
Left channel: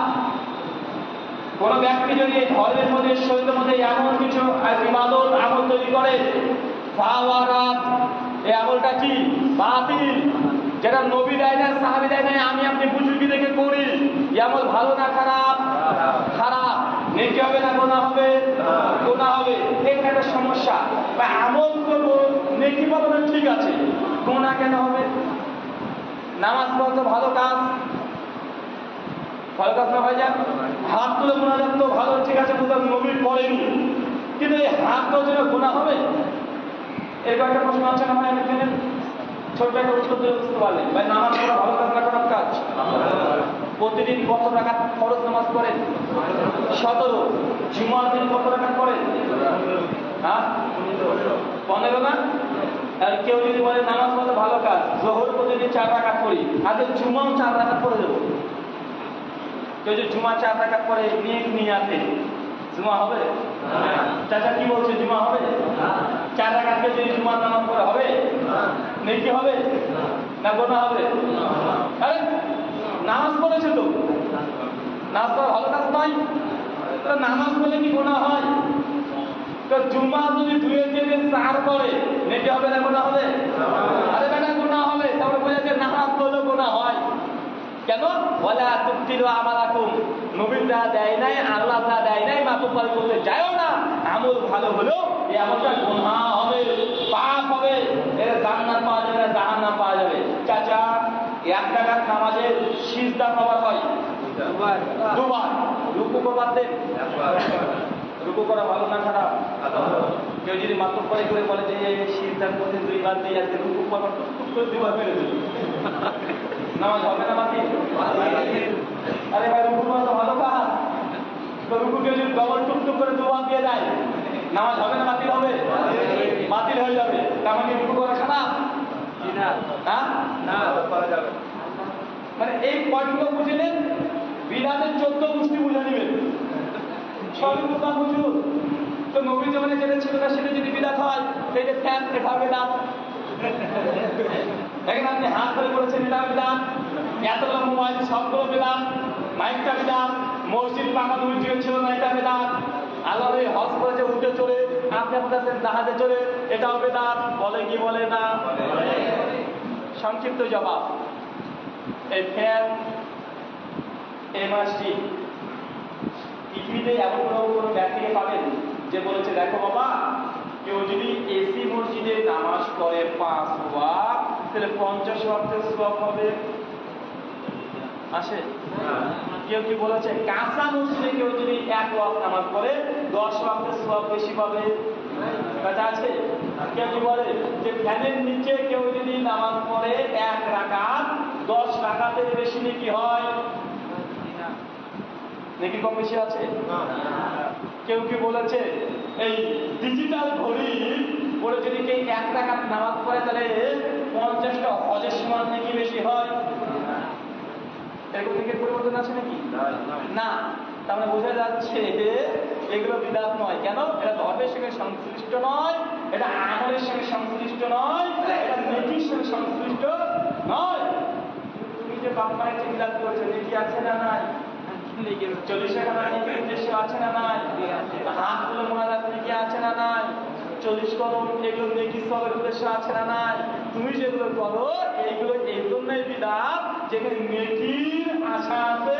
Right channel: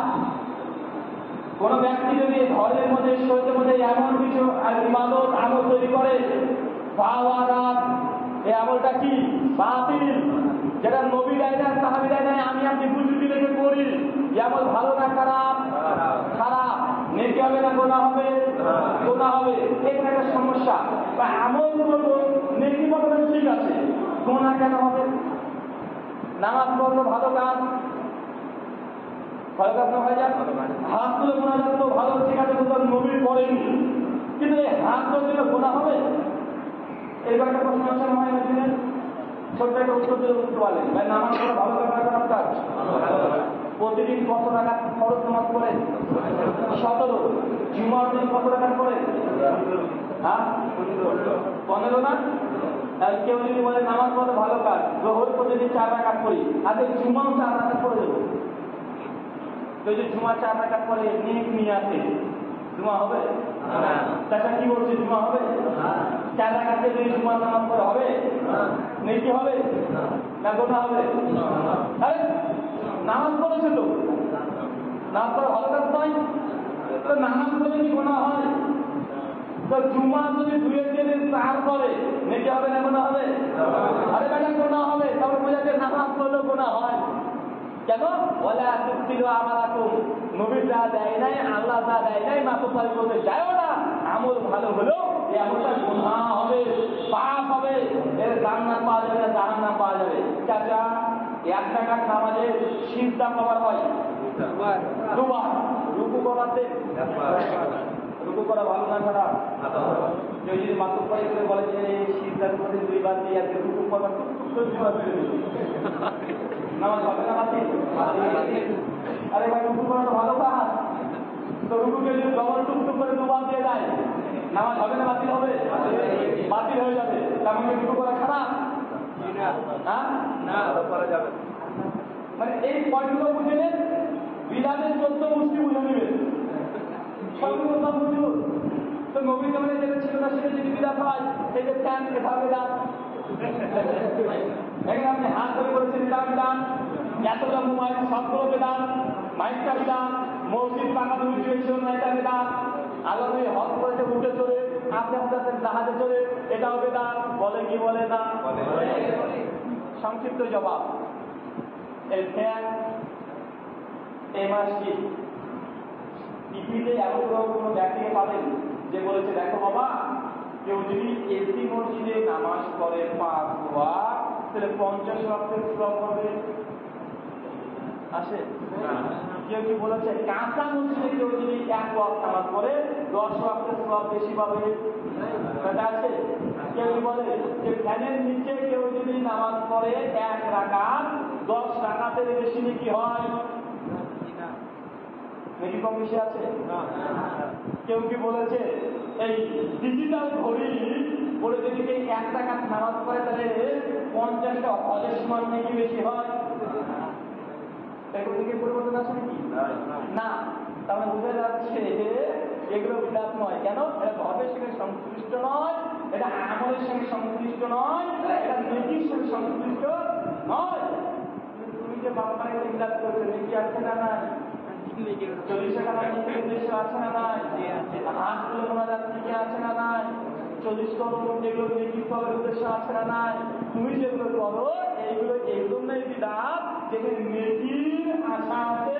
কোন ব্যক্তি যদি ধর্মের মধ্যে শরীরের মধ্যে এমন কিছু ইবাদত আমল তৈরি করে, ফাওয়ারাত, এই আমলটা কি? বাতিল, যেটা নবী দেয় না, সাহাবী দেয় না, আমি আপনি বুজুর্গি দেখে করি, এই আমল ভালো না খারাপ? খারাপ। নেকি হবে না গুনাহ হবে? গুনাহ হবে। এটা একটা সমস্যা। বা আমল করবো, নেকি পাবো না, ঠিক আছে, গুনাহ কেন হবে? নামাজ পড়া তো ভালো কাজ, ভালো কাজ না হয়ে যায়, হাত তুলে মোনাজাত তো ভালো, ঠিক আছে, বুঝলাম নবী পড়েনি, কিন্তু এই হাত তুলে গুনাহ হবে? এরকম একটা প্রশ্ন আছে না হয় এখানে, ছোট্ট একটা উত্তর দিয়ে বুঝতে পারলেন। ভাই, নামাজ পড়া ভালো কাজ না খারাপ কাজ? প্রতিদিন কত রাকাত ফরজ নামাজ পড়েন? 17। জুমার দিন কত রাকাত পড়েন? হ্যাঁ, 15 না? আর কেউ যদি বলে নামাজ পড়া ভালো কাজ, জোহর প্রতিদিন 4 রাকাত পড়ি, আগে জুমাও 4 রাকাত পড়ে দেবো। কেউ যদি জুমা 4 রাকাত পড়ে নিয়ে আসে, জুমা হবে? চাচা কি বলছে, জুমা হবে? 4 রাকাতকে যদি জুমার নামাজ পড়ে হবে? নেকি হবে না গুনাহ হবে? আরে নামাজ পড়েছে তো, নামাজ পড়া ভালো কাজ নয়? তো নামাজ পড়লে কি গুনাহ হয়? তো জুমা যদি 2-4 পড়ে নেকি হবে না গুনাহ হবে? আরে বেটা গুনাহ হবে। তারপরে বোঝা যায় নামাজ পড়লেও গুনাহ হয়। কেন? ওয়ালা তুতিলু আমালাকুম, নবী যা দেয় নাই, আল্লাহ যা দেয় নাই, মাতুব্বারি করতে যায়ও না। আমল ভালো হলেও এমনটা গুনাহ হবে, পাপ হবে, এর জান্নাত পাওয়া যাবে না, জাহান্নাম পাওয়া যাবে। চাচা, 1 রাকাত নামাজে সিজদা কবার হয়? দুবার। রুকু কবার দেন? রুকু করা ভালো না খারাপ? কেউ যদি মাত্র করে বলে যে সিজদার মধ্যে 2 বার দিই, আজকে রুকু কবার টুক করে 2 বার মেরে দেবে, নামাজ হবে না বাতিল? আরে ভাই, রুকু করা তো ভালো কাজ, তো রুকুকে যদি ডবল টুক করে 2 বার দিয়ে যায়, নামাজ হবে না বাতিল হবে? বাতিল হয়ে যাবে। তেমন কি রুকু করা খারাপ? হ্যাঁ, মানে এই পয়েন্টগুলো বুঝে নেন, বিধানের 14 মুষ্টি বুঝে নেবেন, সবই বুঝলাম বুঝুন। তো নবীর জামানে যেটা ছিল না সেটা যদি বিধাত হয়, এই যে ফ্যান, এটা বিধাত। দেখেন আপনি হাত করে করেছেন, এটা বিধাত। এতগুলো মোবাইল, সবগুলো বিধাত। মাইকটা বিধাত। মসজিদ পাকা উঠিয়ে ছিল না, এটা বিধাত। আল্লাহ নবী হজ করেছে উঠে চলে, আপনি আপনাদের জাহাজে চলে, এটাও বিধাত। বলে কি বলে না? সংক্ষিপ্ত জবাব, এই ফ্যান, এই মসজিদ, পৃথিবীতে এমন কোনো ব্যক্তিকে পাবেন যে বলেছে দেখো বাবা, কেউ যদি এসি মসজিদে নামাজ পড়ে 5 ওয়াক্ত, তাহলে 50 ওয়াক্তের সওয়াব হবে? আসে? কেউ কি বলেছে কাঁচা মসজিদে কেউ যদি 1 ওয়াক্ত নামাজ পড়ে 10 ওয়াক্তের সওয়াব বেশি পাবে? কথা আছে? কেউ কি বলে যে ফ্যানের নিচে কেউ যদি নামাজ পড়ে 1 রাকাত 10 রাকাতের বেশি নেকি হয়? নাকি কম বেশি আছে? কেউ কি বলেছে এই ডিজিটাল ঘড়ি পরে যদি কেউ 1 রাকাত নামাজ পড়ে তাহলে 50টা হজের সমান নাকি বেশি হয়? এরকম দিকের পরিবর্তন আছে নাকি? না। তার মানে বোঝা যাচ্ছে এগুলো বিদাত নয়। কেন? এটা ধর্মের সঙ্গে সংশ্লিষ্ট নয়, এটা আমলের সঙ্গে সংশ্লিষ্ট নয়, এটা নেকির সঙ্গে সংশ্লিষ্ট নয়। তুমি যে বাপ মায়ের যে বিদাত করেছো, নেকি আছে না নাই? 40 টাকা নেকির উদ্দেশ্য আছে না নাই? হাত গুলো মোনাজাত নেকি আছে না নাই? 40 করণ এগুলো নেকি সবের উদ্দেশ্য আছে না নাই? তুমি যেগুলো করো এইগুলো এই জন্যই বিদাত, যেখানে নেকির আশা আছে,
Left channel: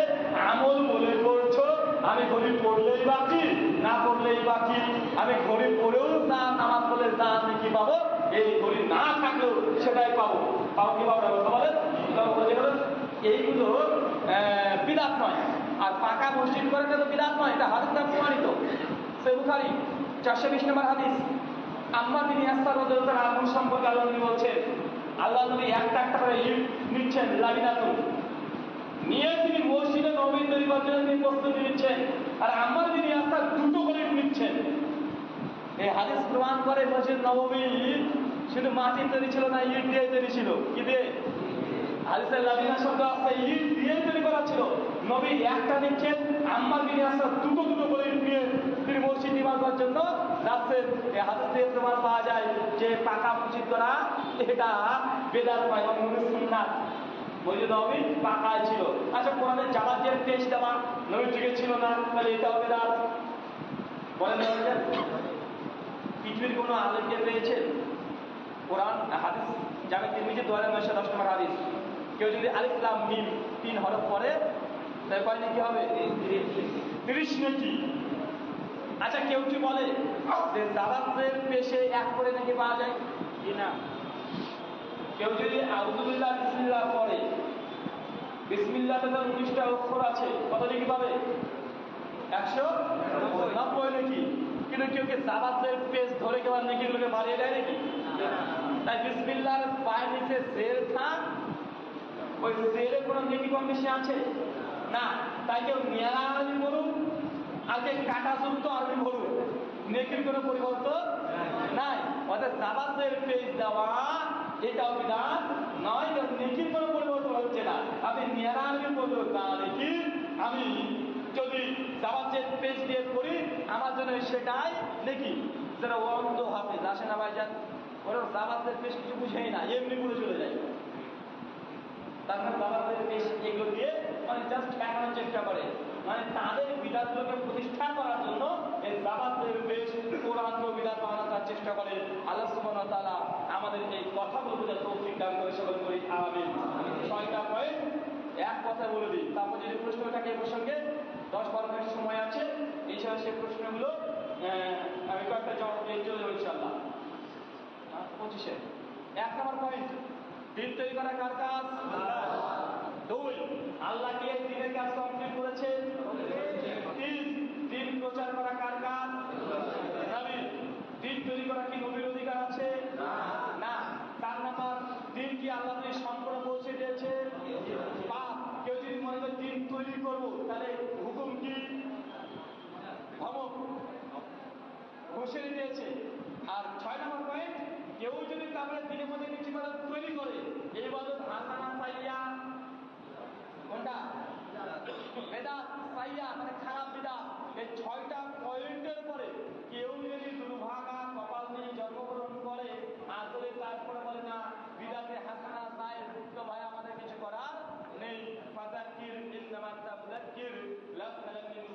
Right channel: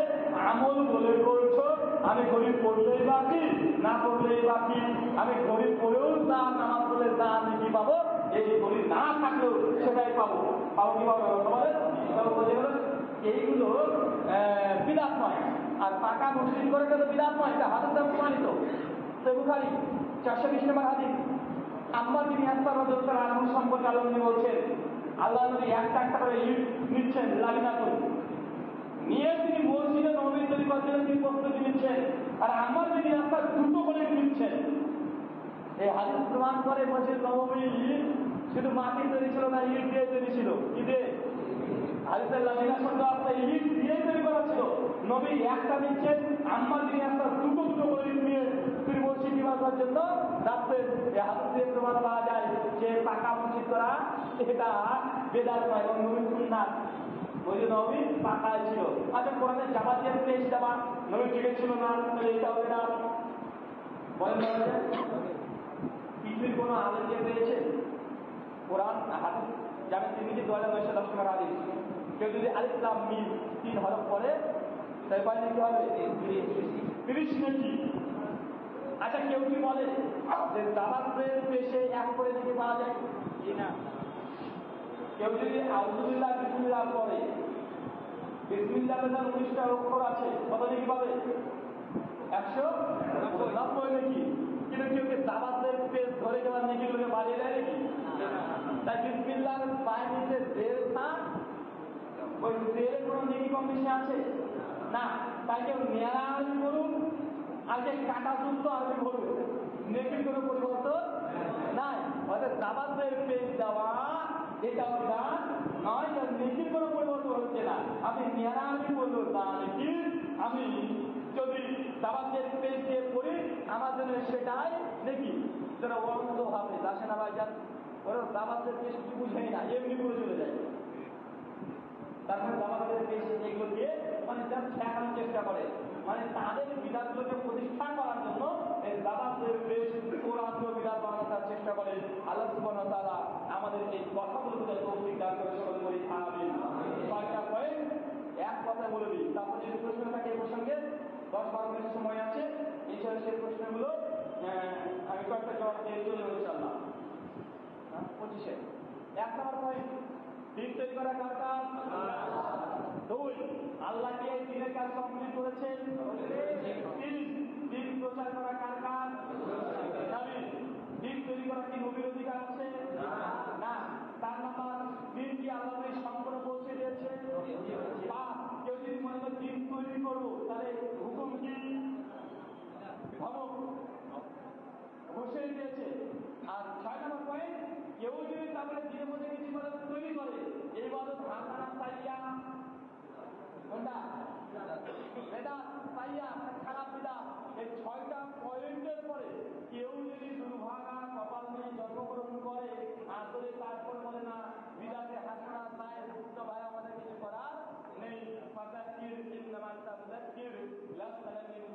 আমল বলে করছো। আমি ঘড়ি পড়লেই বাকি, না পড়লেই বাকি। আমি ঘড়ি পড়েও যা, নামাজ পড়লে যা নেকি পাবো, এই ঘড়ি না থাকলেও সেটাই পাবো। পাবো কি পাবো? বলে এইগুলো বিদাত নয়। আর পাকা মসজিদ করে তো বিদাত নয়, এটা হাদিস দ্বারা প্রমাণিত। সহিহ বুখারী 420 নম্বর হাদিস। আম্মার বিন ইয়াসার রাদিয়াল্লাহু আনহু সম্পর্কে আল্লাহ নবী বলছেন, আল্লাহ নবী একটা করে ইট নিচ্ছেন, লাবিনাতুন নিয়ে তিনি মসজিদে নববী তৈরি করার জন্য তিনি প্রস্তুতি নিচ্ছেন। আর আম্মার বিন ইয়াসার 2টো করে ইট নিচ্ছেন। এই হাদিস প্রমাণ করে মসজিদ নববী শুধু মাটি তৈরি ছিল না, ইট দিয়ে তৈরি ছিল। কি দিয়ে? হাদিসের লাবিনা শব্দ আছে, ইট দিয়ে তৈরি করা ছিল। নবী একটা নিচ্ছেন, আম্মার বিন ইয়াসার 2টো করে ইট নিয়ে তিনি মসজিদ নির্মাণ করার জন্য যাচ্ছেন। এই হাদিস দিয়ে প্রমাণ পাওয়া যায় যে পাকা মসজিদ করা এটা বেদাত নয়, এবং সুন্নাত। মসজিদ নববী পাকায় ছিল। আচ্ছা, কোরআনে জামাতের পেশ দেওয়া নবীর যুগে ছিল না, তাহলে এটাও বেদাত। বলেন পৃথিবীর কোনো আলেমকে পেয়েছেন কোরআন হাদিস জামে তিরমিজি 2910 নম্বর হাদিস, কেউ যদি আলিফ লাম মিম 3 হরফ পড়ে তাহলে কয় নাকি হবে? 30 নাকি। আচ্ছা, কেউ কি বলে যে জামাতের পেশে 1 করে নাকি পাওয়া যায় কিনা? কেউ যদি আউযুবিল্লাহ বিসমিল্লাহ পড়ে, বিসমিল্লাহতে তো 19টা অক্ষর আছে, কত নাকি পাবে? 190 নাকি। কিন্তু কেউ কি জামাতের পেজ ধরে কেবল নাকিগুলোকে বাড়িয়ে দেয় নাকি? তাই বিসমিল্লাহর পায়ের নিচে জেল থাক, ওই জেলে কোনো নেকি কম বেশি আছে না। তাই কেউ নিয়ারা আরবি বলুন আর কেউ কাটাযুক্ত আরবি বলুন, নেকির কোনো পরিবর্তন নাই। অর্থাৎ জামাতের পেজ দেওয়া এটাও বিধান নয়, কারণ নেকির কোনো পরিবর্তন হচ্ছে না। আপনি নিয়ারা আরবি বললো তা নেকি, আমি যদি জামাতের পেজ দিয়ে পড়ি আমার জন্য সেটাই নেকি। যারা অন্ধ হাফেজ আসে না ভাইজান, ওরা জামাতের পেশ কিছু বুঝেই না, এমনি পড়ে চলে যায়। তারপরে জামাতের পেশ এগুলো দিয়ে মানে জাস্ট ঠেকানোর চেষ্টা করে, মানে তাদের বিধানগুলোকে প্রতিষ্ঠা করার জন্য এই জামাতের পেশ কোরআন বিধান বানানোর চেষ্টা করে। আল্লাহ সুবহানাহু ওয়া তাআলা আমাদের এই কথাগুলো বোঝার তৌফিক দান করে, সকল করি আমিন। 6টা পয়েন্ট এক কথা বলে দিই, তারপর যদি প্রশ্ন থাকে এই প্রসঙ্গে 10-12 মিনিট সময় আছে, এছাড়া সেই প্রশ্নগুলো আমি কয়েকটা জবাব দিয়ে চলে দিন তৈরি করা কার কাজ? দুই, আল্লাহ কি এই দিনের কাজ কমপ্লিট করেছেন? তিন, দিন প্রচার করা কার কাজ? নবীর। দিন তৈরি করা কি নবীর অধিকার আছে? না। 4 নাম্বার, দিন কি আল্লাহ সম্পূর্ণ পৌঁছে দিয়েছে? 5, কেউ যদি মনে করে দিন তৈরি করবো তাহলে হুকুম কি? ধমক, ঘোষণা দিয়েছে। আর 6 নম্বর পয়েন্ট, কেউ যদি তারপরে দিনের মধ্যে কিছু করে তৈরি করে এই বাদত হাসানা পাইয়া, কোনটা? বেদাত পাইয়া, মানে খারাপ বিদাত। এই 6টা পয়েন্টের পরে কেউ যদি দুর্ভাগা কপাল নিয়ে জন্মগ্রহণ করে আসলে তারপরে বলে না বিদাতে হাসানা পায়, তো ভাই আমাদের কিছু করার নেই। ফাযাক্কির ইন্নামা তাযাক্কির লাস্তা মিন